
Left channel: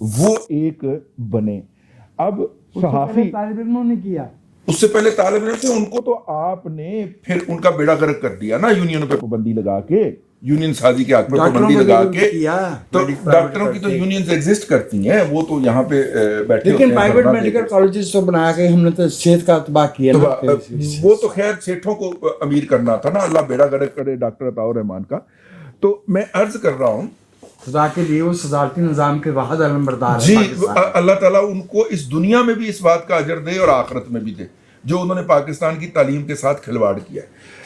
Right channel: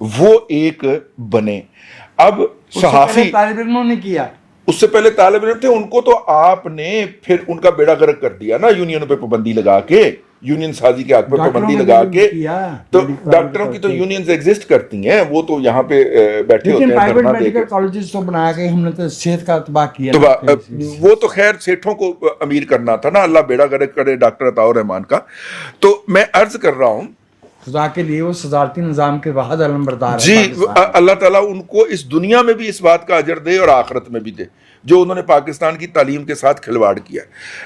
وہ ایک بنے. اب صحافی طالب علموں نے کیا، اس سے پہلے طالب علم تھے، ان کو تو آپ نے پھر ان کا بیڑا غرق کر دیا نا، یونین پہ پابندی لگا کے، یونین سازی کے حق پہ پابندی لگا کے. تو ڈاکٹروں کی تو یونینز ایگزسٹ کرتی ہیں، وہ تو یہاں پہ بیٹھے ہوتے ہیں. لیکن پرائیویٹ میڈیکل کالجز تو بنا کے ہم نے تو صحت کا تباہ کیا. وہ تو خیر سیٹھوں کو امیر کرنا تھا نا، اللہ بیڑا غرق کرے ڈاکٹر عطاء الرحمان کا. تو میں عرض کر رہا ہوں خدا کے لیے وہ صدارتی نظام کے واحد علمبردار ہیں. جی اللہ تعالیٰ ان کو اس دنیا میں بھی اس بات کا اجر دے اور آخرت میں بھی دے جو انہوں نے پاکستان کی تعلیم کے ساتھ کھلواڑ کیا.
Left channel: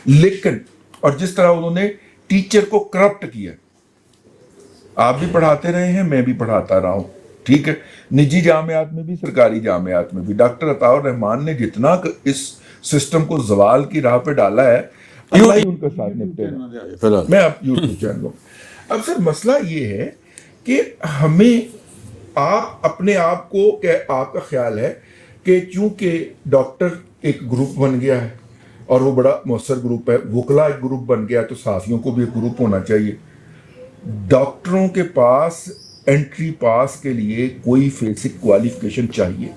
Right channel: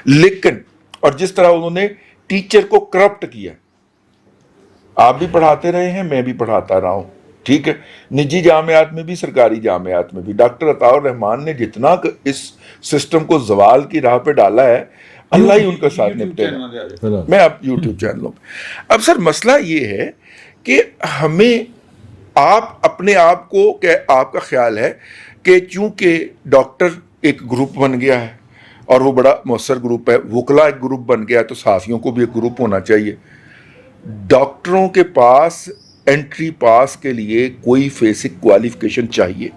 لیکن اور جس طرح انہوں نے ٹیچر کو کرپٹ کیا، آپ بھی پڑھاتے رہے ہیں، میں بھی پڑھاتا رہا ہوں. ٹھیک ہے، نجی جامعات میں بھی، سرکاری جامعات میں بھی ڈاکٹر عطاء الرحمان نے جتنا اس سسٹم کو زوال کی راہ پہ ڈالا ہے، اللہ ہی ان کا ساتھ نپٹے گا. میں اب یوٹیوب چینلوں میں اب سر مسئلہ یہ ہے کہ ہمیں آپ اپنے آپ کو کہ آپ کا خیال ہے کہ چونکہ ڈاکٹر ایک گروپ بن گیا ہے اور وہ بڑا مؤثر گروپ ہے، وکلا ایک گروپ بن گیا ہے، تو صحافیوں کو بھی ایک گروپ ہونا چاہیے. ڈاکٹروں کے پاس انٹری پاس کے لیے کوئی بیسک کوالیفیکیشن چاہیے.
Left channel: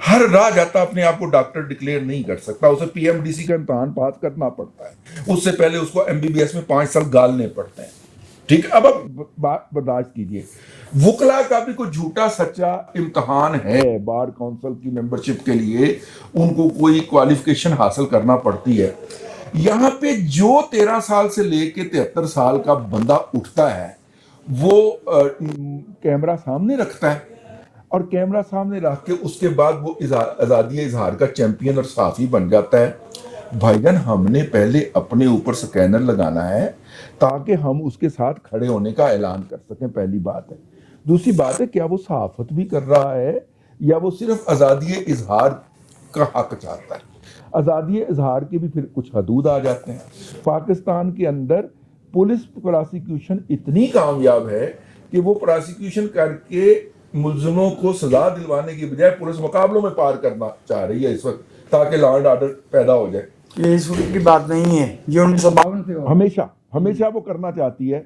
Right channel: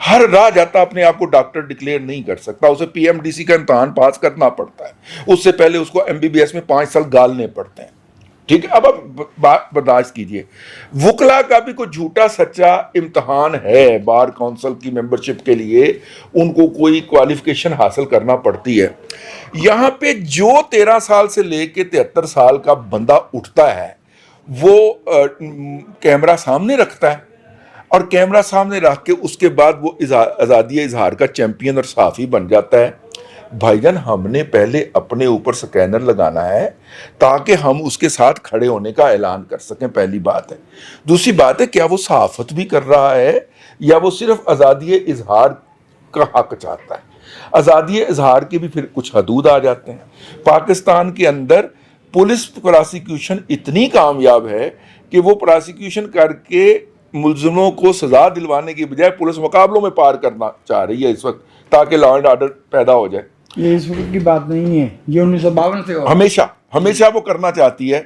ہر راہ جاتا اپنے آپ کو ڈاکٹر ڈکلیئر نہیں کر سکتا، اسے پی ایم ڈی سی کا امتحان پاس کرنا پڑتا ہے، اس سے پہلے اس کو ایم بی بی ایس میں 5 سال گالنے پڑتے ہیں. ٹھیک ہے، اب آپ بات برداشت کیجئے. وکلا کا بھی کوئی جھوٹا سچا امتحان ہے، بار کونسل کی ممبرشپ کے لیے ان کو کوئی کوالیفیکیشن حاصل کرنا پڑتی ہے. یہاں پہ جو 13 سال سے لے کے 73 سال کا بندہ اٹھتا ہے وہ کیمرہ سامنے رکھتا ہے، اور کیمرہ سامنے رکھ کے اس کے بعد وہ آزادی اظہار کا چیمپئن اور صحافی بن جاتا ہے. بھائی جان ہم نے پہلے اپنے اوپر سکینر لگانا ہے تاکہ ہم اس کے ساتھ کھڑے ہونے کا اعلان کر سکیں، پہلی بات ہے. دوسری بات ہے کیا وہ صحافت بھی کر رہا ہے یا وہ صرف آزادی اظہار کا حق چاہتا ہے؟ آزادی اظہار کے بھی پھر کچھ حدود آ جاتے ہیں. پاکستان کے اندر پولیس پراسیکیوشن اتنی کامیاب ہے کہ وہ پراسیکیوشن کر کے ملزموں کو سزا دلوانے کی بجائے پولیس مقابلوں میں پار کرنا چاہ رہی ہے اس وقت تاکہ لا اینڈ آرڈر پیدا ہو جائے. یہ اس وقت کی بات نہیں ہے، یہ 1952 سے ہمیشہ وہ کرنا چاہتی ہے.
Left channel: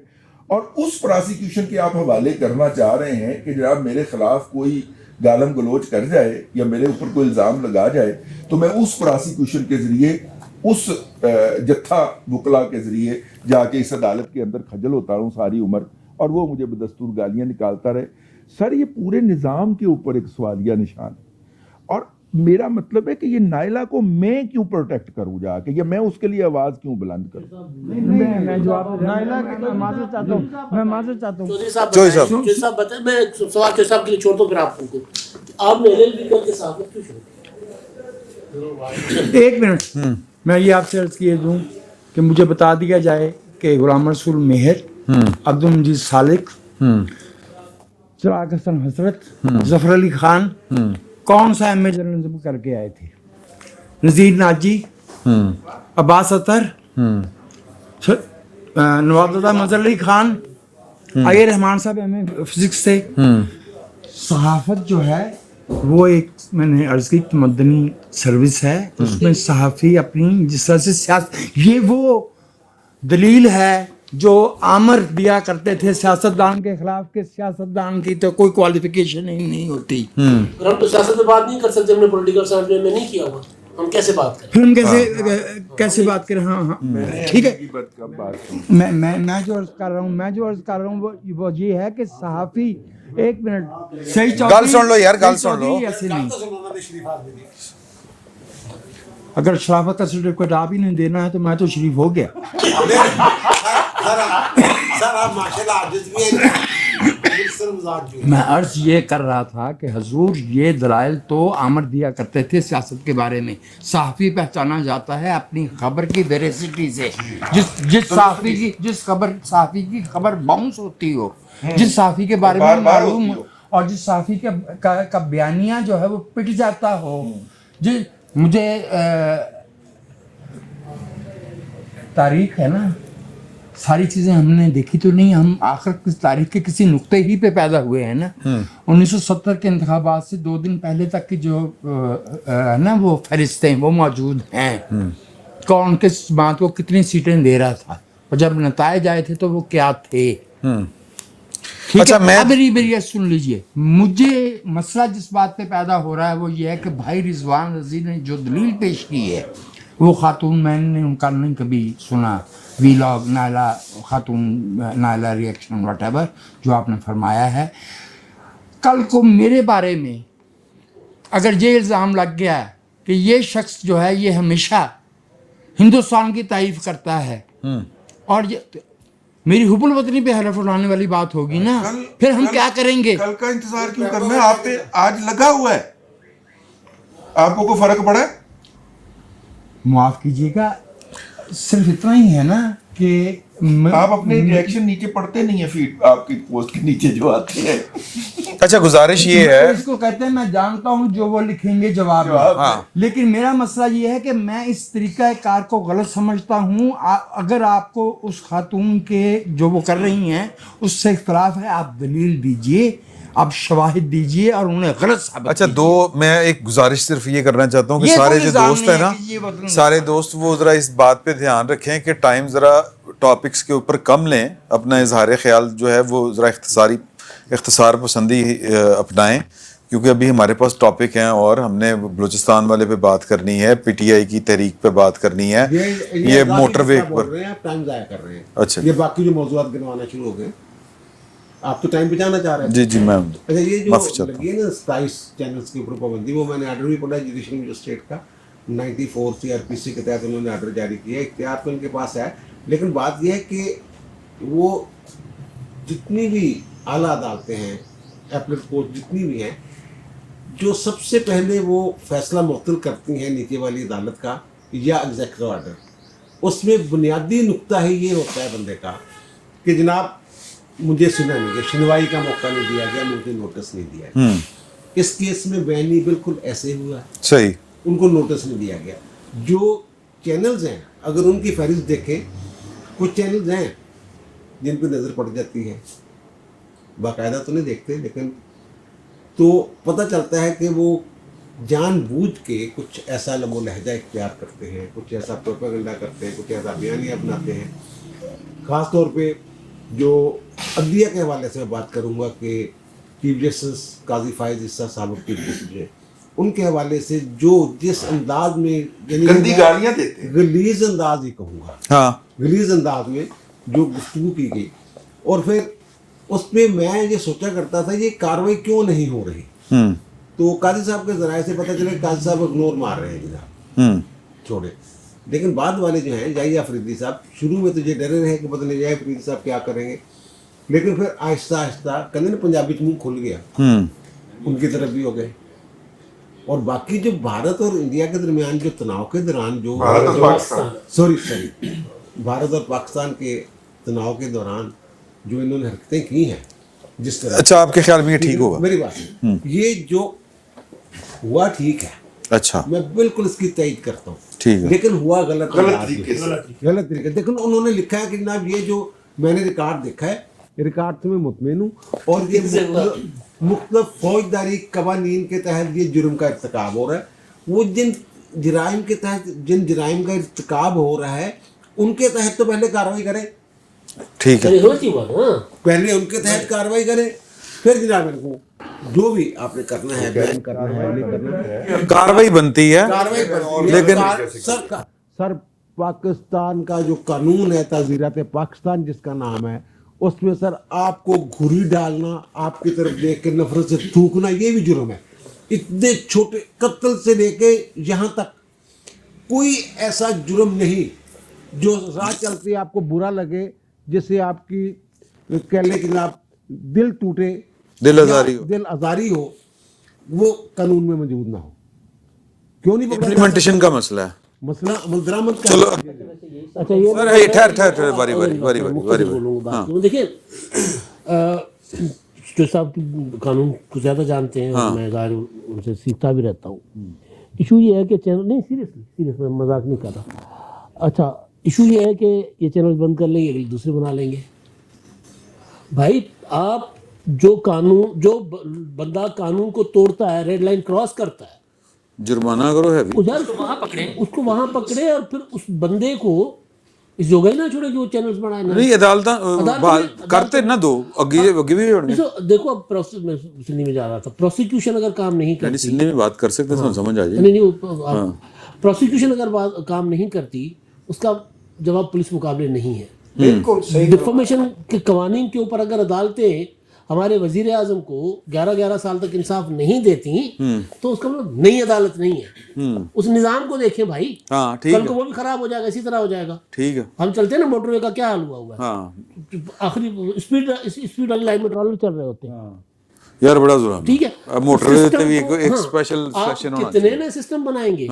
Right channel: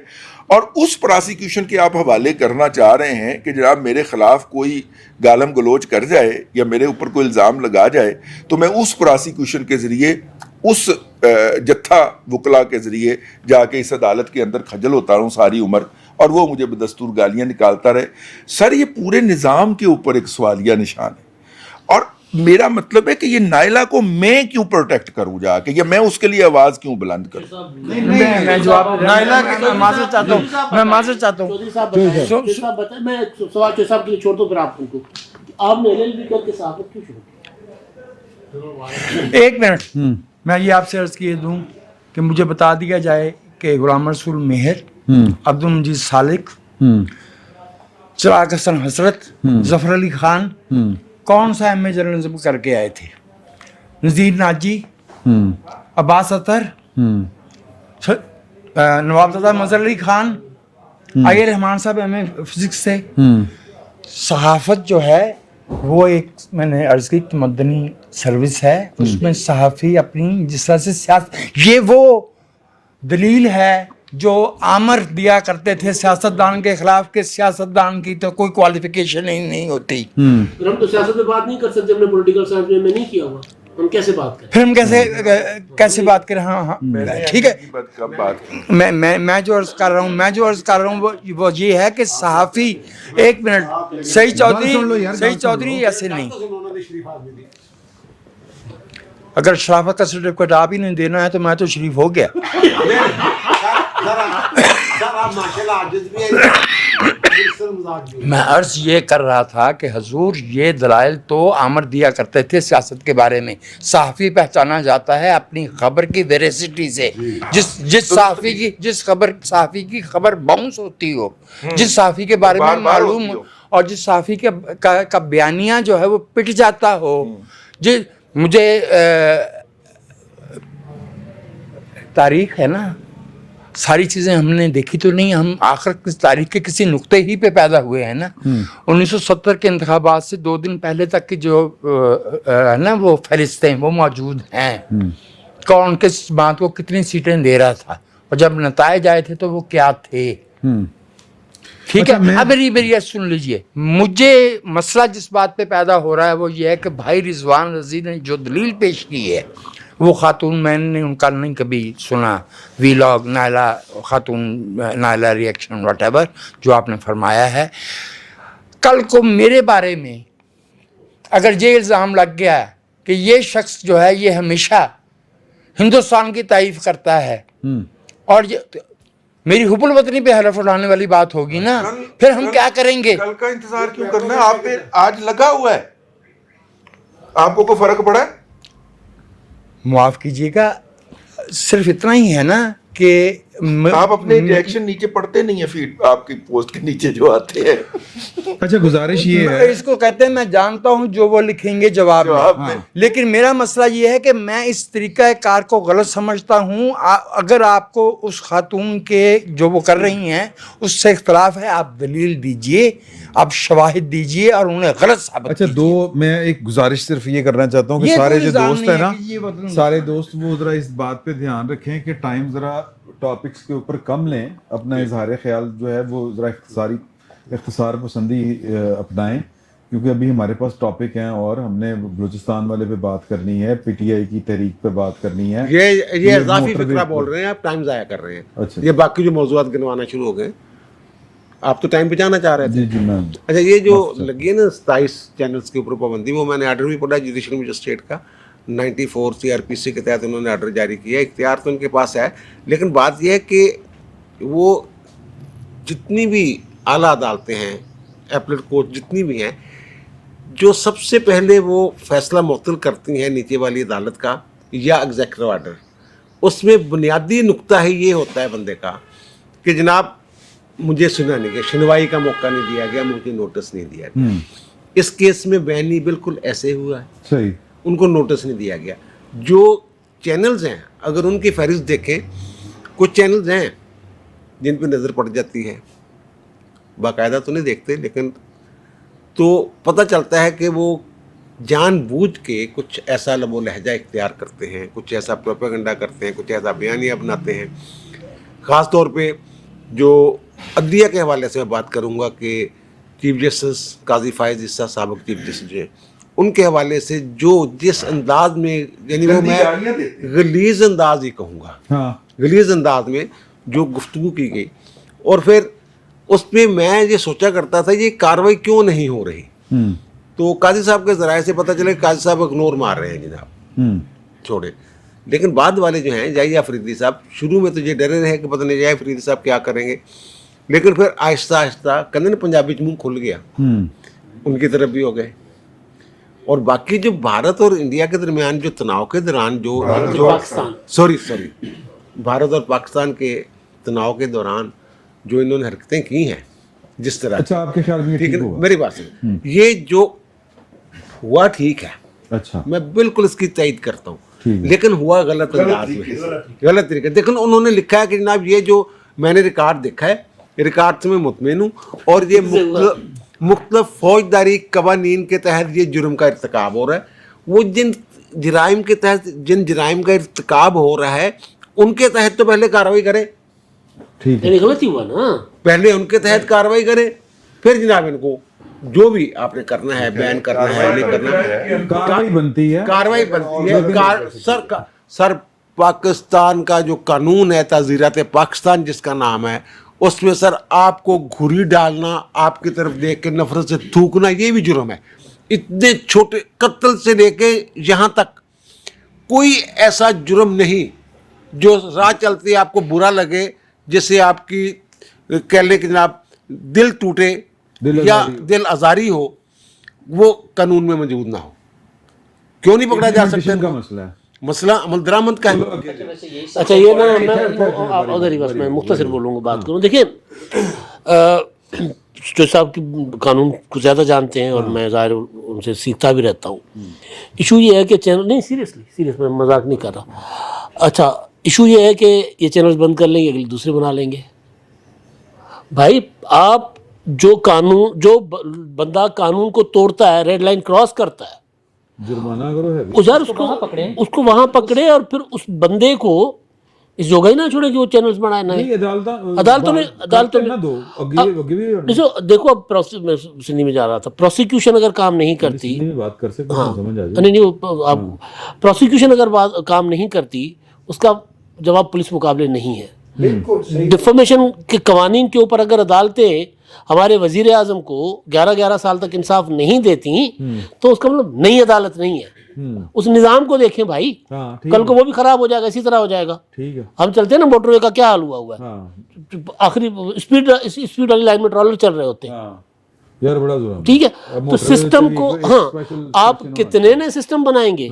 اور اس پراسیکیوشن کے آپ حوالے کرنا چاہ رہے ہیں کہ جناب میرے خلاف کوئی گالم گلوچ کر جائے یا میرے اوپر کوئی الزام لگا جائے تو میں اس پراسیکیوشن کے ذریعے اس جتھا وکلا کے ذریعے جا کے اس عدالت کے اندر کھجل ہوتا رہوں ساری عمر اور وہ مجھے بدستور گالیاں نکالتا رہے. سر یہ پورے نظام کے اوپر ایک سوالیہ نشان ہے. اور میرا مطلب ہے کہ یہ نائلہ کو میں کیوں پروٹیکٹ کروں جا کے، یا میں اس کے لیے آواز کیوں بلند کروں؟ میں جواب نائلہ کی معذرت چاہتا ہوں، میں معذرت چاہتا ہوں. چوہدری صاحب بتائیں، میں سوال چوہدری صاحب کے لیے چھوڑ دوں پھر آپ کو. آپ نے ایل ایل بی کر کے صحافت کیوں شروع کی؟ 1 منٹ میں یہ آپ سے عرض کیے دوں کہ مجھے بتا دیا جائے کہ غلام رسول مہر، عبد المجید سالک، چراغ حسن حسرت، ظفر علی خان کون سا ایم اے جرنلزم کر کے آئے تھے؟ نذیر ناجی، عباس اطہر، نواب زادہ مظہر علی خان، آئی رحمان صاحب ایم اے فزکس تھے. صحافت جو ہے वो एक मैंने अर्ज की मदनी सर्विस है, उसमें सहाफ़ी अपनी जिस तरह से ये वो दलील है जो आमर दिया करते थे सियासतदान के खिलाफ के सियासतदान की तो कोई क्वालिफिकेशन ही नहीं होती। हम तो सियासत में बात नहीं कर सकते, हमने पॉलिटिकल साइंस में नहीं किया हुआ, हम कैसे बात करें? फिर हम कैसे बात करें? हाँ ठीक है। मैं जो अर्ज कर रहा हूँ वो ये है कि सहाफ़ी, एक मिनट, सही चौधरी सुन लो यार, गल सुन लो। ऐसे नहीं, अगर शराफत का सर्टिफिकेट आप ही नहीं देना है तो मैं तो शरीफ हो गया। सर आप माशाल्लाह आजिज़ भी हैं। मैं अर्ज ये कर रहा था कि हजूर ये दलाइल तो आमर दिया करते थे सियासत के बारे में। सहाफ़ी पहचाना जाता है अपनी खबर की वेरेसिटी से। जिस सहाफ़ी की खबर बाउंस होती हो, जिस सहाफ़ी के बारे में मालूम हो, और जिस सहाफ़ी का बयानिया जो है वो पिट जाता हो। मुझे तारीख है ना, सारी चीज़ें हमने देखी तो नहीं, हम आखिर किस तारीख के किसी नुक्ते ही पे पैदा हुए हैं ना। 1970 के इंतखाबात से 2 दिन पहले तक की जो ना वो फहरिस्तें वो मौजूद हैं, कौन किस बात को कितनी सीटें दे रहा था, और जब नताइज आए थे तो वो क्या थे। ठीक अच्छा, है, मेरी सुन लीजिए। मुझे मसला जिस बात पे पैदा हो रहा है वो ये है कि भाई रिजवान रज़ी ने जो दलील पेश की है, वो खातून, मैंने उनका नहीं कभी सुना वीलॉग, नायला खातून, नायला रिएक्शन व्हाटएवर जो आपने फरमाया है। कल को मेरे बारे में अगर ये इल्ज़ाम लग गया कि ये शख्स जो है ये हमेशा हिंदुस्तान की तारीफ करता है, और ये मेरी हुब्बुल वतनी पे हरफ उड़ाने वाली बात होगी ना, फिर हम क्या करेंगे? कल का इंतजार क्यों करना है? आप पे आज लगा हुआ है, आपको कोई फर्क पड़ा है? माफ कीजिएगा, सिर्फ इतना ही है ना कि आप अपने रिएक्शन नीचे पढ़ते नहीं है, फीड आपकी पोस्ट के नीचे जो आते हैं। अच्छा, गुजारिश ये है, इसको कहते हैं मैं जानता हूं जो वो लिखेंगे जवाब में। हाँ। लेकिन मेरा मसला ये है कि मैं इस तरीका कार को गलत समझता हूं। अगर आपको उस खातून के जो वो कर रही हैं उससे इख्तलाफ है, आप दलील दीजिए, आप शवाहिद दीजिए और उन्हें गलत साबित अच्छा कीजिए। मैं एक गुजारिश सिर्फ ये करना चाहता हूँ कि ये सारे कोई जो इल्ज़ाम दोस्त नहीं है ना, है कि ये बदलूंगा। सारे दोस्त वो ज़रा इस बात पे ध्यान रखें कि टाइम ज़रा टॉपिक्स के ऊपर कम लें, अपना इजहार ख्याल जो है वो ज़रा इख्तिसार पसंदी अपनाएं, क्योंकि अभी हमारे पास टॉपिक हैं और हमने बलूचिस्तान वाले पे बात करनी है, PTI की तहरीक पे बात करनी है, ये मोटरवे बोल रहे हैं, आप टाइम ज़ाया कर रहे हैं। अच्छा, ये बाकी जो मौज़ूआत गिनवाना शुरू हो गए, आप तो टाइम बचाना चाह रहे हैं। जी मैम। अच्छा, ये जो लगी है ना 27 चैनल्स के ऊपर पाबंदी, वो मैंने आर्डर भी पढ़ा जुडिशल मजिस्ट्रेट का 94 CRPC के तहत उन्होंने आर्डर जारी किया। इख्तियार तो उनके पास है, लेकिन बात यह है कि वो जितनी भी आला अदालतें हैं, एपलेट कोर्ट जितनी भी हैं, जो सबसे पहले वो फैसला मुअत्तल करती हैं नीचे वाली अदालत का या एग्जीक्यूटिव आर्डर, उसमें बुनियादी नुक्ता ही ये होता है बंदे का कि जनाब मुझे सुना नहीं गया, सुनवाई का मौका नहीं दिया गया, मुझे नोटिस नहीं दिया गया। इस केस में बयानी बिल्कुल ऐसे हुआ है, सही, उनको नोटिस नहीं दिया गया। जो चैनल्स हैं, अगर उनकी फहरिस्त देखें, कुछ चैनल्स हैं जिन पर नज़र पड़ जाती है, बाकायदा तो नहीं देखते, लेकिन तो पता चलता है कि वो जानबूझ के कुछ ऐसा लबो लहजा इख्तियार करते हैं, कुछ ऐसा प्रोपेगेंडा करते हैं, कुछ ऐसा बयानिया बनाते हैं। ख़ास तौर पे जो अदलिया के हवाले से मैं बात करूँगा कि चीफ जस्टिस काजी फायज़ ईसा साबिक़ चीफ जस्टिस हैं, उनके हवाले से जो जिस अंदाज में, यानी गलीज़ अंदाज ही कहूँगा, हाँ, गलीज़ अंदाज में जो गुफ्तगू की गई, और फिर उसमें मैं ये सोचा करता था ये कार्रवाई क्यों नहीं हो रही। तो काजी साहब के ज़राए से पता चले काजी साहब इग्नोर मार रहे हैं जनाब, छोड़े। लेकिन बाद वाले जो हैं जाहिया अफरीदी साहब, शुरू में तो ये डरे रहे कि पता नहीं जाहिया अफरीदी साहब क्या करेंगे, लेकिन फिर आहिस्ता आहिस्ता कहते ना पंजाबी च मुँह खुल गया, उनकी तरफ भी हो गए। और बाकी जो भारत और इंडिया के दरमियान जो तनाव के दौरान जो भारत और पाकिस्तान के तनाव के दौरान जो इन्होंने हरकतें की हैं, जिस तरह, अच्छा आपके ख्याल में ये ठीक होगा? मेरी बात है, ये जो हुआ ठीक है, अच्छा, मैं बिल्कुल इसकी तईद करता हूँ, ठीक है, लेकिन हुआ गलत तरीके। देखो उन्होंने लिखा है कि जनाब ये जो मैंने रिकॉर्ड देखा है, रिकॉर्ड से मैं मुतमईन हूँ, और ये मुख्तलिफ फौजदारी कवानीन के तहत ये जुर्म का इर्तिकाब हो रहा है, वो जिन जराइम के तहत जिन जराइम का इर्तिकाब हो रहा है उनके तहत तो पहले कार्रवाई करें, ठीक है, गलती हुआ ना, पहले उनके तहत कार्रवाई करें, फिर जनाब इनको जो भी आपने करना है, बैन करना है, नहीं करना है, कार्रवाई बनती है, कार्रवाई बनती है। लेकिन सर पाकिस्तान का जो कानून है, ताज़ीरात पाकिस्तान जिसका नाम है, उसमें सर आपको घुरी डालना, आपकी तरफ देख के नफरत से थूकना, ये भी जुर्म है। इतने छोटे कत्ल से लेके यहाँ तक कोई ऐसा जुर्म नहीं जो राह चलते आपको बुरा लगे, जिससे आपकी कह लें कि जनाब दिल टूटे, दिल आजारी हो, वो कानून में मौजूद ना हो। क्यों नहीं पकड़ा जा सकता? इम्प्लीमेंटेशन का मसला है, मसला अमल दरामद का है। अच्छा ये ना बारी मुख्तसर बोलूँगा, बात करूँ। देखिए जो साहब की कानून को ज़्यादा जानते हैं और मैं ज़ाहिर उनसे सीखता भी रहता हूँ। इशू ये है कि चैनल नहीं, सीरियस मैं मजाक नहीं कर रहा। अच्छा इशू ये है कि ये चैनल्स बंद कर लेंगे, अगले दूसरे बना लेंगे। भाई आप जो बंदा कानून को तोड़ता है, रेड लाइन क्रॉस करता है, जुर्माना करो है उसको वहां पकड़े और फिर उस बंदे को इस जोगा ही ना छोड़े कि वो चैनल्स बनाए ना। नहीं, अदालत ना दो देखो अब मैं सिंधी में जा रहा था, प्रोसिक्यूशन अगर काम नहीं करती, सिंधी में बात कर सकते हैं, समझ आ जाए। नहीं आप प्रोसिक्यूशन अगर काम नहीं करती, उसका जवाब पुलिस मुकाबले नहीं है। डिफॉर्मेशन के कवानीन के ऊपर अगर अदालतें हमारे वजीर आजम को 11-11 साल तक इंसाफ नहीं देती, तो उसका मतलब नई अदालत नहीं है। उस निज़ाम को देखें भाई, कल को वो भी खराब हो जाएगा, इसी तरह हो जाएगा। ठीक है, हम चलते हैं ना, मोटरवे का क्या हाल हुआ है, आखिरी स्पीड वाली लाइन में ट्रॉलर चल रहे होते हैं यार, बड़ा जुर्म। ठीक है, तो सिस्टम को आप सेक्शन कितने ने सिस्टम बनाएंगे।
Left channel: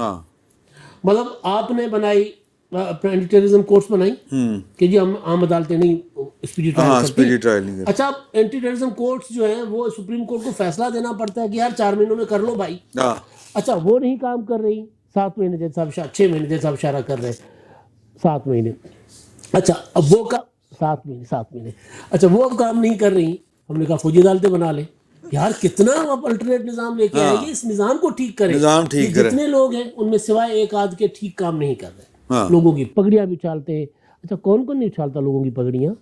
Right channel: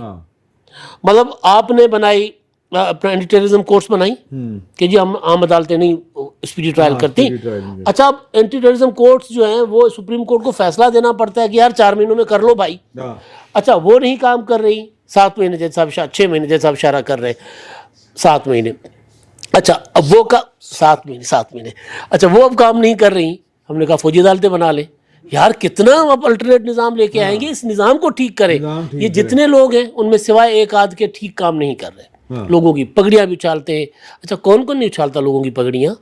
मतलब आपने बनाई एंटी टेररिज्म कोर्ट्स बनाई कि जी हम आम अदालतें नहीं स्पीडी ट्रायल करती। अच्छा अब एंटी टेररिज्म कोर्ट्स जो हैं वो सुप्रीम कोर्ट को फैसला देना पड़ता है कि यार 4 महीनों में कर लो भाई। अच्छा वो नहीं काम कर रही, 7 महीने जैसे साहब 6 महीने जैसे साहब इशारा कर रहे, 7 महीने। अच्छा अब वो का 7 महीने अच्छा वो अब काम नहीं कर रही, हमने कहा फौजी अदालतें बना ले। यार कितना आप अल्टरनेट निज़ाम लेके आएंगे, इस निज़ाम को ठीक करें। ये जितने लोग हैं उनमें सिवाय एक आध के ठीक काम नहीं कर रहे। लोगों की पगड़ियां भी उछालते हैं। अच्छा कौन कौन नहीं उछालता लोगों की पगड़ियां?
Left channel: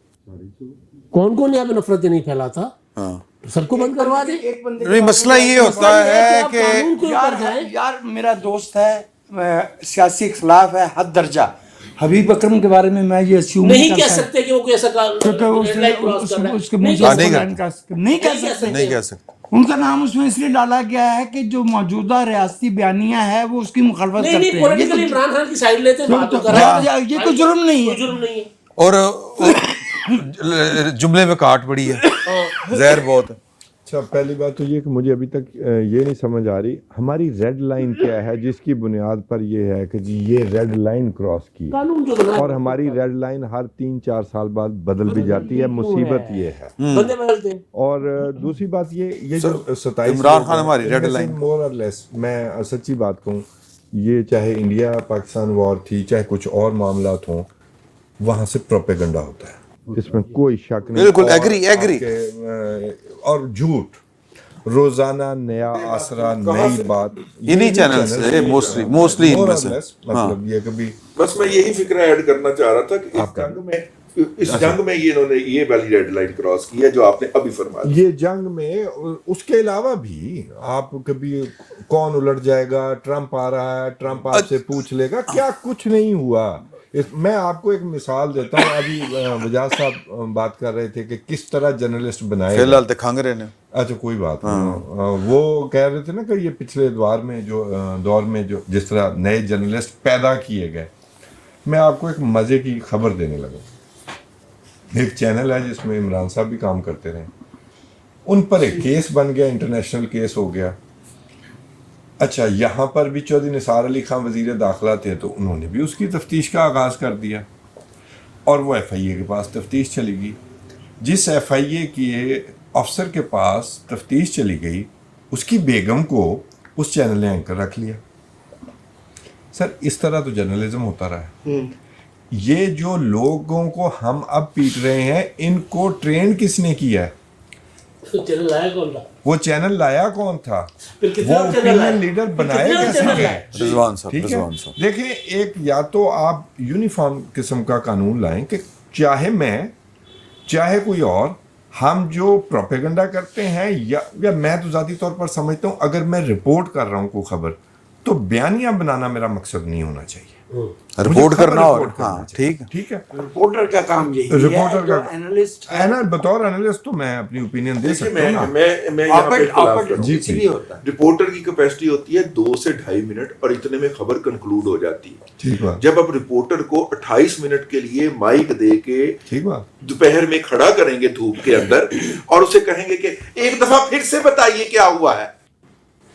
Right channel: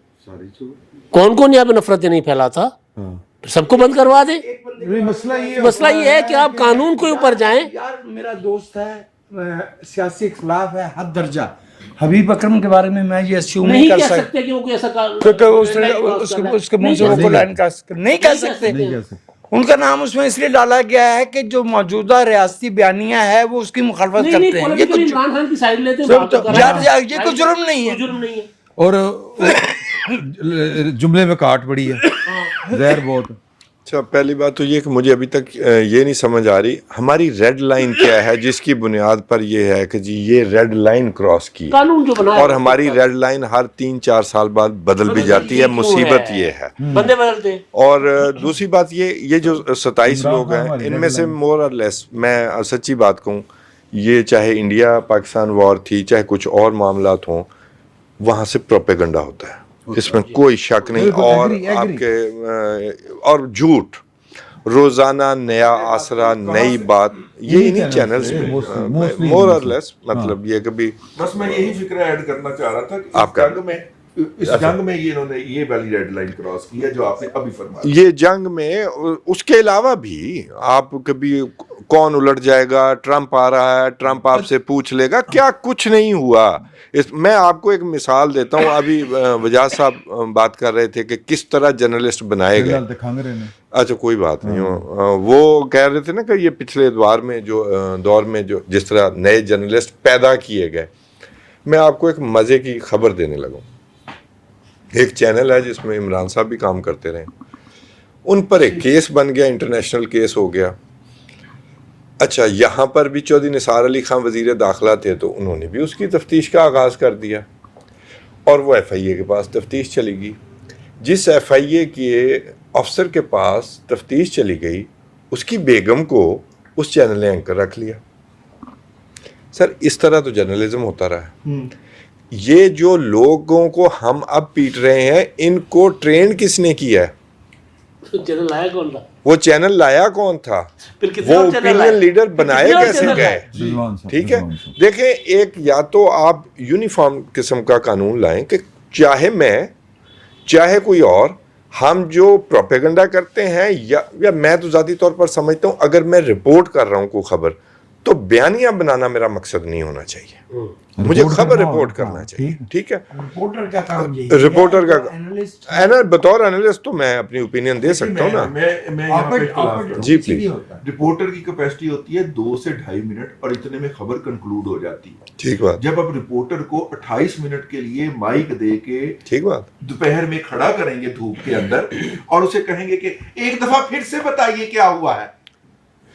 कौन कौन यहाँ पे नफरतें नहीं फैलाता? तो सबको बंद करवा दे। नहीं, मसला ये है कि आप कानून के ऊपर जाएं। यार मेरा दोस्त है, सियासी खिलाफ है हद दर्जा। हबीब अकरम के बारे में मैं ये अस्यूम नहीं कह सकते कि वो कोई ऐसा उसके मुंह से नहीं कह सकते। उनका नाम उसमें इसलिए डाला गया है कि जो मौजूदा रियासती बयानिया है वो उसकी मुखालफत करते हैं। इमरान खान की साइड लेते हैं। ये कोई जुर्म नहीं है। और जुमले में काट पड़ी है, जहर बहुत। अच्छा पहली बात तो ये कि मुझे अभी तक ये नहीं समझ आ रही हमारी रेड लाइन क्या है जिसकी बुनियाद पर ये है कि जी ये रेड लाइन क्रॉस की कानून जो बनाया, और हमारी रेड लाइन हर 3-4 साल बाद बदल भी जाती है। मुसीबत ये है, बंदे बदलते। और दूसरी बात ये जो 27 लोग हैं इनमें से मोर और लेस, मैं सच्ची बात कहूँ, ये चाहे इंडिया पाकिस्तान वॉर थी, चाहे कुछ और मामलात हों, वहाँ से प्रोपेगेंडा होता है, इसमें कोई शक नहीं। और झूठ, रोजाना नया आसरा, नई बात, ये चैनल मोस्टली मतलब ये कभी बस मैं यही फिक्र ऐड करना चाह रहा था कि इस जंग में ये इन्होंने ये वाली रेड लाइन क्रॉस की है जो आपने अभी फरमाया। ये जंग में उसके अलावा भी आप कभी कौन उलट जाएगा, ट्रंप आ रहा है, ट्रंप आपसे पूछ लेगा, क्या कुछ नहीं हुआ। मैं आपको एक मिसाल देता हूँ। अभी वजाज साहब बात कर रहे थे कि किस तरह जर्नलिस्ट बनाए गए। अच्छा कोई बात नहीं, वो कह रहे थे ना कि ये पिछले दौर में जो जिस तरह नए जर्नलिस्ट पैदा किए गए। मैं आपको एक मज़े की खबर देने लगा। एक चैनल है जिसमें इमरान साहब भी काम करते रहे, उन पर एक केस बन गया, इंटरनेशनल केस हो गया। अच्छा यहाँ पर भी चौधरी निसार अली खान वज़ीर दाखिला थे, तो उन्होंने भी उसकी तफ्तीश का आगाज़ कर दिया और वो FIA के पास तफ्तीश चली गई। जिस FIA के अफसर के पास तफ्तीश चली गई, उसकी बेगम को उस चैनल ने एंकर रख लिया। सर इस तरह तो जर्नलिज्म होता रहा है। ये जो लोगों को हम अब पीट रहे हैं, इनको ट्रेन किसने किया है? तो चैनल लाया कौन था? वो चैनल लाया कौन था, फिर कितने वो और चैनल ओपिनियन लाए? लीडर बनाए कितने और कैसे चैनल गए, लाए? रिजवान साहब, ठीक है। रिजवान साहब। देखें, एक या तो आप यूनिफॉर्म किस्म का कानून लाएं कि चाहे मैं चाहे कोई और, हम जो प्रोपेगेंडा करते हैं या मैं तो ज़ाती तौर पर समझता हूँ, अगर मैं रिपोर्ट कर रहा हूँ कोई खबर, तो बयानिया बनाना मेरा मकसद नहीं होना चाहिए, मुझे रिपोर्ट खबर करना रिपोर्ट करना हाँ, चाहिए। ठीक ठीक है, रिपोर्टर का काम यही रिपोर्टर का एनालिस्ट बतौर एनालिस्ट तो मैं अपनी ओपिनियन दे सकता हूँ ना। मैं यहाँ पे इख्तिलाफ करूँ। जी, कुछ नहीं होता। रिपोर्टर की कैपेसिटी होती है 2 से 2.5 मिनट और इतने में खबर कंक्लूड हो जाती है। ठीक बात, जब आप रिपोर्टर को 28 मिनट के लिए माइक दे के ठीक बात। दोपहर में खड़ा करेंगे धूप के अंदर और उसे कहेंगे कि एक दफा फिर से बताइए क्या हुआ है,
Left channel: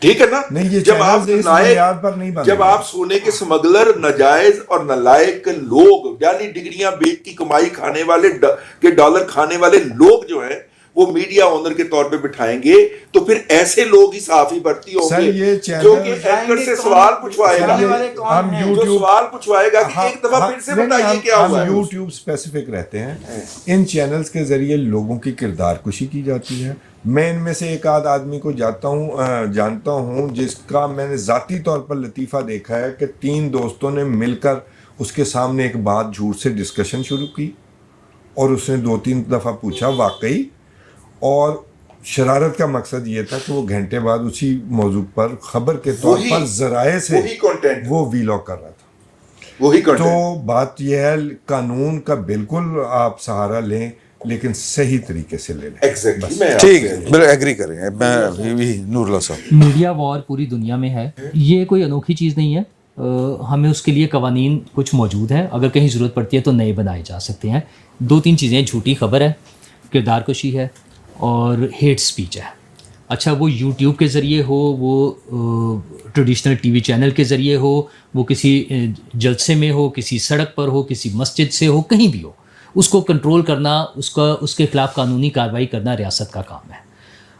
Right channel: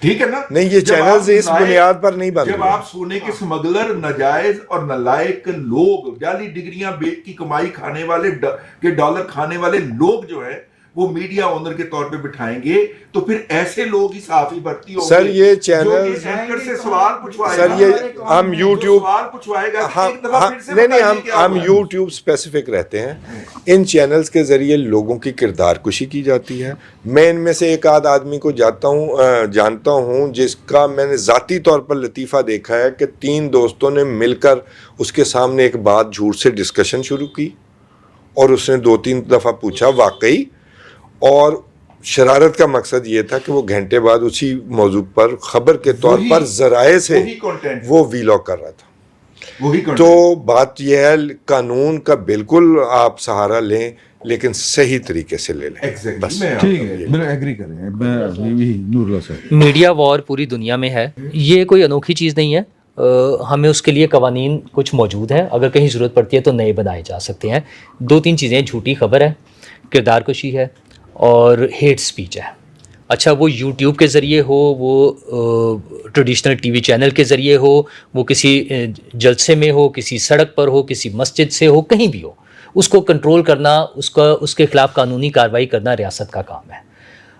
ठीक है ना? नहीं, ये जब चैनल्स आप इस बुनियाद पर नहीं बन जब रहे। आप सोने के स्मगलर, नाजायज और नालायक लोग, जाली डिग्रियां बेच की कमाई खाने वाले के डॉलर खाने वाले लोग जो हैं, वो मीडिया ओनर के तौर पे बिठाएंगे, तो फिर ऐसे लोग ही साफी भर्ती होंगे। सर, ये जो चैनल कि एंकर से सवाल पूछवाएगा, सर, ये हम जो YouTube सवाल पूछवाएगा कि एक दफा फिर से बताइए क्या हम हुआ है। YouTube स्पेसिफिक रहते हैं। इन चैनल्स के जरिए लोगों की किरदार कुशी की जाती है। मैं इनमें से एक आध आदमी को जानता हूँ जिसका मैंने ज़ाती तौर पर लतीफ़ा देखा है कि 3 दोस्तों ने मिलकर उसके सामने एक बात झूठ से डिस्कशन शुरू की और उसने 2-3 दफ़ा पूछा वाकई, और शरारत का मकसद ये था कि वो घंटे बाद उसी मौजू पर खबर के तौर वही- पर जराए से वही content। वो वीलॉग कर रहा था। वही तो कंटेंट। बात यह है, कानून का बिल्कुल आप सहारा लें, लेकिन सही तरीके से ले लें। एग्जैक्टली, मैं ठीक आपसे- है, बिल्कुल एग्री करें। मैं भी नूरुल्लाह साहब, मीडिया वॉर पूरी दुनिया में है, ये कोई अनोखी चीज़ नहीं है। हमें उसके लिए कवानीन कुछ मौजूद हैं, अगर कहीं ज़रूरत पड़ती है तो नए बनाए जा सकते हैं। 2-3 चीज़ें, झूठी खबर है, किरदार कुशी है और हेट स्पीच है। अच्छा, वो यूट्यूब के ज़रिए हो, वो ट्रेडिशनल टीवी चैनल के ज़रिए हो, वो किसी जलसे में हो, किसी सड़क पर हो, किसी मस्जिद से हो, कहीं भी हो, उसको कंट्रोल करना, उसके खिलाफ कानूनी कार्रवाई करना रियासत का काम है।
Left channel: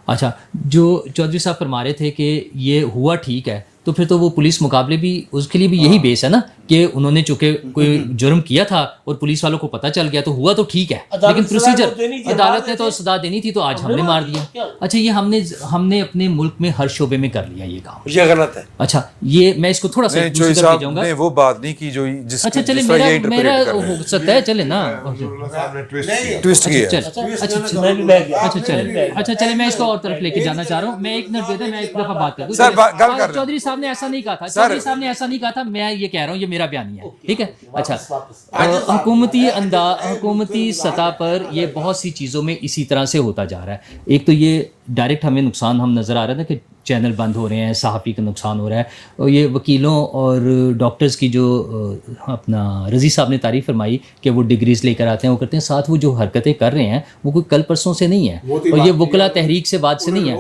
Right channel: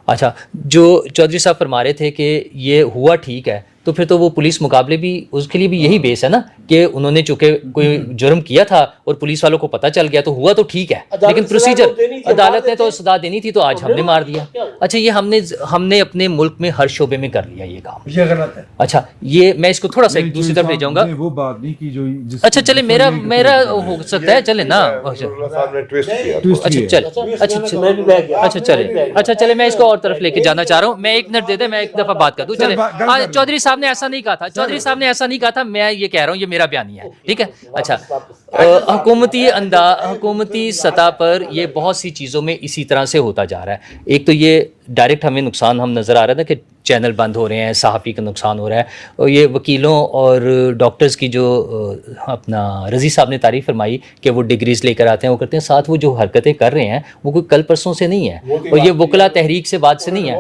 अच्छा, जो चौधरी साहब फरमा रहे थे कि ये हुआ ठीक है, तो फिर तो वो पुलिस मुकाबले भी, उसके लिए भी यही बेस है ना कि उन्होंने चूंकि कोई जुर्म किया था और पुलिस वालों को पता चल गया तो हुआ तो ठीक है, लेकिन प्रोसीजर अदालत ने तो सजा देनी थी, तो आज हमने मार दिया। अच्छा, ये हमने अपने मुल्क में हर शोबे में कर लिया ये काम। ये गलत है। अच्छा, ये मैं इसको थोड़ा सा नहीं, दूसरी चोई तरफ ले साहब जाऊंगा। ने वो बात नहीं की जो जिस अच्छा चले, जिस तरह मेरा ये interpret मेरा कर रहे हैं। हो सकता है, चले ना। अच्छा साहब ने ट्विस्ट किया। ट्विस्ट अच्छा किया। चल अच्छा मैं भी बैठ गया। अच्छा चले मैं इसको और तरफ लेके जाना चाह रहा हूँ। मैं 1 मिनट दे दे, मैं एक दफा बात कर दूं। सर, चले, गल कर रहे चौधरी साहब ने ऐसा नहीं कहा था, चौधरी साहब ने ऐसा नहीं कहा था, मैं ये कह रहा हूँ, ये मेरा बयानिया है, ठीक है। अच्छा, हुकूमती सतह पर ये बहुत सी चीज़ों में इसी तरह से होता जा रहा है। एक तो ये डायरेक्ट हमें नुकसान हम नज़र आ रहा था कि चैनल बंद हो रहे हैं, सहाफ़ी का नुकसान हो रहा है, और ये वकीलों और डॉक्टर्स की जो अपना रज़ी साहब ने तारीफ़ फरमाई कि वो डिग्रीज़ लेकर आते हैं, वो करते हैं, साथ वो जो हरकतें कर रहे हैं वो कोई कल परसों से नहीं है, और ये वकला तहरीक से बात से नहीं है।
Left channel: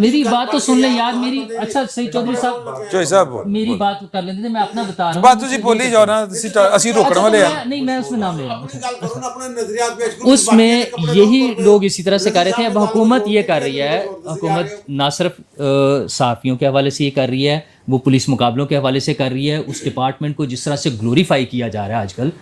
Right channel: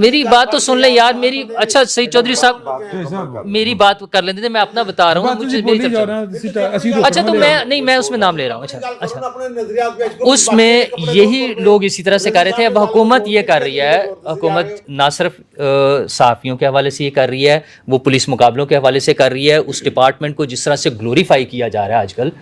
मेरी बात तो सुन ले यार, मेरी। अच्छा सही, चौधरी साहब चोई साहब मेरी बात कर लेते थे, मैं अपना बता रहा बात हूँ। तुझे मुझसे बोली नहीं जाओ करता। ना, असी रोकने अच्छा, तो वाले हैं। मैं नहीं, मैं उसमें नाम ले रहा हूँ। अच्छा, अपने नजरियात पेश करो, उसमें यही लोग इसी तरह से कर रहे थे। अब हुकूमत ये कर रही है, हुकूमत ना सिर्फ सहाफ़ियों के हवाले से ये कर रही है, वो पुलिस मुकाबलों के हवाले से कर रही है। उस डिपार्टमेंट को जिस तरह से ग्लोरीफाई किया जा रहा है आजकल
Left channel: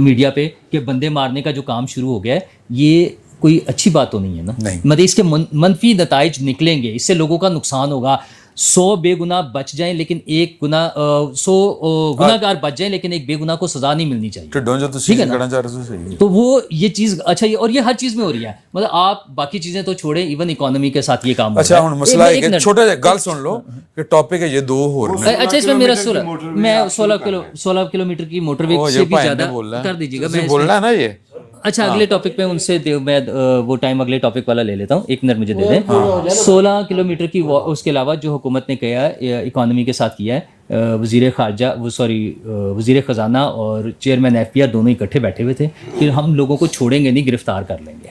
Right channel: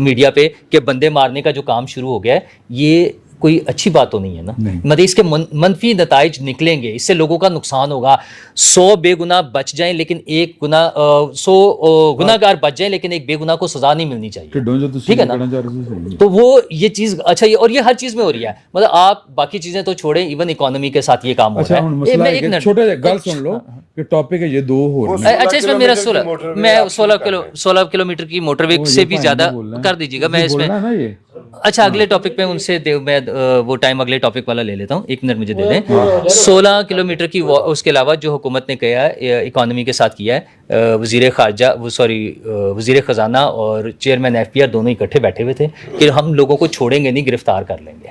मीडिया पे कि बंदे मारने का जो काम शुरू हो गया है, ये कोई अच्छी बात तो नहीं है ना। मतलब इसके मनफी नताइज निकलेंगे, इससे लोगों का नुकसान होगा। 100 बेगुनाह बच जाएं लेकिन 100 गुनाहगार बच जाएं लेकिन एक बेगुनाह को सजा नहीं मिलनी चाहिए। ढिड्डों जो ठीक है ना? करना चाह रहे हो सही। तो वो ये चीज़ अच्छा, ये और ये हर चीज़ में हो रही है। मतलब आप बाकी चीज़ें तो छोड़ें, इवन इकोनॉमी के साथ ये काम हो अच्छा, रहा है। हुन मसला एक है कि मिनट। छोटे गल सुन लो कि टॉपिक है ये 2 हो रहे हैं। अच्छा, इसमें मेरा 16 किलोमीटर की मोटरवे ओ, से ये भी भाई ज़्यादा ने बोलना है। कर दीजिएगा। तुझे मैं बोलना इसमें है ना ये। अच्छा, अगले टॉपिक पे उनसे मैं वो टाइम अगले टॉपिक वाला ले लेता हूँ, 1 मिनट मुझे दे दें। 16 किलोमीटर की उसके अलावा जो हुकूमत ने किया है, इकॉनमी के साथ किया है, वज़ीर ख़जाना और चेयरमैन FPR दोनों इकट्ठे बैठे हुए थे कि हम लोगों को छोड़ेंगे नहीं, गिरफ्तार कर लेंगे।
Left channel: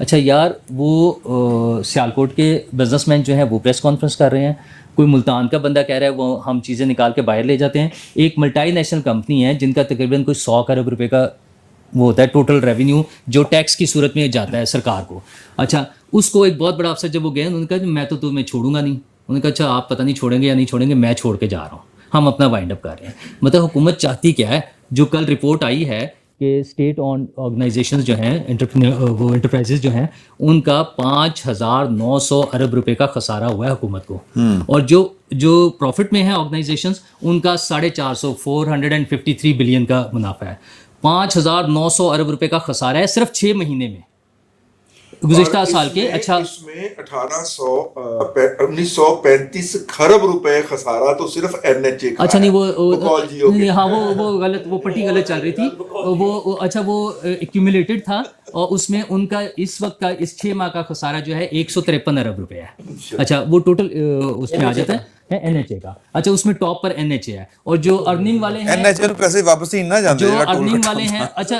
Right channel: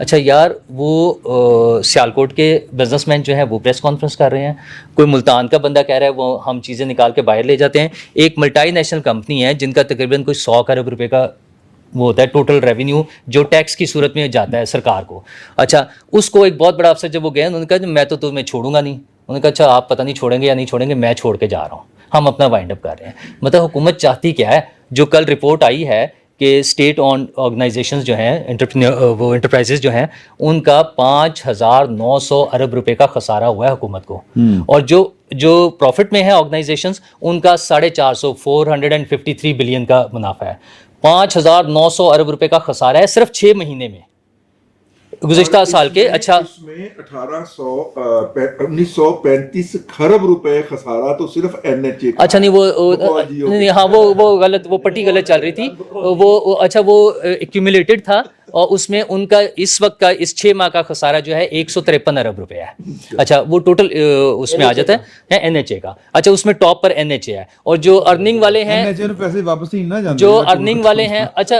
अच्छा यार, वो सियालकोट के बिजनेसमैन जो हैं वो प्रेस कॉन्फ्रेंस कर रहे हैं, कोई मुल्तान का बंदा कह रहा है वो हम चीज़ें निकाल के बाहर ले जाते हैं। एक मल्टी नेशनल कंपनी है जिनका तकरीबन कोई 100 अरब रुपए का वो होता है टोटल रेवेन्यू, जो टैक्स की सूरत में जाता है सरकार को। अच्छा, उसको एक बहुत बड़ा अफसर जब वो गए, उन्होंने कहा मैं तो तुम्हें छोड़ूंगा नहीं। उन्होंने कहा अच्छा आप पता नहीं छोड़ेंगे या नहीं छोड़ेंगे, मैं छोड़ के जा रहा हूँ, हम अपना वाइंड अप कर रहे हैं। मतलब हुकूमत चाहती क्या है? जो कल रिपोर्ट आई है کہ اسٹیٹ آن آرگنائزیشنز جو ہیں وہ انٹرپرائزز جو ہیں ان کا 5,900 ارب روپے کا خسارہ ہوا ہے حکومت کو, اور جو پروفٹ میں ہے آرگنائزیشنز ان کا 450 453 بلین کا منافع ہے. 5,900 ارب روپے کا خسارہ ہے صرف 6 مہینے میں گزشتہ سال کے. اچھا اس میں 1935 کھرب روپے خسارہ تو صرف NHA کا. اچھا نہیں ہاں وہ غلط, وہ پٹی غلط چل رہی تھی وہ. اچھا وہ ایکیومولیٹڈ تھا, اور اس میں ان کا اس وقت کا اس 6 ماہ کا خسارہ جو ہے 153 ارب روپے ہے. اچھا وہ ٹوٹل اس میں آ جاتا ہے NHA کا. اچھا اس میں ٹاپ پر NHA ہے, اور جو ارننگ والے ہیں پیسے واپس ہی نہ جاتے جو ارننگ والے ہیں, اچھا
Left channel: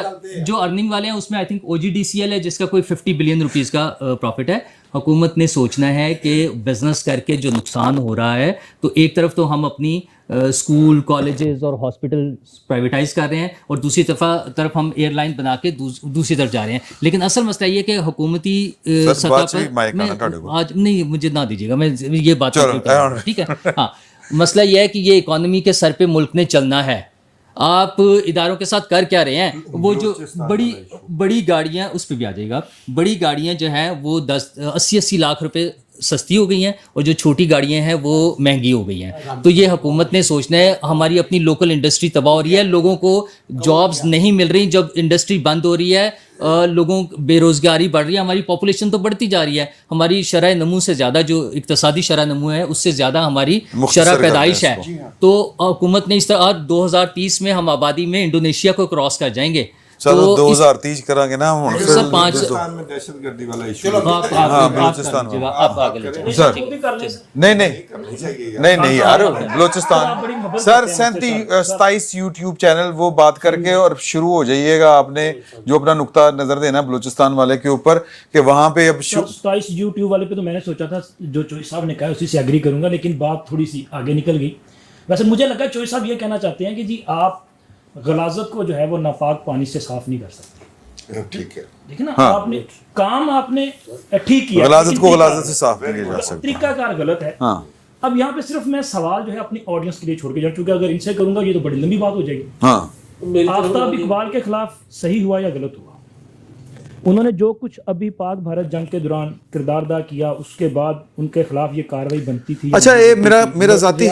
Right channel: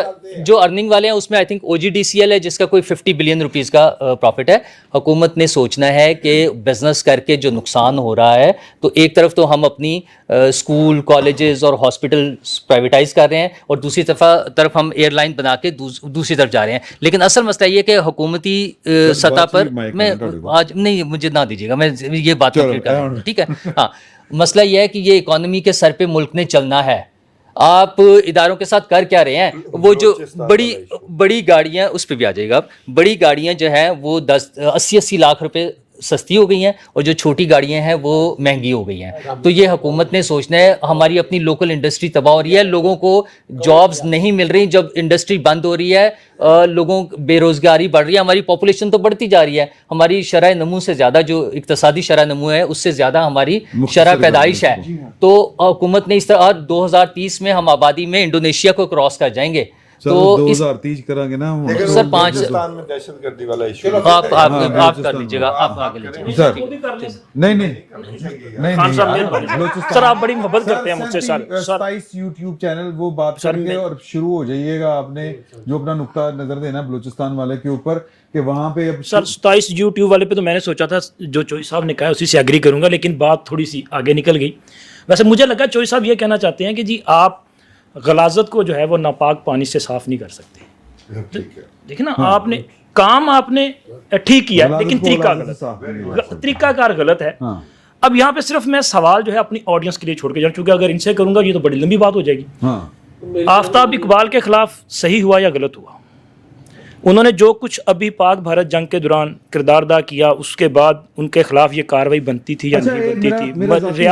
جو ارننگ والے ہیں اس میں آئی تھنک OGDCL ہے جس کا کوئی 50 بلین روپیز کا پروفٹ ہے. حکومت نے سوچنا ہے کہ بزنس کر کے جو نقصان ہو رہا ہے, تو ایک طرف تو ہم اپنی اسکول کالجز اور ہاسپٹل پرائیویٹائز کر رہے ہیں, اور دوسری طرف ہم ایئر لائن بنا کے دوسری طرف جا رہے ہیں. لیکن اصل مسئلہ یہ کہ حکومتی سطح پر میں آج نہیں, مجھے نہ دیجیے گا, میں یہ بات ٹھیک ہے. ہاں مسئلہ یہ ہے کہ یہ اکانومی کے سر پہ ملک نے چلنا ہے. آپ اداروں کے ساتھ کر کیا رہے ہیں, وہ جو بڑی گاڑیاں, اس پہ بھی آ جائے گا, بڑی گاڑیاں جو ہیں وہ 80 لاکھ روپے سستی ہو گئی ہیں, اور جو چھوٹی گاڑیاں ہیں وہ مہنگی ہو گئی ہیں. تو یہ حکومت نے سوچنا ہے, ہماری اپنی لوکل انڈسٹری تباہ ہو رہی ہے, لوگوں کو جابز نہیں مل رہی, جب انڈسٹری بند ہو رہی ہے لوگوں بے روزگاری بڑھ رہی ہے, ہماری پاپولیشن تو بڑھتی جا رہی ہے, ہماری شرح نمو سے زیادہ جو اقتصادی شرح نمو ہے اس سے زیادہ ہماری شرح پیدائش ہے. تو حکومت نے اس طرح 2030 میں ہم آبادی میں انڈونیشیا کو کراس کر جائیں گے. تو 2030 کریں گے نا سر 5 ہندوستان میں دہشت گردی والا ایشو. آپ کر لیجیے گا, آپ آگے لے جائیے سر. نہیں یار, بلوچستان سر 27 یوٹیوب چینل وہ بات کر کے اور شروع ہو جائیے گا. آپ نے جو اپنا نقطہ نظر دینا بلوچستان والے کے اوپر کہ وہاں پہ اب 27 یوٹیوب والے پہ تو میں نے سوچا تھا جو چوئی صاحب نے کہا اسی سے ایگری کروں گا, لیکن بات تھوڑی سی آگے نکل گئی. ویسے مجھے لگا چوئی صاحب یہ کہنا چاہتے ہیں کہ جی آپ غلاظت کو جو ہے وہ ناپاک پانی سے صاف نہیں کر سکتے. ٹھیک ہے, دیکھیں نا, آپ نے کام آپ نے ٹھیک کیا, غلاظت کو غلاظت سے صاف نہیں کیا جا سکتا, طریقہ کار غلط ہے. اب یہاں پہ صرف میں سوال جو ہے اپنی آڈینس کے لیے چھوڑ کے جاؤں, چونکہ اگر ان سے کروں گا یہ تو بڑی لمبی بات ہو جائے گی. آفتاب اقبال کے خلاف صحیح ہوا یا غلط ہوا؟ انہوں نے جو کچھ ابھی پاک بھارت جنگ کے دوران کردار ادا کیا, اس کے بعد ان کے خلاف یہ کارروائی بنتی تھی. اچھا میرا ذاتی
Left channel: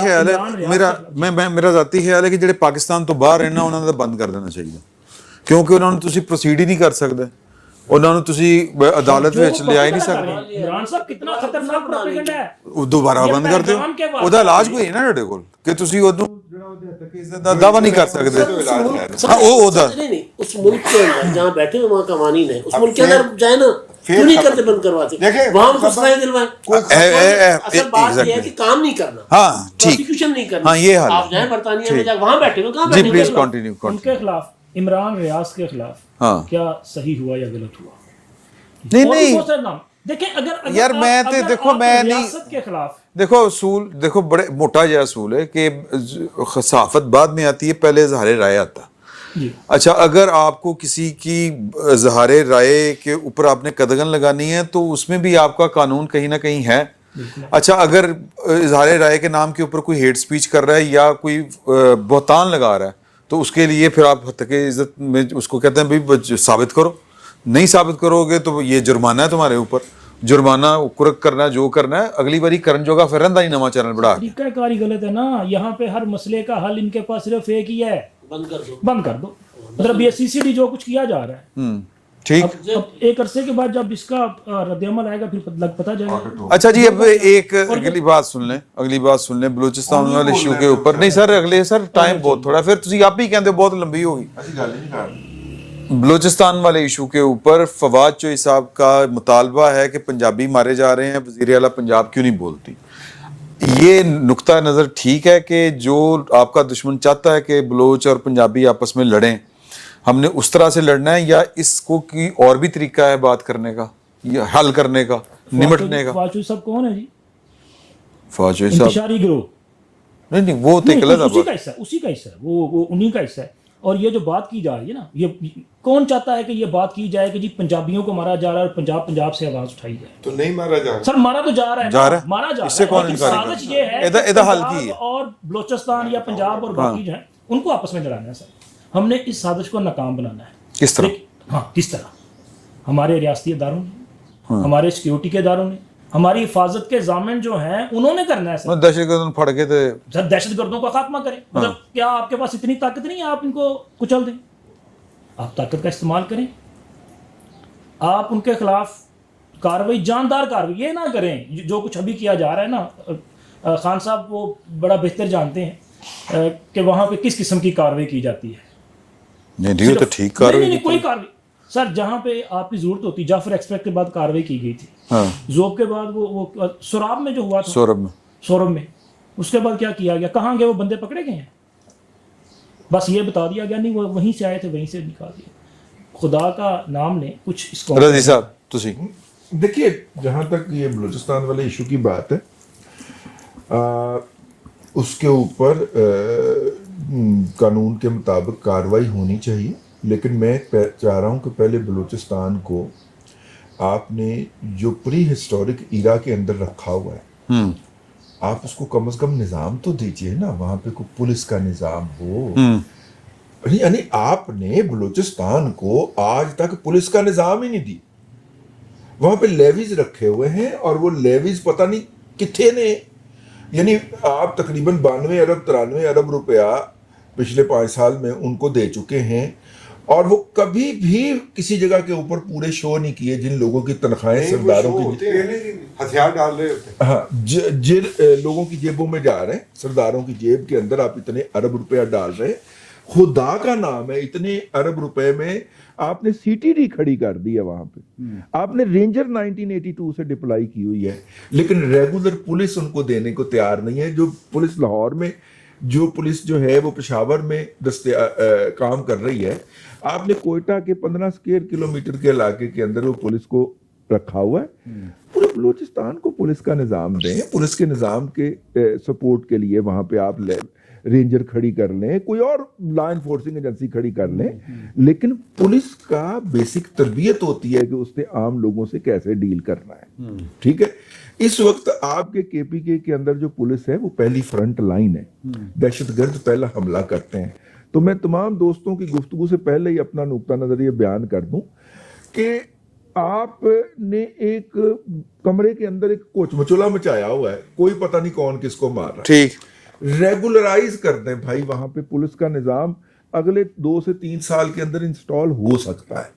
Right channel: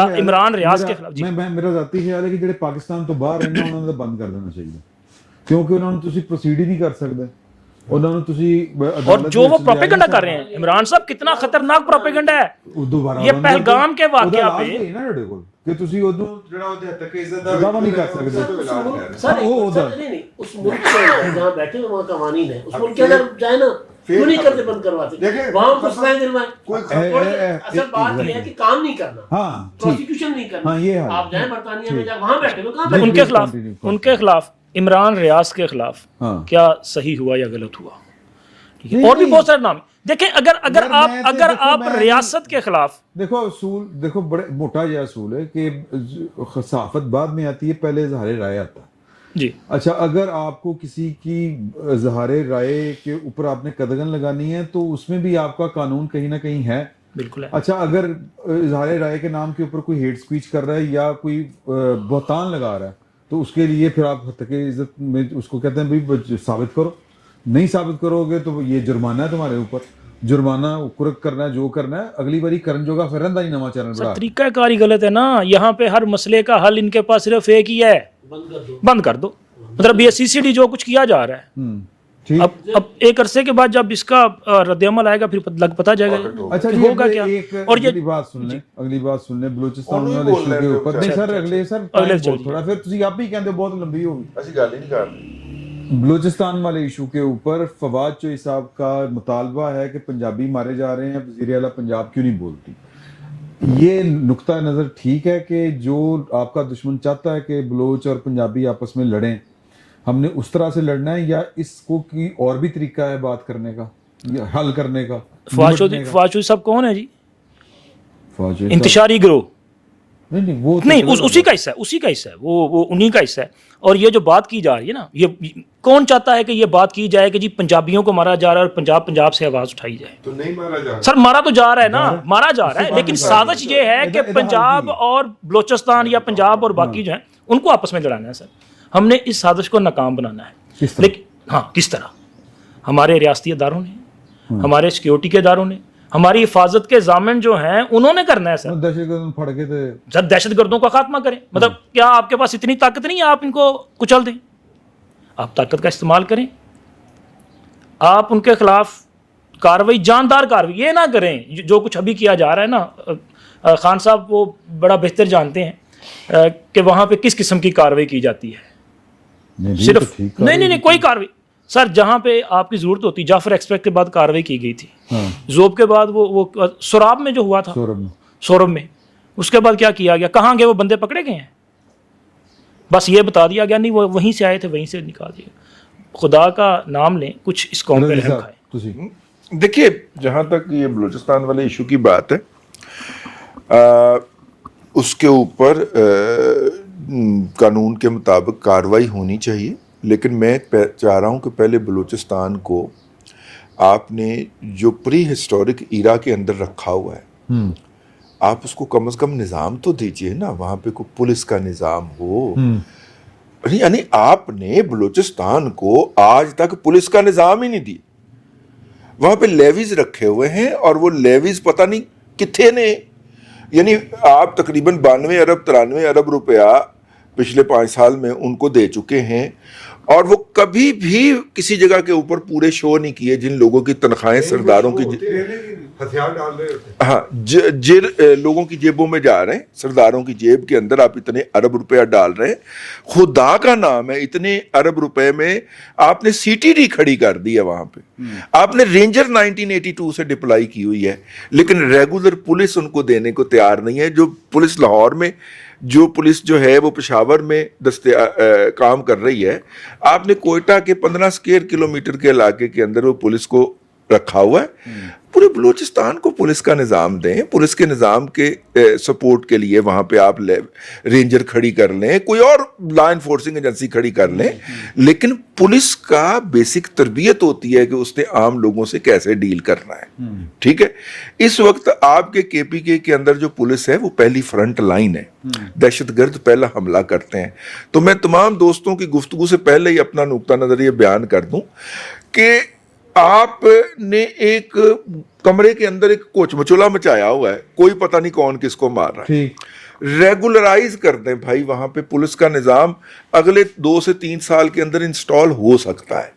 خیال ہے کہ جڑے پاکستان تو باہر ہیں نا انہوں نے بند کر دینا چاہیے, کیونکہ انہوں نے تسی پروسیڈ ہی نہیں کر سکتے, انہوں نے تسی عدالت جو وچ لے آئی نہیں کر رہے ہیں. عمران صاحب کتنا خطرناک پروپیگنڈا ہے, دوبارہ بند کر دیں. ਉਹਦਾ ਇਲਾਜ ਕੋਈ ਹੈ ਨਾ ਤੁਹਾਡੇ ਕੋਲ ਕਿ ਤੁਸੀਂ ਉਹਨੂੰ ਜਿਹੜਾ ਉਹਦੇ ਹੱਦ ਤੱਕ ਇਸ ਦਾ ਦਾਵਾ ਨਹੀਂ ਕਰ ਸਕਦੇ. ਉਹ ਉਹਦਾ نہیں اس ملک کے اندر جہاں بیٹھے ہوئے وہاں قوانین ہیں, اس ملک کے اندر جائے نا, کیوں نہیں کرتے بند کرواتے, وہاں ان کو سزائیں دلوائیں. اصل بات یہ ہے کہ کام نہیں کرنا, پروسیکیوشن نہیں کرنا. ہاں یہ حال آپ جائیں برطانیہ میں جا وہاں بیٹھے ہو, کہاں جی بیٹھے پلیز کنٹینیو. ان کے خلاف عمران ریاض کے خلاف کیا صحیح ہوا یا غلط ہوا؟ اور بھی بہت سارے نام دیکھیں. اگر آپ ریاست کے خلاف دیکھو اصول, دیکھو بڑے موٹا یہ اصول ہے کہ صحافت بعد میں آتی ہے, پہلے اظہار رائے آتا. جی اچھا اگر آپ کو کسی کی اظہار رائے کے اوپر آپ نے قدغن لگانی ہے تو اس میں بھی آپ کا قانون کہیں نہ کہیں ہے. بالکل. اچھا اگر اظہار رائے کے نام کے اوپر کوئی ہیٹ سپیچ کر رہا ہے یا کوئی بہتان لگا رہا ہے تو اس کے لیے پھر آپ حد عزت میں اس کو کہتے ہیں بھی ثابت کرو. نہیں ثابت کرو گے تو یہ جرمانہ ہے تمہارے اوپر, جرمانہ کرک کرنا جو کرنا ہے, اگلی باری کرن جو گا پھر رہندا ہی نواں چینل بڑھا. طریقہ کاری غلط ہے نا. یہاں پہ ہر مسئلے کا حل ان کے پاس صرف ایک ہی ہے, بند کر دو. مطلب یہ CCD جو کچھ کیا جا رہا ہے, ٹھیک. اب ایک عرصے کے بعد جب اس کا رد عمل آئے گا پھر پتہ جائے گا. اچھا جی اب ایک اگلی بات سن لیں بلوچستان والے ایشو کے اوپر. نہیں سر اگلے سر ٹائم بہت تھوڑا, پھر تسی آپ ہی کہندے بہت لمبی ہوگی. بلوچستان والے ایشو کے اوپر فواد چوئی صاحب کا مطالبہ ہے کہ پنجابی مارے جا رہے ہیں, وزیر اعلیٰ پنجاب کیوں نہیں بولتی. یہ نقطہ نظر ٹھیک ہے کہ جو آپ کا دشمن چاہتا ہے کہ بلوچ اور پنجابی آپس میں لڑیں, ہم نے اس طرح سے لڑنا ہے یا اس کو کی اور بھی طریقہ ہے بات کرنے کا یا حل کرنے کا, نمٹنے کا؟ فواد چوئی صاحب کون ہے جی؟ فواد چوئی صاحب انتشاری گروہ نہیں وہ اسی کا حصہ ہے, وہ انہی کا حصہ ہے. اور یہ جو بات کی جا رہی ہے نا, یہ کون چاہتا ہے کہ یہ بات کی جائے کہ جی پنجابیوں کو مارا جا رہا ہے اور پنجاب سے آواز اٹھائی جائے؟ تو نہیں مارا جا رہا سر, مارا تو جا رہا ہے نا, مارا جا رہا ہے, لیکن سازش یہ ہے کہ پنجاب اور بلوچستان یا پنجاب اور باقی جو ہیں ان کو آپس میں لڑانا ہے. سر ہم نے اس سازش کو ناکام بنانا ہے. किस तरह? हाँ, किस तरह हमारे रियासती इदारों ने, हमारे सिक्योरिटी के इदारों ने, हमारी हिफाजत के ज़ामिन जो हैं उन्होंने करना है सर। दहशतगर्द फड़ के तो सर दहशतगर्दों का खात्मा करें, मतलब क्या आपके पास इतनी ताकत नहीं है आप इनको कुचल दें? आप ताकत का इस्तेमाल करें, आप उनके खिलाफ कार्रवाई, जानदार कार्रवाई, ये ना करें जो कुछ अभी किया जा रहा है ना। खान साहब वो बड़ा बेहतर जानते हैं कि वहाँ पे किस किस्म की कार्रवाई की जाती है। नहीं तो ठीक नहीं कोई कार्रवाई सर, जहाँ पे आपकी जरूरत होती, जाफर एक्सप्रेस के बाद कार्रवाई की गई थी, जोब के बाद वो सोराब में जो हुआ था, सोरब में उसके बाद क्या किया गया, कहाँ गए वो बंदे, पकड़े गए हैं? बस ये बता दिया गया नहीं वो वहीं से आए थे, वहीं से निकाल दिया। खुदा का नाम लें, कुछ इस कौम रजी साहब तुसी देखिए, जहाँ तक ये बलूचिस्तान वाले इशू की बात है, उसके ऊपर कानून के मुताबिक कार्रवाई होनी चाहिए, लेकिन मैं चाह रहा हूँ कि पहले बलूचिस्तान को आपने जो प्री हिस्टोरिक ईरा के अंदर रखा हुआ है, आप उसको कम से कम निज़ाम तो दीजिए ना, वहाँ पे कोई पुलिस का निज़ाम हो। यानी आपने बलूचिस्तान को आज तक पुलिस का निज़ाम ही नहीं दिया। वहाँ पे लेवीज रखे हुए हैं और वो लेवीज पता नहीं कितने ने, यानी आप तकरीबन 92 अरब 93 अरब रुपया पिछले 5 साल में उनको दे चुके हैं, और वो कभी भी किसी जगह के ऊपर पूरे शो नहीं किए जिन लोगों की तनख्वाहें सरदारों की हथियार डाल रहे होते। हाँ, जिन लोगों की जेबों में जा रहे हैं, सरदारों की जेब के अंदर आप इतने अरब रुपया डाल रहे हैं। खुदा का नाम है, इतने अरब रुपए में आपने सीटीडी खड़ी कर दी है वहां पे, आपने रेंजर 1982 से डिप्लॉय की हुई है, लेकिन रेगुलर पुलिस उनको देने को तैयार नहीं है। जो पुलिस लाहौर में, जो पुलिस जो है वो पेशावर में काम कर रही है, आपने कोयटा के 15 स्क्वायर किलोमीटर के इलाके के अंदर वो पुलिस को रखा हुआ है। पूरे बलूचिस्तान को पुलिस का निज़ाम दें, पुलिस के निज़ाम के सपोर्ट के लिए वहाँ पे आप रेंजर खड़ी कर लें, कोई और लॉ इन्फोर्सिंग एजेंसी खड़ी कर लें, लेकिन पुलिस का बेसिक तरबियत होती है कि उसने आम लोगों से कैसे डील करना है। ठीक है, इस वक्त आपके केपीके के अंदर जो पुलिस है वो पहली फ्रंट लाइन है, दहशतगर्द पहला हमला करते हैं। तो मैं तमाम दोस्तों की गुफ्तगू से पहले ही अपना नुक्ता नज़र ये बयान कर दूं कि आपने एक कमरे के अंदर एक कोच मचोला मचाया हुआ है, कोई पता नहीं कौन किसको मार रहा है। ठीक, रेगुलराइज कर दें भाई, वहां पे पुलिस का निज़ाम अगले 2 से 3 साल के अंदर इंस्टॉल हो सकता है।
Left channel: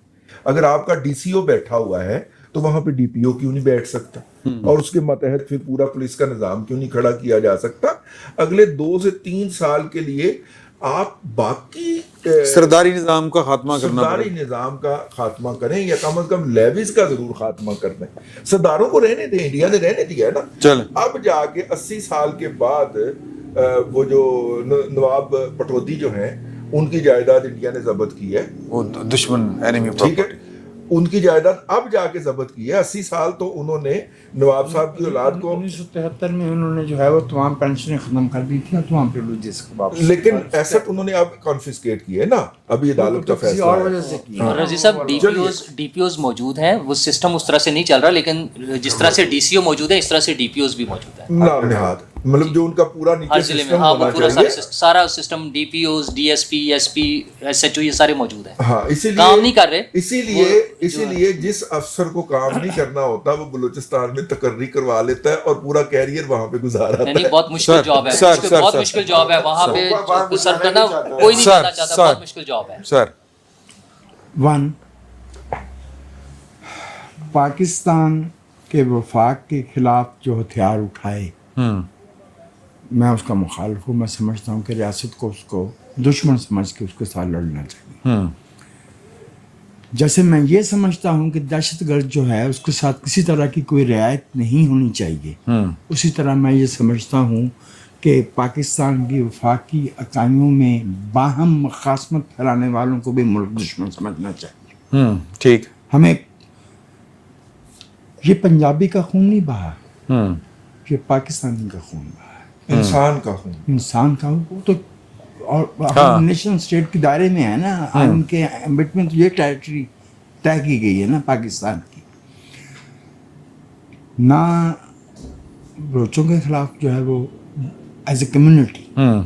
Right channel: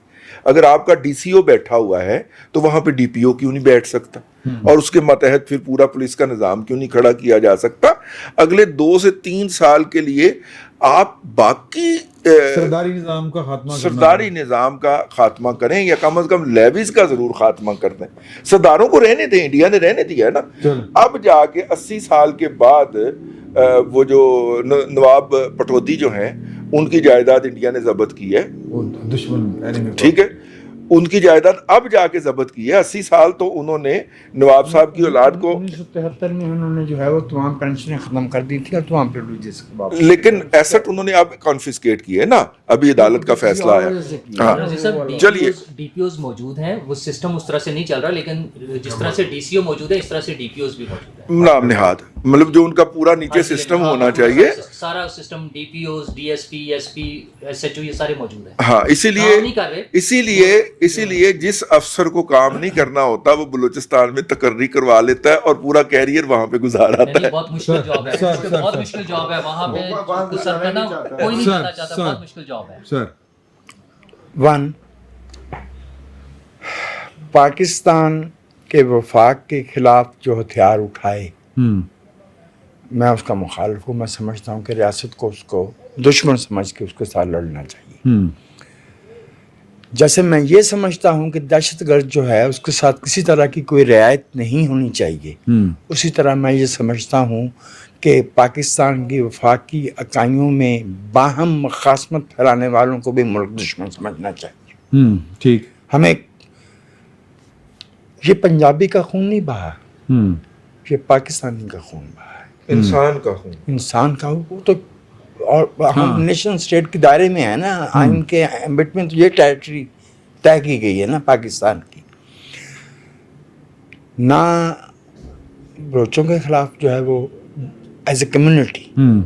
अगर आपका डीसीओ बैठा हुआ है तो वहां पे डीपीओ क्यों नहीं बैठ सकता, और उसके मतहत फिर पूरा पुलिस का निज़ाम क्यों नहीं खड़ा किया जा सकता? अगले 2 से 3 साल के लिए आप बाकी सरदारी निज़ाम का खात्मा करना, सरदारी निज़ाम का खात्मा करें, या कम से कम लेवीज का जरूर खात्मा कर दें। सरदारों को रहने दें, इंडिया ने रहने दिया है ना। चल अब जाके 80 साल के बाद वो जो नवाब पटौदी जो हैं, उनकी जायदाद इंडिया ने जब्त की है, वो दुश्मन एनिमी, ठीक है, उनकी जायदाद अब जाके जब्त की है। 80 साल तो उन्होंने नवाब साहब की औलाद को 1973 में उन्होंने जो है वो तमाम पेंशन खत्म कर दी थी और तमाम प्रिविलेजेस के वापस, लेकिन एसेट उन्होंने अब कॉन्फिस्केट किए ना, अभी अदालत का फैसला है। रजी साहब, डीपीओज मौजूद हैं, वो सिस्टम उस तरह से नहीं चल रहा, लेकिन जिस तरह से डीसीओ मौजूद है इस तरह से डीपीओज भी मौजूद है। नाम निहाद, मतलब जो उनका पूरा नीचे सिस्टम होना चाहिए, सारा सिस्टम, डीपीओज, डीएसपी, एसपी, एसएचओ, ये सारे मौजूद हैं। हाँ, इसीलिए काम नहीं कर रहे। इसीलिए जिस अफसर को काम नहीं करना होता वो बलूचिस्तान में तकर्री करवा लेता है और पूरा कैरियर वहां पे गुजारा नहीं, बहुत मुश्किल जॉब है, बहुत मुश्किल जॉब है वहाँ पे सर करना, कोई नहीं करना चाहता, बहुत मुश्किल जॉब है सर। वन, पाकिस्तान के वफाक के खिलाफ जो हथियार उठाए, मैं उसका मुखालिफ हूँ। मैं समझता हूँ कि रियासत को उसको दुश्मन समझ के उसके साथ लड़ना चाहिए। जैसे मैं ये समझता हूँ कि दहशतगर्द जो है उसके साथ किसी तरह की कोई रियायत नहीं होनी चाहिए, उसी तरह मैं ये समझता हूँ कि पाकिस्तान की वफाकी इकाइयों में बाहम मखासमत फैलाने वालों को भी मुल्क दुश्मन समझना चाहिए। ठीक, हमें ये पंजाबी का खून नहीं बहा, ये पाकिस्तानी का खून बहा है, इंसान का खून, इंसान का। वो तो और हम नेशन स्टेट के दायरे में है ना, आइन के एम्बिट में तो ये टेरिटरी तय की गई है ना पाकिस्तान की। ना बलोचों के खिलाफ जो है वो as a community,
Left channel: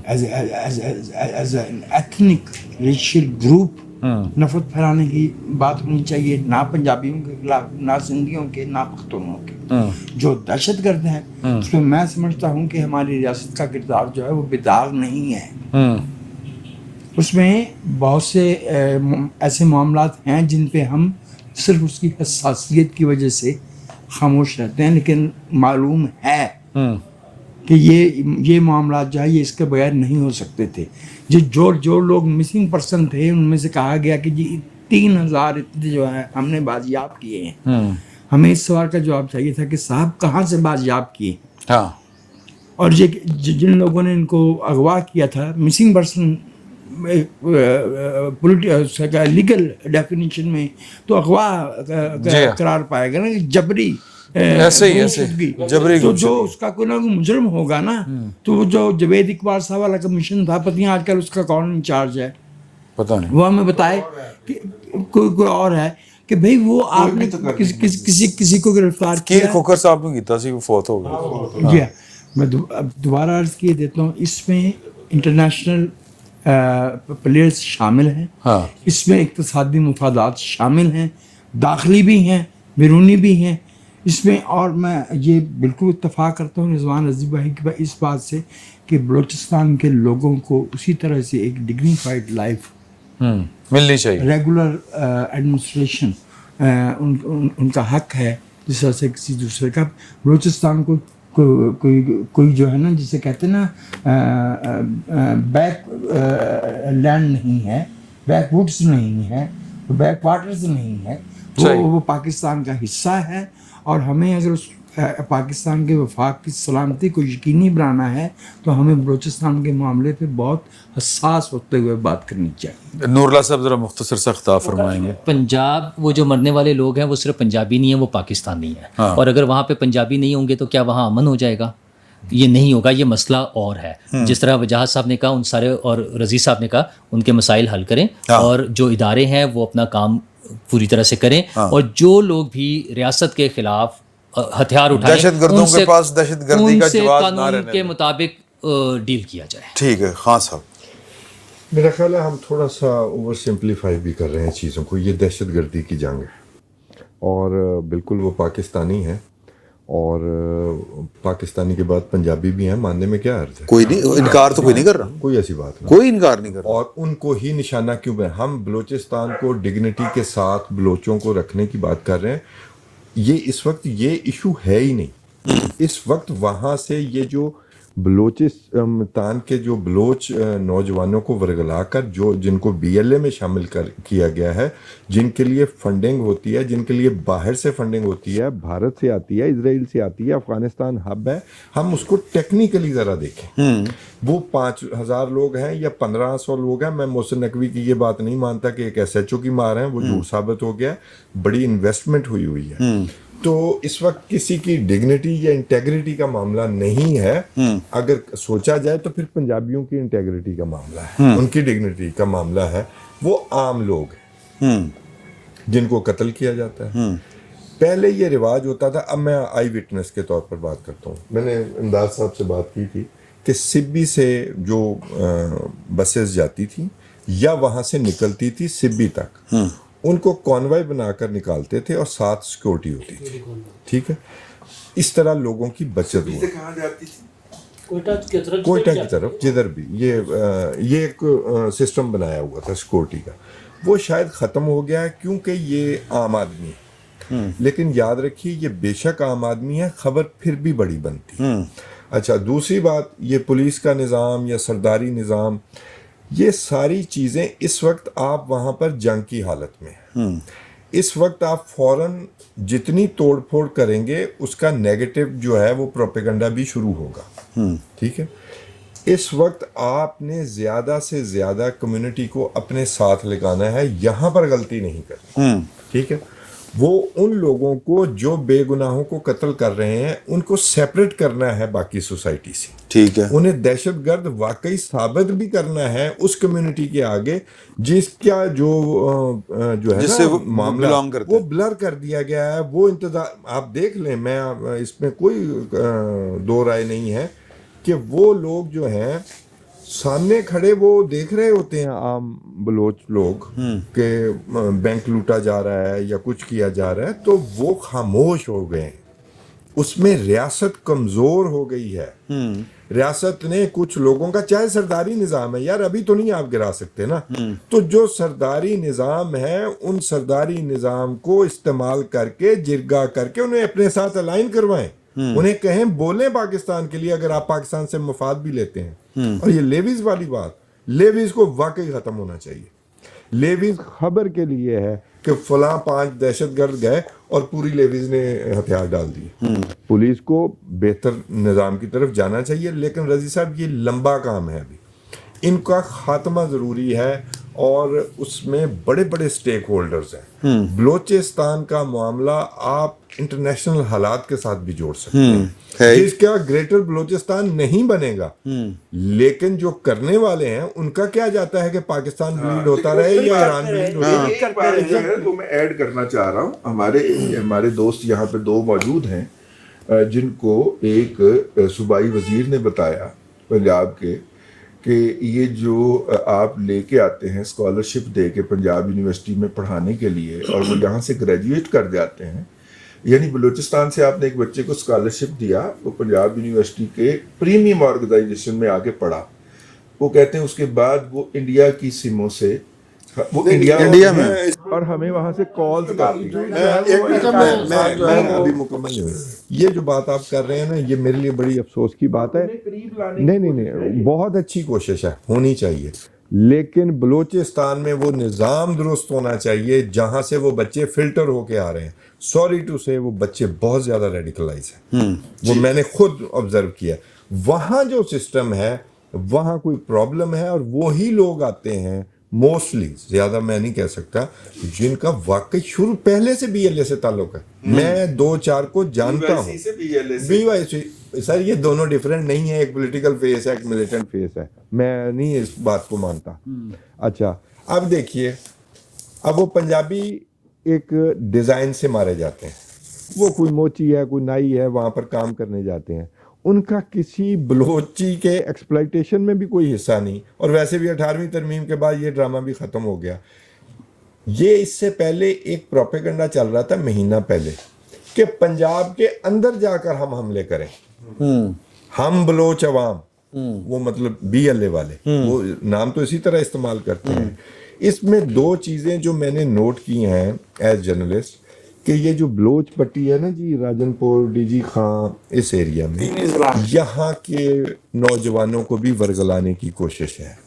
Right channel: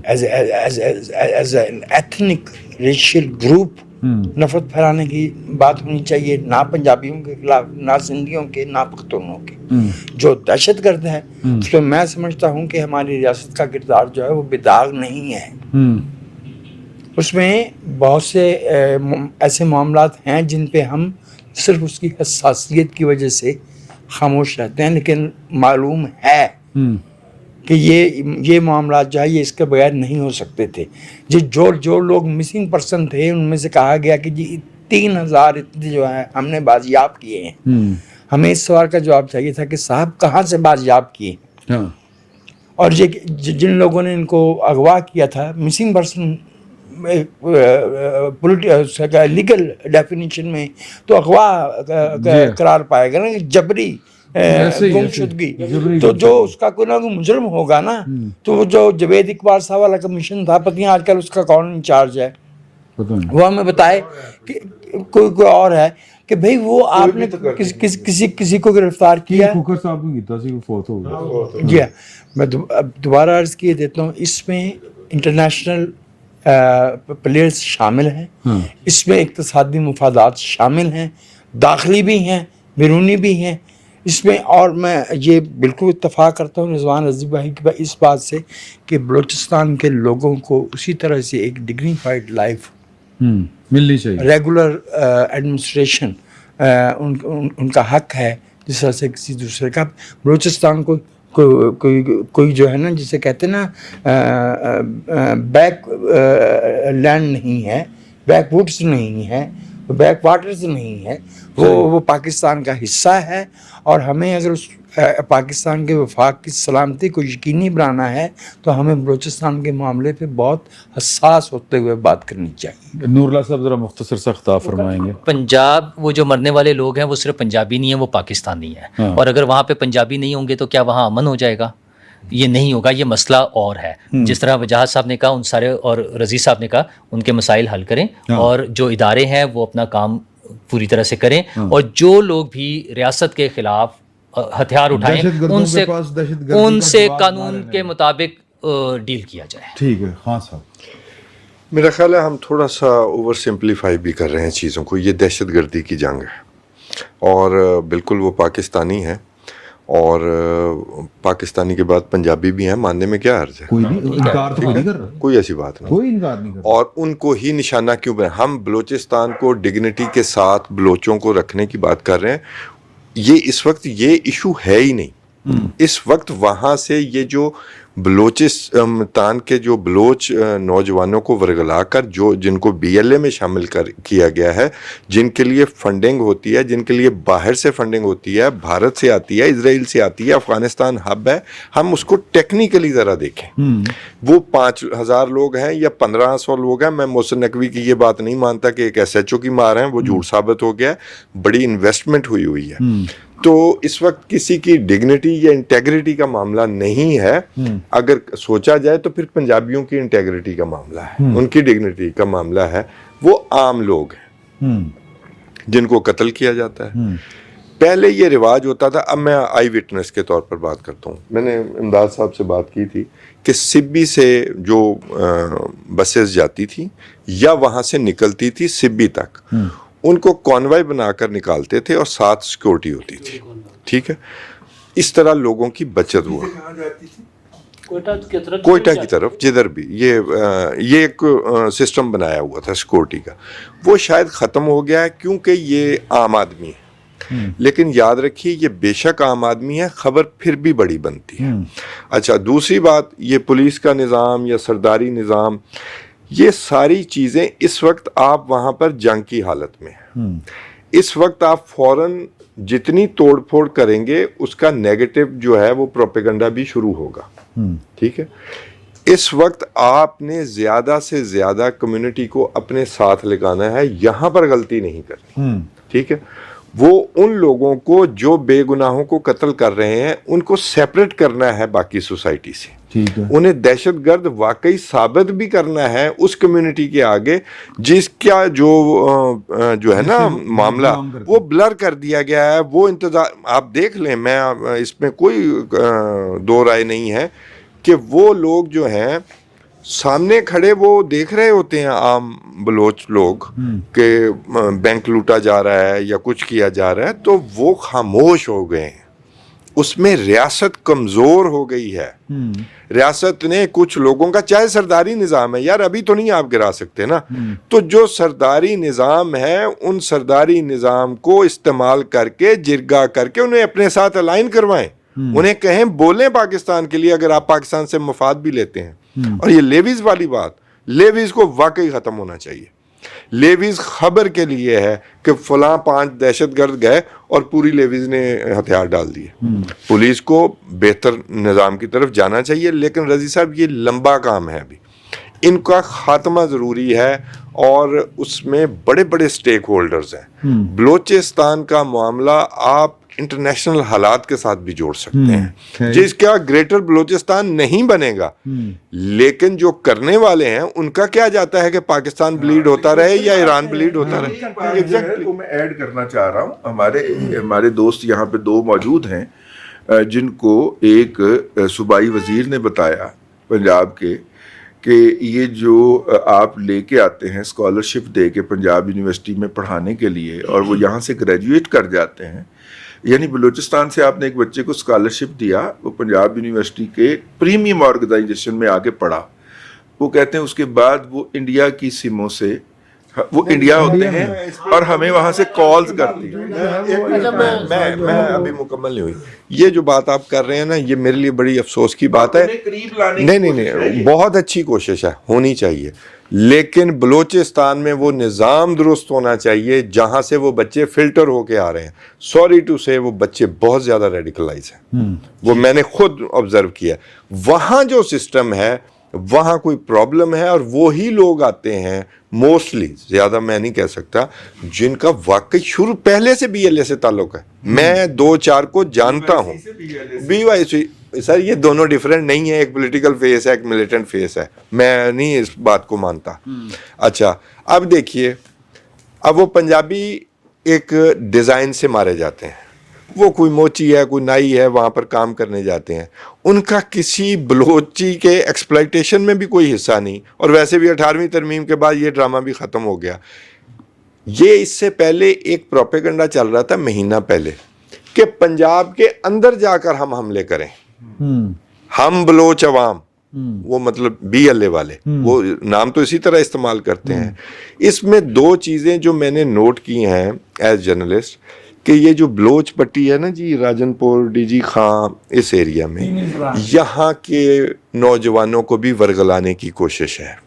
as an ethnic racial group नफरत फैलाने की बात होनी चाहिए, ना पंजाबियों के खिलाफ, ना सिंधियों के, ना पख्तूनों के। जो दहशत गर्द है उसमें मैं समझता हूँ कि हमारी रियासत का किरदार जो है वो बेदाग नहीं है। उसमें बहुत से ऐसे मामलात हैं जिन पे हम सिर्फ उसकी हसासियत की वजह से खामोश रहते हैं, लेकिन मालूम है कि ये मामला जो है ये इसके बगैर नहीं हो सकते थे। जो लोग मिसिंग पर्सन थे उनमें से कहा गया कि जी 3000 इतने जो है हमने बाजियाब किए हैं। हमें इस सवाल का जवाब चाहिए था कि साहब कहाँ से बाजियाब किए। हाँ, और ये जिन लोगों ने इनको अगवा किया था, मिसिंग पर्सन लीगल डेफिनेशन में तो अगवा करार पाएगा ना, जबरी गुमशुदगी। तो जो उसका कोई ना कोई मुजरम होगा ना, तो वो जो जावेद इकबाल साहब वाला कमीशन था, पता नहीं आजकल उसका कौन इंचार्ज है, पता नहीं, वो हमें बताए कि कोई और है कि भाई वो आपने किसी को गिरफ्तार किया। खोखर साहब ने कीता सी, वो फौत हो गया। जी हाँ, मैं दोबारा अर्ज किए देता हूँ, इसमें इंटरनेशनल प्लेयर्स शामिल हैं। हाँ। इसमें इक्तिसादी मुफादात शामिल हैं, दाखिली भी हैं, बैरूनी भी हैं इसमें। और मैं ये बिल्कुल इत्तफाक करता हूँ रिजवान रज़ी भाई की इस बात से कि बलूचिस्तान के लोगों को उसी तरह से एक डिग्निफाइड लाइफ मिलनी चाहिए, रेगुलर एडमिनिस्ट्रेशन उनका हक है जिस तरह से किसी दूसरे का। बलूचिस्तान को कोई जो है ना, जिसे कहते हैं ना, बैक लैंड नहीं है, बैक वुड्स नहीं है, बैक वाटर्स नहीं है, वो पाकिस्तान का हिस्सा है। और हमें अगर उस पाकिस्तान के वफाक की सलामती को यकीनी बनाना है तो हमें बलूचिस्तान के मामले पे बहुत हसास होते हुए बात करनी चाहिए। नूरुल्लाह साहब ज़रा मुख्तसर सा खिताब फरमाएंगे। पंजाब, वो जो मरने वाले लोग हैं वो सिर्फ पंजाबी नहीं है, वो पाकिस्तानी है। हाँ। और अगर वहाँ पे पंजाबी नहीं होंगे तो क्या वहाँ अमन हो जाएगा? ये नहीं होगा, ये मसला और है। जिस तरह वजाहत साहब ने कहा, उन सारे, और रज़ी साहब ने कहा, उनके मसाइल हल करें। हाँ। और जो इदारे हैं वो अपना काम पूरी तरह से करें। हाँ। और जो लोग भी रियासत के खिलाफ हथियार उठाएं, दहशतगर्दों के पास दहशतगर्दी का उनसे जवाब ना कानून रहने के दें। मुताबिक डील किया जाए। ठीक है, खान साहब। मेरा ख्याल है हम थोड़ा सा ओवर सिंप्लीफाई भी कर रहे हैं चीज़ों को। ये दहशतगर्दी की जंग है और बिल्कुल वो पाकिस्तानी है, और पाकिस्तानी के बाद पंजाबी भी हैं, मानने में क्या अर्ज है? कोई नहीं, इनकार तो कोई नहीं कर रहा, कोई ऐसी बात नहीं, कोई इनकार नहीं कर रहा। और उनको ही निशाना क्यों बना? हम बलूचिस्तान को डिग्निटी के साथ बलोचों को रखने की बात कर रहे हैं। ये इस वक्त ये इशू है ही नहीं। इस वक्त वहाँ से ये जो बलूचिस्तान के जो बलोच नौजवानों को वर्गला कर जिनको BLA में शामिल किया गया है, जिनके लिए फंडिंग होती है, जिनके लिए बाहर से फंडिंग होती है, भारत से आती है, इजराइल से आती है, अफगानिस्तान हब है, हम उसको टेक्निकली ज़रा देखें। वो 5000 लोग हैं या 1500 लोग हैं। मैं मोहसिन नकवी की ये बात नहीं मानता कि एक SHO की मार है, वो झूठ साबित हो गया। बड़ी इन्वेस्टमेंट हुई है। तो इस वक्त किसी की डिग्निटी या इंटेग्रिटी का मामला नहीं है। अगर सोचा जाए तो फिर पंजाबियों की इंटेग्रिटी का मामला है, उनकी डिग्निटी का मामला है। वो आम लोग हैं जिनको कत्ल किया जाता है। पहले ये रिवाज होता था, अब मैं आई विटनेस के तौर पर बात करता हूँ। मैंने इमदाद साहब से बात की थी कि सिब्बी से जो बसेस जाती थी या वहाँ से निकलती थी सिब्बी तक, उनको कॉन्वॉय बनाकर निकालते थे और साथ सिक्योरिटी होती थी। ठीक है, इस तरह लोगों की बचत हुआ। कोयटा की तरफ जिधर भी ये एक सिस्टम बनाया हुआ था सिक्योरिटी का, वो शायद ख़त्म हो गया है क्योंकि ये आम आदमी है। लेकिन याद रखिए, ये बेशक आम आदमी है, खबर फिर भी बड़ी बनती है। अच्छा, दूसरी बात, ये पुलिस का निज़ाम या सरदारी निज़ाम, ये सारी चीज़ें इस वक्त आप वहाँ पर जंग की हालत में हैं। इस वक्त आप फौरन जितनी तोड़ फोड़ करेंगे उसका नेगेटिव जो है वो प्रोपेगेंडा भी शुरू होगा। ठीक है, इस वक्त आपने ज़्यादा से ज़्यादा कम्युनिटी को अपने साथ लगाना है, यहाँ पर गलती नहीं करनी। ठीक है, वो उन लोगों को जो बेगुनाहों को कत्ल कर रहे हैं उनको सेपरेट करना है बाकी सोसाइटी से। ठीक है, उन्हें दहशतगर्द वाकई साबित भी करना है उस कम्युनिटी के आगे जिसका जो है ना मामला, वो ब्लर कर दिया गया है। वो इंतजार आप देख लें, मैं इसमें कोई दो राय नहीं है कि वो लोग जो हैं सामने खड़े वो देख रहे होते हैं आम बलोच लोग कि बैंक लूटा जा रहा है या कुछ किया जा रहा है, तो वो खामोश हो गए हैं। उसमें रियासत कमज़ोर हो गई है। रियासत ने कुछ लोगों का, चाहे सरदारी निज़ाम है यार, अभी तो नहीं आप गिरा सकते ना, तो जो सरदारी निज़ाम है उन सरदारी निज़ाम को इस्तेमाल करके, जिरगा करके उन्हें अपने साथ अलाइन करवाएं। उन्हें कहें बोलें पाकिस्तान के लिए, अगर आप पाकिस्तान से मफाद भी लेते हैं। और ये लेवीज वाली बात, लेवीज को वाकई ख़त्म होना चाहिए। लेवीज खबर के लिए है कि फलां 5 दहशतगर्द गए और पूरी लेवीज ने हथियार डाल दिए। पुलिस को बेहतर निज़ाम की तरफ जाना चाहिए, लेकिन रजी साहब ये लंबा काम है, अभी इनका खात्मा ज़रूरी है और उसमें बड़े बड़े स्टेक होल्डर्स हैं। बलोचिस्तान का मामला आप इंटरनेशनल हालात के साथ भी जोड़ सकते हैं, जिसका ग्रेटर बलोचिस्तान नहीं बनेगा, लेकिन जो करने वाले हैं उनका क्या जाता है कि पाकिस्तान ब्लीड होता रहे या ईरान ब्लीड होता रहे। एग्जैक्टली, तो मैं ऐड करना चाह रहा हूँ, हमारे दोस्त यहाँ पे 2 मौजूद हैं जिनको एक सूबाई वजीर ने बताया पंजाब के कि ये जो आप लेके आते हैं स्कॉलरशिप दे के पंजाब यूनिवर्सिटी में पढ़ाने के लिए, और वो यहाँ से ग्रेजुएट कर जाते हैं, यानी बलूचिस्तान से आपने एक बच्चे को स्कॉलरशिप दिया, वो पंजाब यूनिवर्सिटी के प्रीमियम ऑर्गेनाइजेशन में आके पढ़ा, वो कहते हैं उसके बाद वो इंडिया की सिमों से, वो इंडिया में और हमें वहां से कॉल्स करते हैं। मैं अभी मुकम्मल नहीं हुई। ये जो बात आप कर रहे हैं ना, ये मेरे लिए बड़ी अफसोस की बात है। नहीं, बहुत अच्छी कोशिश है, होनी चाहिए, लेकिन बलूचिस्तान में वो निज़ाम दुरुस्त होना चाहिए जहां से वो बच्चे फिल्टर होके आ रहे हैं। सॉरी टू से वो बच्चे बहुत ज़्यादा रेडिकलाइज हैं, वो मैंने खुद ऑब्जर्व किया। वहाँ जो सिस्टम है वहाँ कोई प्रॉब्लम है, और वो ही लोग आते हैं मोस्टली, ज़्यादा मैं नहीं कह सकता, जिनका वाकई शुरू पहले से BLA से ताल्लुक़ है। मैं 2-4 को जानता हूँ। BYC सर, ये दोनों डिफरेंट नहीं है, एक पॉलिटिकल फेस है, एक मिलिटेंट फेस है, मैं नहीं इस बात को मानता। अच्छा, अब देखिए, अब वो पंजाबी एक डिज़ाइन से मारे जाते हैं, वो कोई मोची है, कोई नाई है, वहाँ पर काम करने जाते हैं, उनका किसी बलोची के एक्सप्लॉइटेशन में भी कोई हिस्सा नहीं। और वैसे भी 18वीं तरमीम के बाद ये ड्रामा भी ख़त्म हो गया। ये इससे पहले एक प्रोपेगेंडा चल रहा था महीना पहले कि पंजाब के अंदर जाकर हम हमले करें, हम बलोच अवाम, वो मतलब BLA वाले, वो नाम तो इसी तरह इस्तेमाल करते हैं। इसमें 2 चीज़ें जो मैंने नोट की हैं एज जर्नलिस्ट, कि ये जो बलोच पट्टी है ना जी, राजनपुर, DG खां, इस एरिया में यहाँ के नौजवानों को भी वर्गलाने की कोशिश है।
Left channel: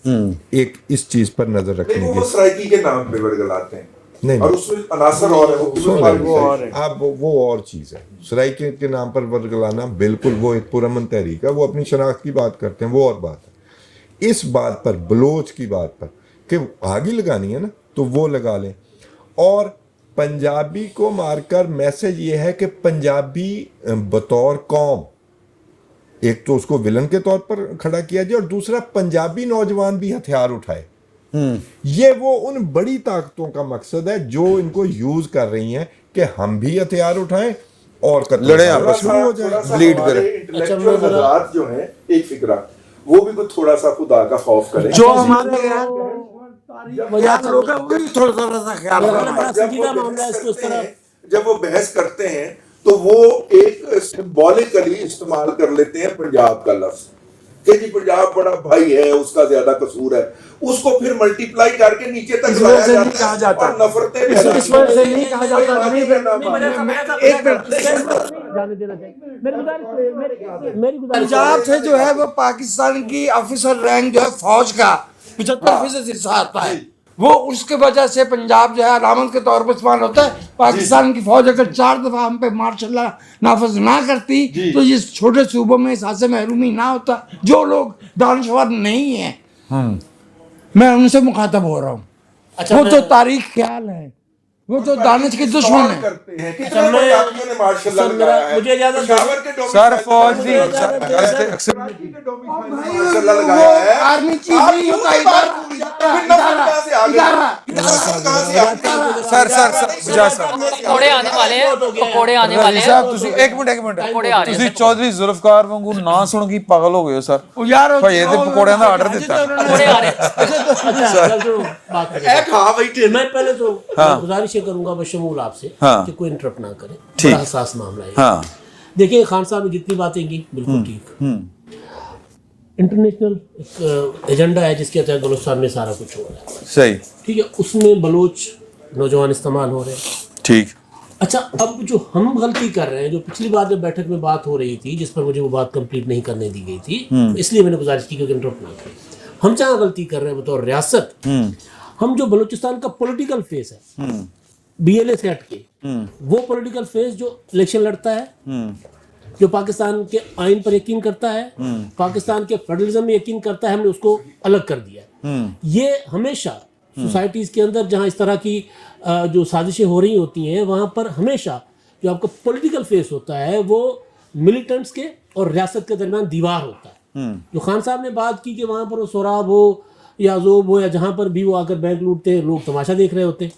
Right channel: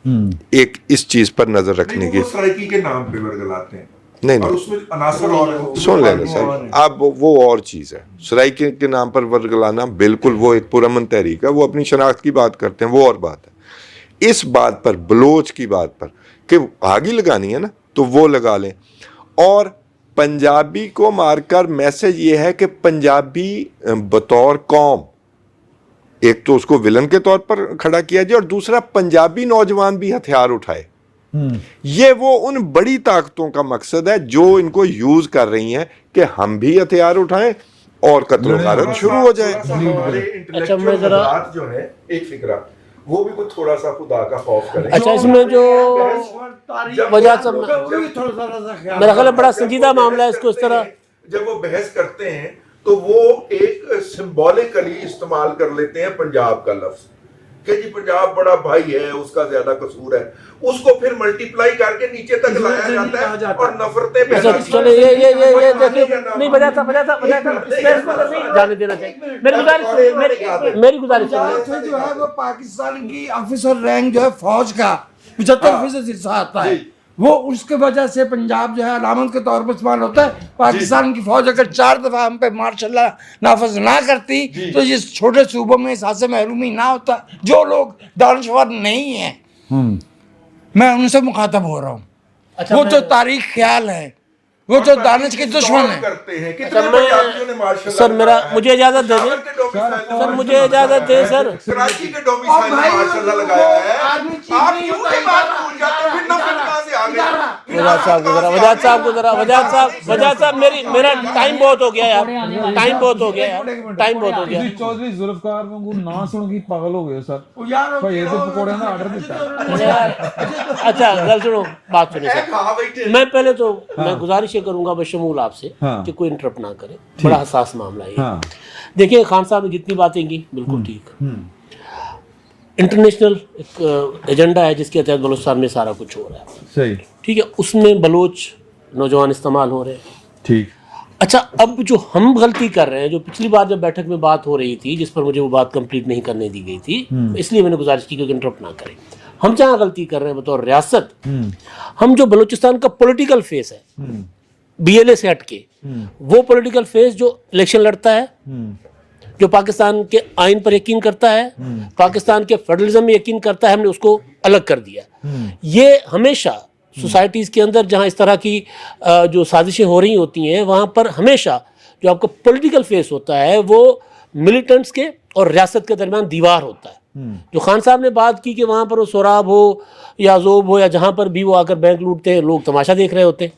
एक इस चीज़ पर नज़र रखने की, सराइकी के नाम पे वर्गलाते हैं, नहीं और उसमें अनासर और है, सुन लें सर, आप वो और चीज़ है। सराइकी के नाम पर वर्गलाना बिल्कुल वो एक पुरअमन तहरीक है, वो अपनी शनाख्त की बात करते हैं, वो और बात है। इस बात पर, बलोच की बात पर कि आग ही लगानी है ना, तो वो लगा लें। और पंजाबी को मारकर मैसेज ये है कि पंजाबी बतौर कौम, एक तो उसको विलन के तौर पर खड़ा किया जाए, और दूसरा पंजाबी नौजवान भी हथियार उठाए। ये वो उन बड़ी ताकतों का मकसद है जो इनको यूज कर रही हैं कि हम भी हथियार उठाएं और कत्ल शुरू हो जाए, लीड करें। अच्छा, मैं जरा जो है एक फिक्रा, वो भी थोड़ा सा खुदा का खौफ करें। जो वजह मेरा ख्याल बड़ा संजीदा मामला है, इसको इस तरह जब वो बहस करते हैं तो वो एक सिंबॉलिकली इस्तेमाल कर लेते हैं पंजाब का लफ्ज कि जी पंजाब बड़ा भाई है, उसका ज्यादा कसूर है, उसको फिर मल्टीप्लाई करके नीचे तक लाया जाता है और नफरतें जाने देना चाहिए। मेरी गुजारिश पंजाब से जो है वो पाकिस्तान की ऑफिसर रैंक जो है फौज का 75% हिस्सा आता है, वो उसके वजह से पंजाब जो है अलामत के तौर पर इस्तेमाल होता है। पाकिस्तान की फौज अगर 4 दफा हम पे मार्शल नाफज ना करती तो ये छोटे सूबों में इस हादसे महरूमी ना होता। जो लोग दानश्वर नहीं है, मैं उनसे मुखातब हो रहा हूँ। अच्छा, वो तो तारीख ख्याल है, वो तो दानिश के दुश्मन है। सर मेरा मुझे इजाजत दे सर, फौज मुझे इजाजत दे सर। आर्मी चीफ नहीं होता, वजाद साहब को जरा, वजाद साहब को जरा, वजाद साहब मेरी पकोड़े आने वाले हैं, बहुत हो गया यार। पकोड़े आने वाले हैं। टाइम बहुत हो गया। ਇੱਕ ਮਿੰਟ ਪਕੌੜੇ ਆ ਰਹੇ ਤੁਸੀਂ ਚੌਧਰੀ ਜ਼ੁਲਫਕਾਰ ਵਾਂਗੂ ਨਾਂ ਸੁਣ ਕੇ ਪਾਗਲ ਹੋ ਗਏ ਹੋ ਸਰ यार ਭਾਈ ਇਹਦੇ ਪਕੌੜਿਆਂ ਦਾ ਆਰਡਰ ਦਿੱਤਾ पकोड़े आ रहे हैं। अच्छा चल सुनो बात करें। मैं पहले तो मैं गुजारिश ये करूंगा बशमूल आपसे हाँ। कि कोई इंटरप्ट ना करे, ठीक। बड़ा हसास मामला है। हाँ देखिए खान साहब ने जितनी बातें की बिल्कुल ठीक, इंटरनेशनल एक एजेंडा है जिसके तहत बलूचिस्तान में सारा कुछ हो रहा है, सही ठीक है, उसमें बलोच नौजवान इस्तेमाल हो रहे हैं। ठीक अच्छा अब जो हम गलती कर रहे हैं, जो पिछली बार जब बैठक में बात हो रही थी जिस पर मुझे वो बात कंप्लीट नहीं करने दी गई थी, इसलिए मैंने गुजारिश की कि इंटरप्ट ना करें। हम जहाँ गलती कर रहे हैं बतौर रियासत, हम जो बलूचिस्तान का पॉलिटिकल फेस है BLA से हटके, वो पॉलिटिकल फेस जो इलेक्शन लड़ता है, जो पाकिस्तान के आइन पर यकीन करता है, पाकिस्तान के फेडरलिज्म में यकीन करता है, हमने उसको अलग कर दिया। ये हमेशा सोसाइटीज़ के अंदर जहाँ इस तरह की जो साजिशें हो रही होती हैं, वहाँ पर हमेशा जो आपका पॉलिटिकल फेस होता है वो मिलिटेंट्स के और रियासत के दरमियान दीवार होता है। जो खान साहब ने बात की कि वहाँ पर वो सोराब हो या जोब हो या जहाँ पर भी वो आकर बैंक लूटते हैं, लोग तमाशा देख रहे होते हैं।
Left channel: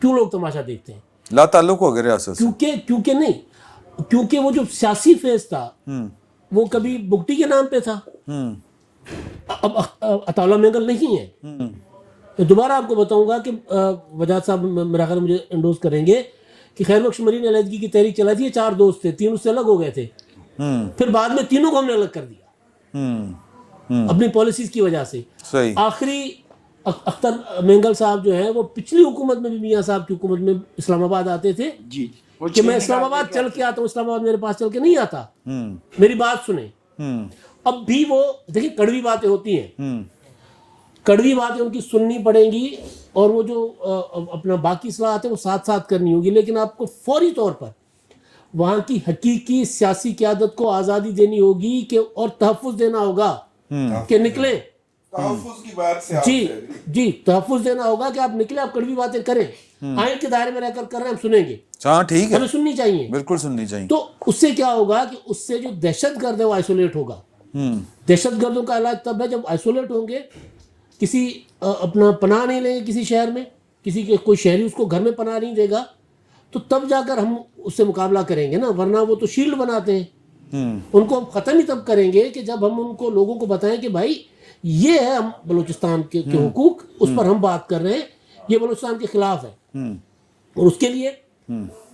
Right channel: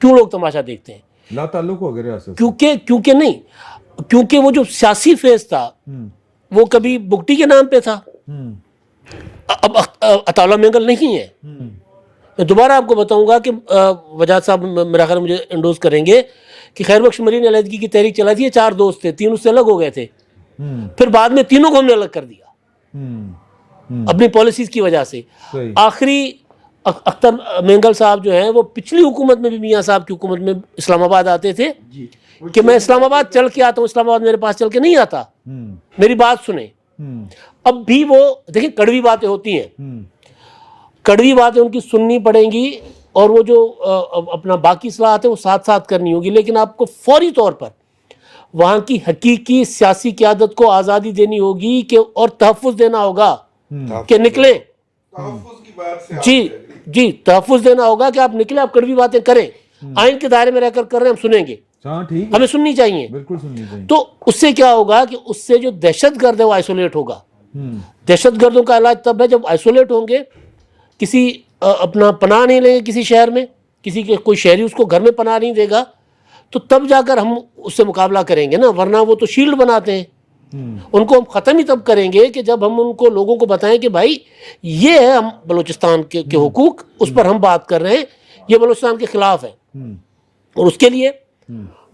क्यों लोग तमाशा देखते हैं? ला ताल्लुक हो गए रियासत से। क्योंकि वो जो सियासी फेज था वो कभी बुगटी के नाम पे था, अब अताउल्लाह मेंगल नहीं है। मैं दोबारा आपको बताऊंगा कि वजाद साहब मेरा ख्याल मुझे इंडोज करेंगे कि खैर बख्श मरीन अलहदगी की तहरीक चलाई थी, 4 दोस्त थे, 3 उससे अलग हो गए थे, फिर बाद में तीनों को हमने अलग कर दिया अपनी पॉलिसीज की वजह से। आखिरी अख्तर मेंगल साहब जो हैं वो पिछली हुकूमत में भी मियाँ साहब की हुकूमत में इस्लामाबाद आते थे कि मैं इस्लामाबाद चल के आता हूँ, इस्लामाबाद मेरे पास चल के नहीं आता, मेरी बात सुने। अब भी वो देखिए कड़वी बातें होती हैं, कड़वी बातें उनकी सुननी पड़ेंगी और वो जो अपना बाकी सलाहत है वो साथ साथ करनी होगी, लेकिन आपको फौरी तौर पर वहाँ की हकीकी सियासी क़यादत को आज़ादी देनी होगी कि और तहफ़्फ़ुज़ देना होगा कि निकले जी तहफ़्फ़ुज़ देना होगा कि आप निकले, आप कड़वी बातें करें, आइन के दायरे में रहकर कर रहे हैं, हम सुनेंगे। हाँ ठीक है, हमें सुननी चाहिए, बिल्कुल सुननी चाहिए। तो उससे क्या होगा कि उससे जो दहशतगर्द है वो आइसोलेट होगा। दहशतगर्दों का इलाज तब है जब आइसोलेट होंगे, किसी अपना पनाह नहीं लेंगे किसी शहर में, किसी के कोई शहरी उसको घर में पनाह नहीं देगा, तो तब जाकर हम उससे मुकाबला करेंगे ना, वरना वो तो शील्ड बनाते हैं। उनको हम ख़त्म ही तब करेंगे कि जब हम उनको लोगों को बताएं कि भाई ये है हम बलूचिस्तान के हुकूक, उस पर हम बात कर रहे हैं, ये बलूचिस्तान के ख़िलाफ़ है। और उसके लिए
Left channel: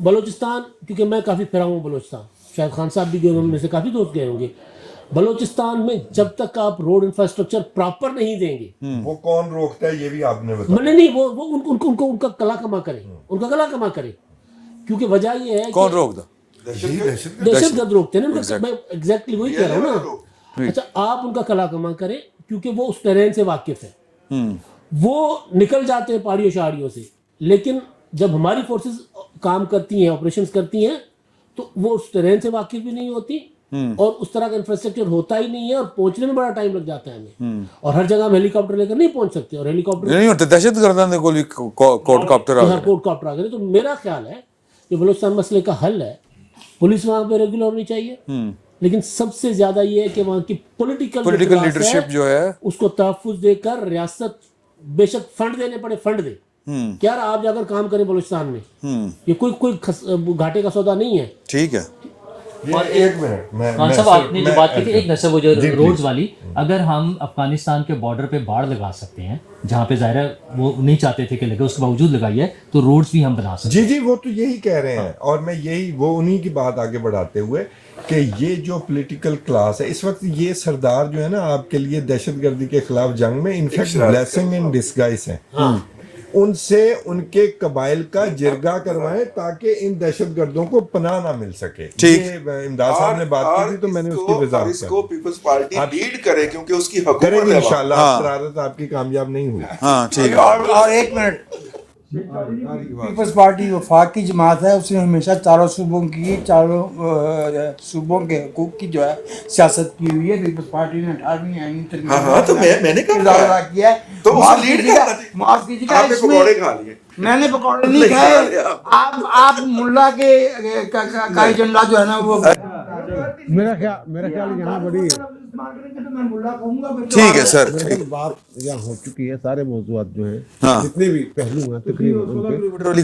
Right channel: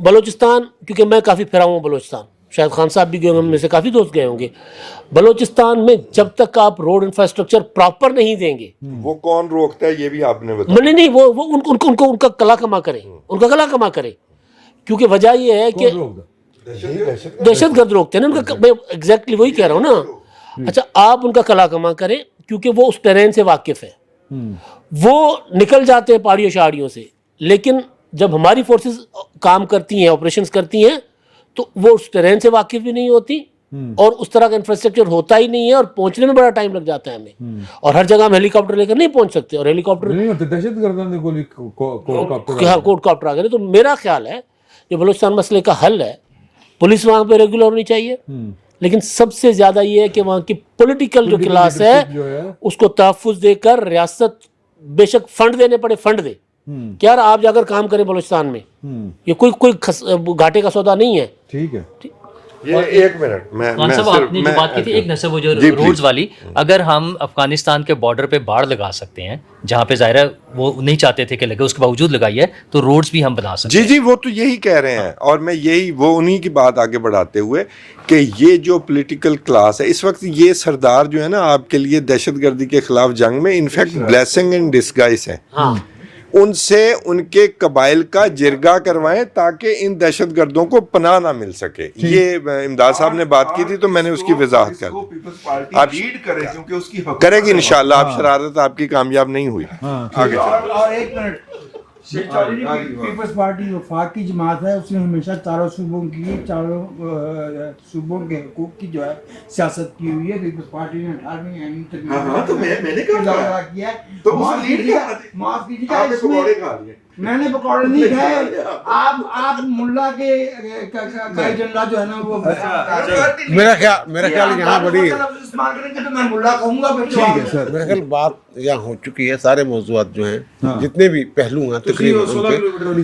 बलूचिस्तान, क्योंकि मैं काफ़ी फिरा हूँ बलूचिस्तान, शायद खान साहब भी गए होंगे, में से काफ़ी दोस्त गए होंगे, बलूचिस्तान में जब तक आप रोड इंफ्रास्ट्रक्चर प्रॉपर नहीं देंगे, वो कौन रोकता है ये भी आपने बताया। नहीं वो उनका कला कमा करें, उनका कला कमा करें, क्योंकि वजह ये है कि दहशतगर्द रोकते हैं ना उनका, मैं एग्जैक्टली वही कह रहा हूँ ना। अच्छा आप उनका कला कमा करें क्योंकि वो उस टेरेन से वाकिफ है, वो निकल जाते हैं पहाड़ियों शहाड़ियों से, लेकिन जब हमारी फोर्सेस काम करती हैं, ऑपरेशंस करती हैं, तो वो उस टेरेन से वाकिफ भी नहीं होती और उस तरह का इंफ्रास्ट्रक्चर होता ही नहीं है और पहुंचने में बड़ा टाइम लग जाता है हमें, और हर जगह हम हेलीकॉप्टर लेकर नहीं पहुंच सकते, और हेलीकॉप्टर नहीं होते, दहशतगर्दां दे कोल कोडकाप्टर आ गए। तो मेरा ख्याल है जो बलूचिस्तान मसले का हल है, पुलिस वहाँ पे रेगुलर होनी चाहिए, लेकिन सबसे ज्यादा ये है कि वहाँ की पॉलिटिकल जो क्लास है उसको तहफ़्फ़ुज़ देकर रियासत बेशक फंड देने पड़े, फंड दे, क्या आप जाकर काम करें बलूचिस्तान में, ये कोई घाटे का सौदा नहीं है। ठीक है, ये एक मिनट कौन सा आपने जो बात की थी, एक नसब वो जो रोड्स वाली, अगर हम अफगानिस्तान के बॉर्डर पे बाड़ लगा सकते हैं जहाँ पे ज़ाहिर है वो नहीं चाहते थे कि लगे, उसके बावजूद लगाई है, तो रोड्स भी हम बना सकते हैं। जी वो तो यही कह रहे हैं, और मैं यही वो उन्हीं की बात आगे बढ़ाते हुए कि ये जो पॉलिटिकल क्लास है इस वक्त, ये सरदार जो है ना आपके लिए दहशतगर्दी के खिलाफ जंग में इनफैक्ट ब्लेसिंग इन डिस्गाइज हैं, उनसे उनके कबाइल का जिरगा करवाएं ताकि इन दहशतगर्दों को पनाह ना मिल सके। ये इमदाद साहब ने बात की थी तो मैंने उसकी वजाहत कर दी। पीपल्स पार्टी लीड करे क्योंकि उसकी करेगी इंशाल्लाह, आप शरारत आपकी कामयाब नहीं हुई। हाँ ठीक है। और एक मिनट, पीपल्स पार्टी वफाकी जमात है, उसने हमेशा चारों सूबों के हकूक की जो है सियासत की हुई है। पीपल्स पार्टी ने 18वीं आईनी तक तो मैंने कहा किया है, तो माफ कीजिएगा, आपने पकौड़े खा लिए। میں نے پکوڑے نہیں کھائے. آپ ملا کے کا ایجنڈا جو ہے نا وہ میرا خیال یہاں بڑی میں ملا کہوں گا. ٹھیک ہے سر. میرا خیال بات یہاں ہو چکی ہے. سارے موضوعات جو ہیں جتنے بھی پہلو ہیں تقریباً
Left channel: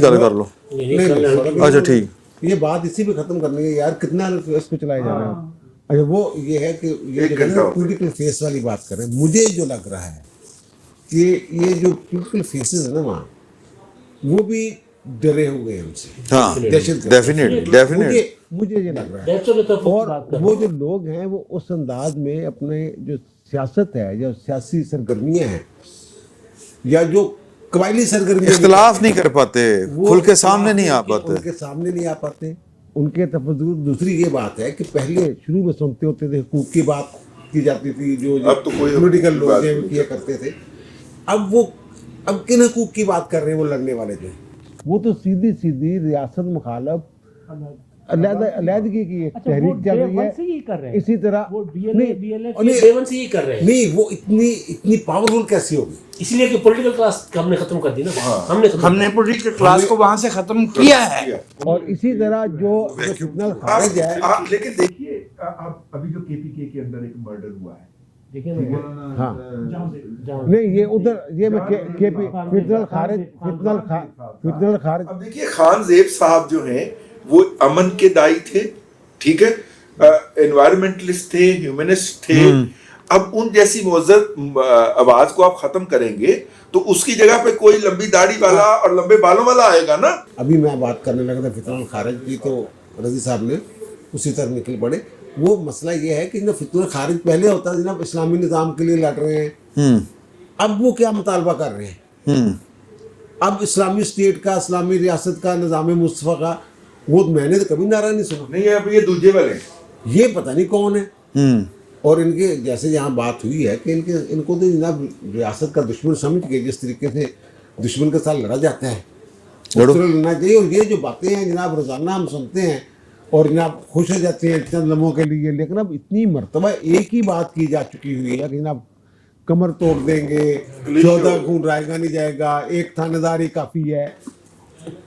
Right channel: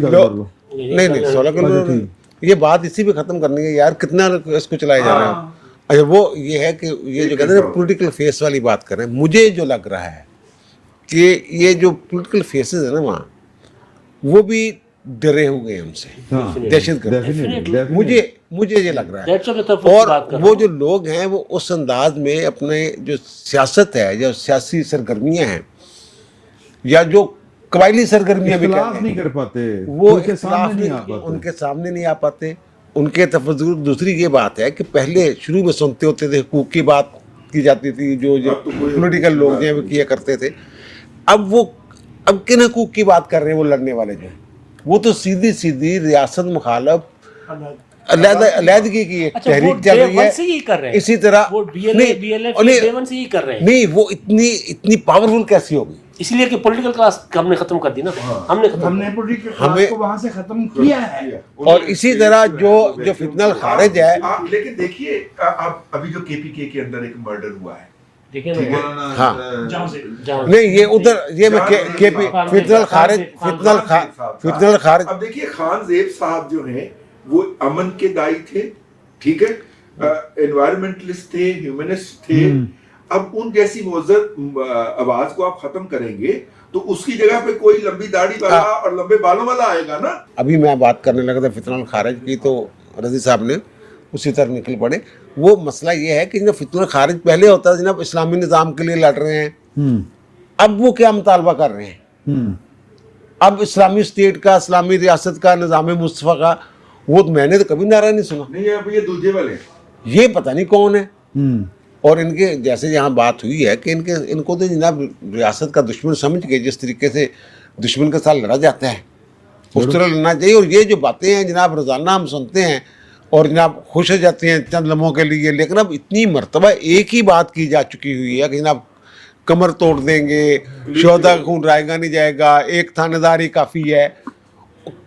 کر لو. نہیں اچھا ٹھیک. یہ بات اسی پہ ختم کرنی ہے یار. کتنا اس کو چلایا جا رہا ہے. اچھا وہ یہ ہے کہ یہ جو کہتے ہیں پولیٹیکل فیس والی بات کر رہے ہیں. مجھے جو لگ رہا ہے کہ یہ جو پولیٹیکل فیسز ہیں نا وہاں وہ بھی ڈرے ہوئے ہیں ہم سے. دہشت گرد مجھے یہ لگ رہا ہے. اور وہ جو لوگ ہیں وہ اس انداز میں اپنے جو سیاست ہے جو سیاسی سرگرمیاں ہیں یا جو قبائلی سرگرمیاں اختلاف نہیں کر پاتے, کھل کے سامنے نہیں آ پاتے, ان کے سامنے نہیں آ پاتے. ان کے تفضل. دوسری یہ بات ہے کہ پہلے شروع میں سنتے ہوتے تھے حقوق کی بات کی جاتی تھی, جو پولیٹیکل لوگ ہیں وہ کیا کرتے تھے. اب کن حقوق کی بات کر رہے ہیں وہ لڑنے والے جو ہیں, وہ تو سیدھی ریاست مخالف علیحدگی کی ایک تحریک چل رہی ہے. اسی طرح نہیں وہ اتنی پاورفل کیسی ہوگی, اس لیے کہ پولیٹیکل کلاس ہم نے ختم کر دی نا. ہم نے پولیٹیکل کلاس کو وہاں سے ختم کیا ہے. اور اسی طرح جو فتنہ الخارج ہے. لیکن دیکھیے ابھی جو کے پی کے اندر ایک مرڈر ہوا ہے, ہاں نہیں یہ ادھر یہ میں فتنہ الخارج. اب دیکھیے خان زیب صاحب جو ہیں وہ امن کے دائی تھے, ٹھیک ہے, انوائرمنٹلسٹ تھے, ہیومنسٹ تھے. اب ان جیسی معزز آواز کو آپ ختم کریں گے تو اس کی جگہ پہ کوئی لمبی داڑھی والا اور لمبے بالوں والا آئے گا نا. ابھی میں بات کرنے لگا تھا فتنہ الخارج کی تو رضی صاحب نے اسی طرح نکل پڑے. وہ مسئلہ یہ ہے کہ جناب فتنہ الخارج پہلے ہوتا ہے جناب اسلامی نظام کے لیے لڑ رہے ہیں, اب وہ کیا مطالبہ کر رہے ہیں. اب اسلامی اسٹیٹ کا, اسلامی ریاست کا, نظام مصطفیٰ کا, وہ میں نے تو کبھی نعرہ نہیں سنا. نہیں اب یہ دوسرے والے یہ پتہ نہیں کون ہے. اور ان کے جیسے یہاں بات ہوئی ہے کہ ان کو تو جناب ریاست کا دشمن سمجھ کے جس طریقے سے دشمن کے ساتھ لڑا جاتا ہے اس طرح لڑنا چاہیے. اور یہ جو باتیں ہیں جناب روزانہ ہم سنتے ہیں اور جناب خوش ہو جاتے ہیں چند لمحوں کے لیے, لیکن اب اتنی مرتبہ ایک ہی بات کی جا چکی ہوئی ہے کہ جناب کمر توڑ دیں گے, شہداء کا خون رائے گا نہیں جائے گا, ایک تھانے دار ہی کافی ہے.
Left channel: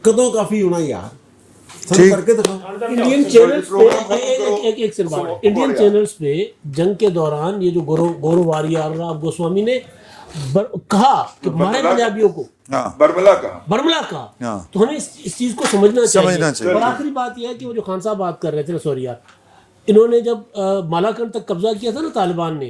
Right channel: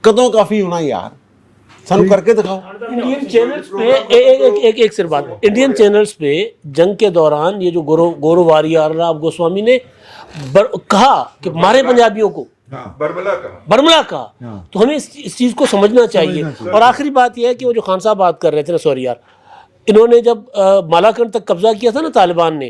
کدوں کافی ہونا یار, سن کر کے دکھاؤ. انڈین چینلز پہ ایک صرف بات, انڈین چینلز پہ جنگ کے دوران یہ جو گورو واریار رام گوسوامی نے کہا کہ مارے پنجابیوں کو, برملا کہا, تو ہمیں اس چیز کو سمجھنا چاہیے. اور آخری بات یہ ہے کہ وہ جو خان صاحب بات کر رہے تھے نا, سوری یار, انہوں نے جب مالاکنڈ تک قبضہ کیا تھا نا طالبان نے,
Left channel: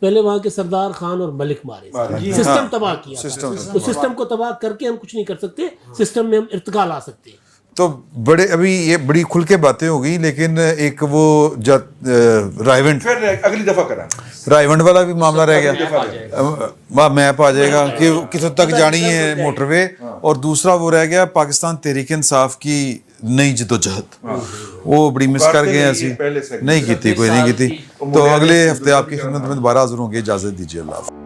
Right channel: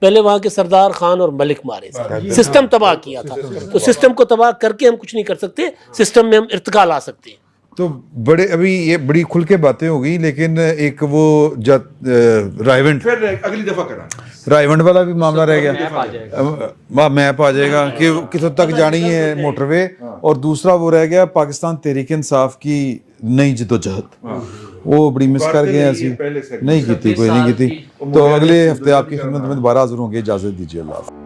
پہلے وہاں کے سردار خان اور ملک مارے تھے, سسٹم تباہ کیا تھا. تو سسٹم کو تباہ کر کے ہم کچھ نہیں کر سکتے, سسٹم میں ہم ارتقا لا سکتے ہیں. تو بڑے ابھی یہ بڑی کھل کے باتیں ہو گئی, لیکن ایک وہ رائیونٹ اگلی دفعہ کرا, رائیونٹ والا بھی معاملہ رہ گیا, میپ آ جائے گا کہ کس حد تک جانی ہے موٹر وے, اور دوسرا وہ رہ گیا پاکستان تحریک انصاف کی نئی جدوجہد, وہ بڑی مس کر گئے ایسی نہیں کی تھی, کوئی نہیں کی تھی. تو اگلے ہفتے آپ کی خدمت میں دوبارہ حاضر ہوں گے. اجازت دیجیے, اللہ حافظ.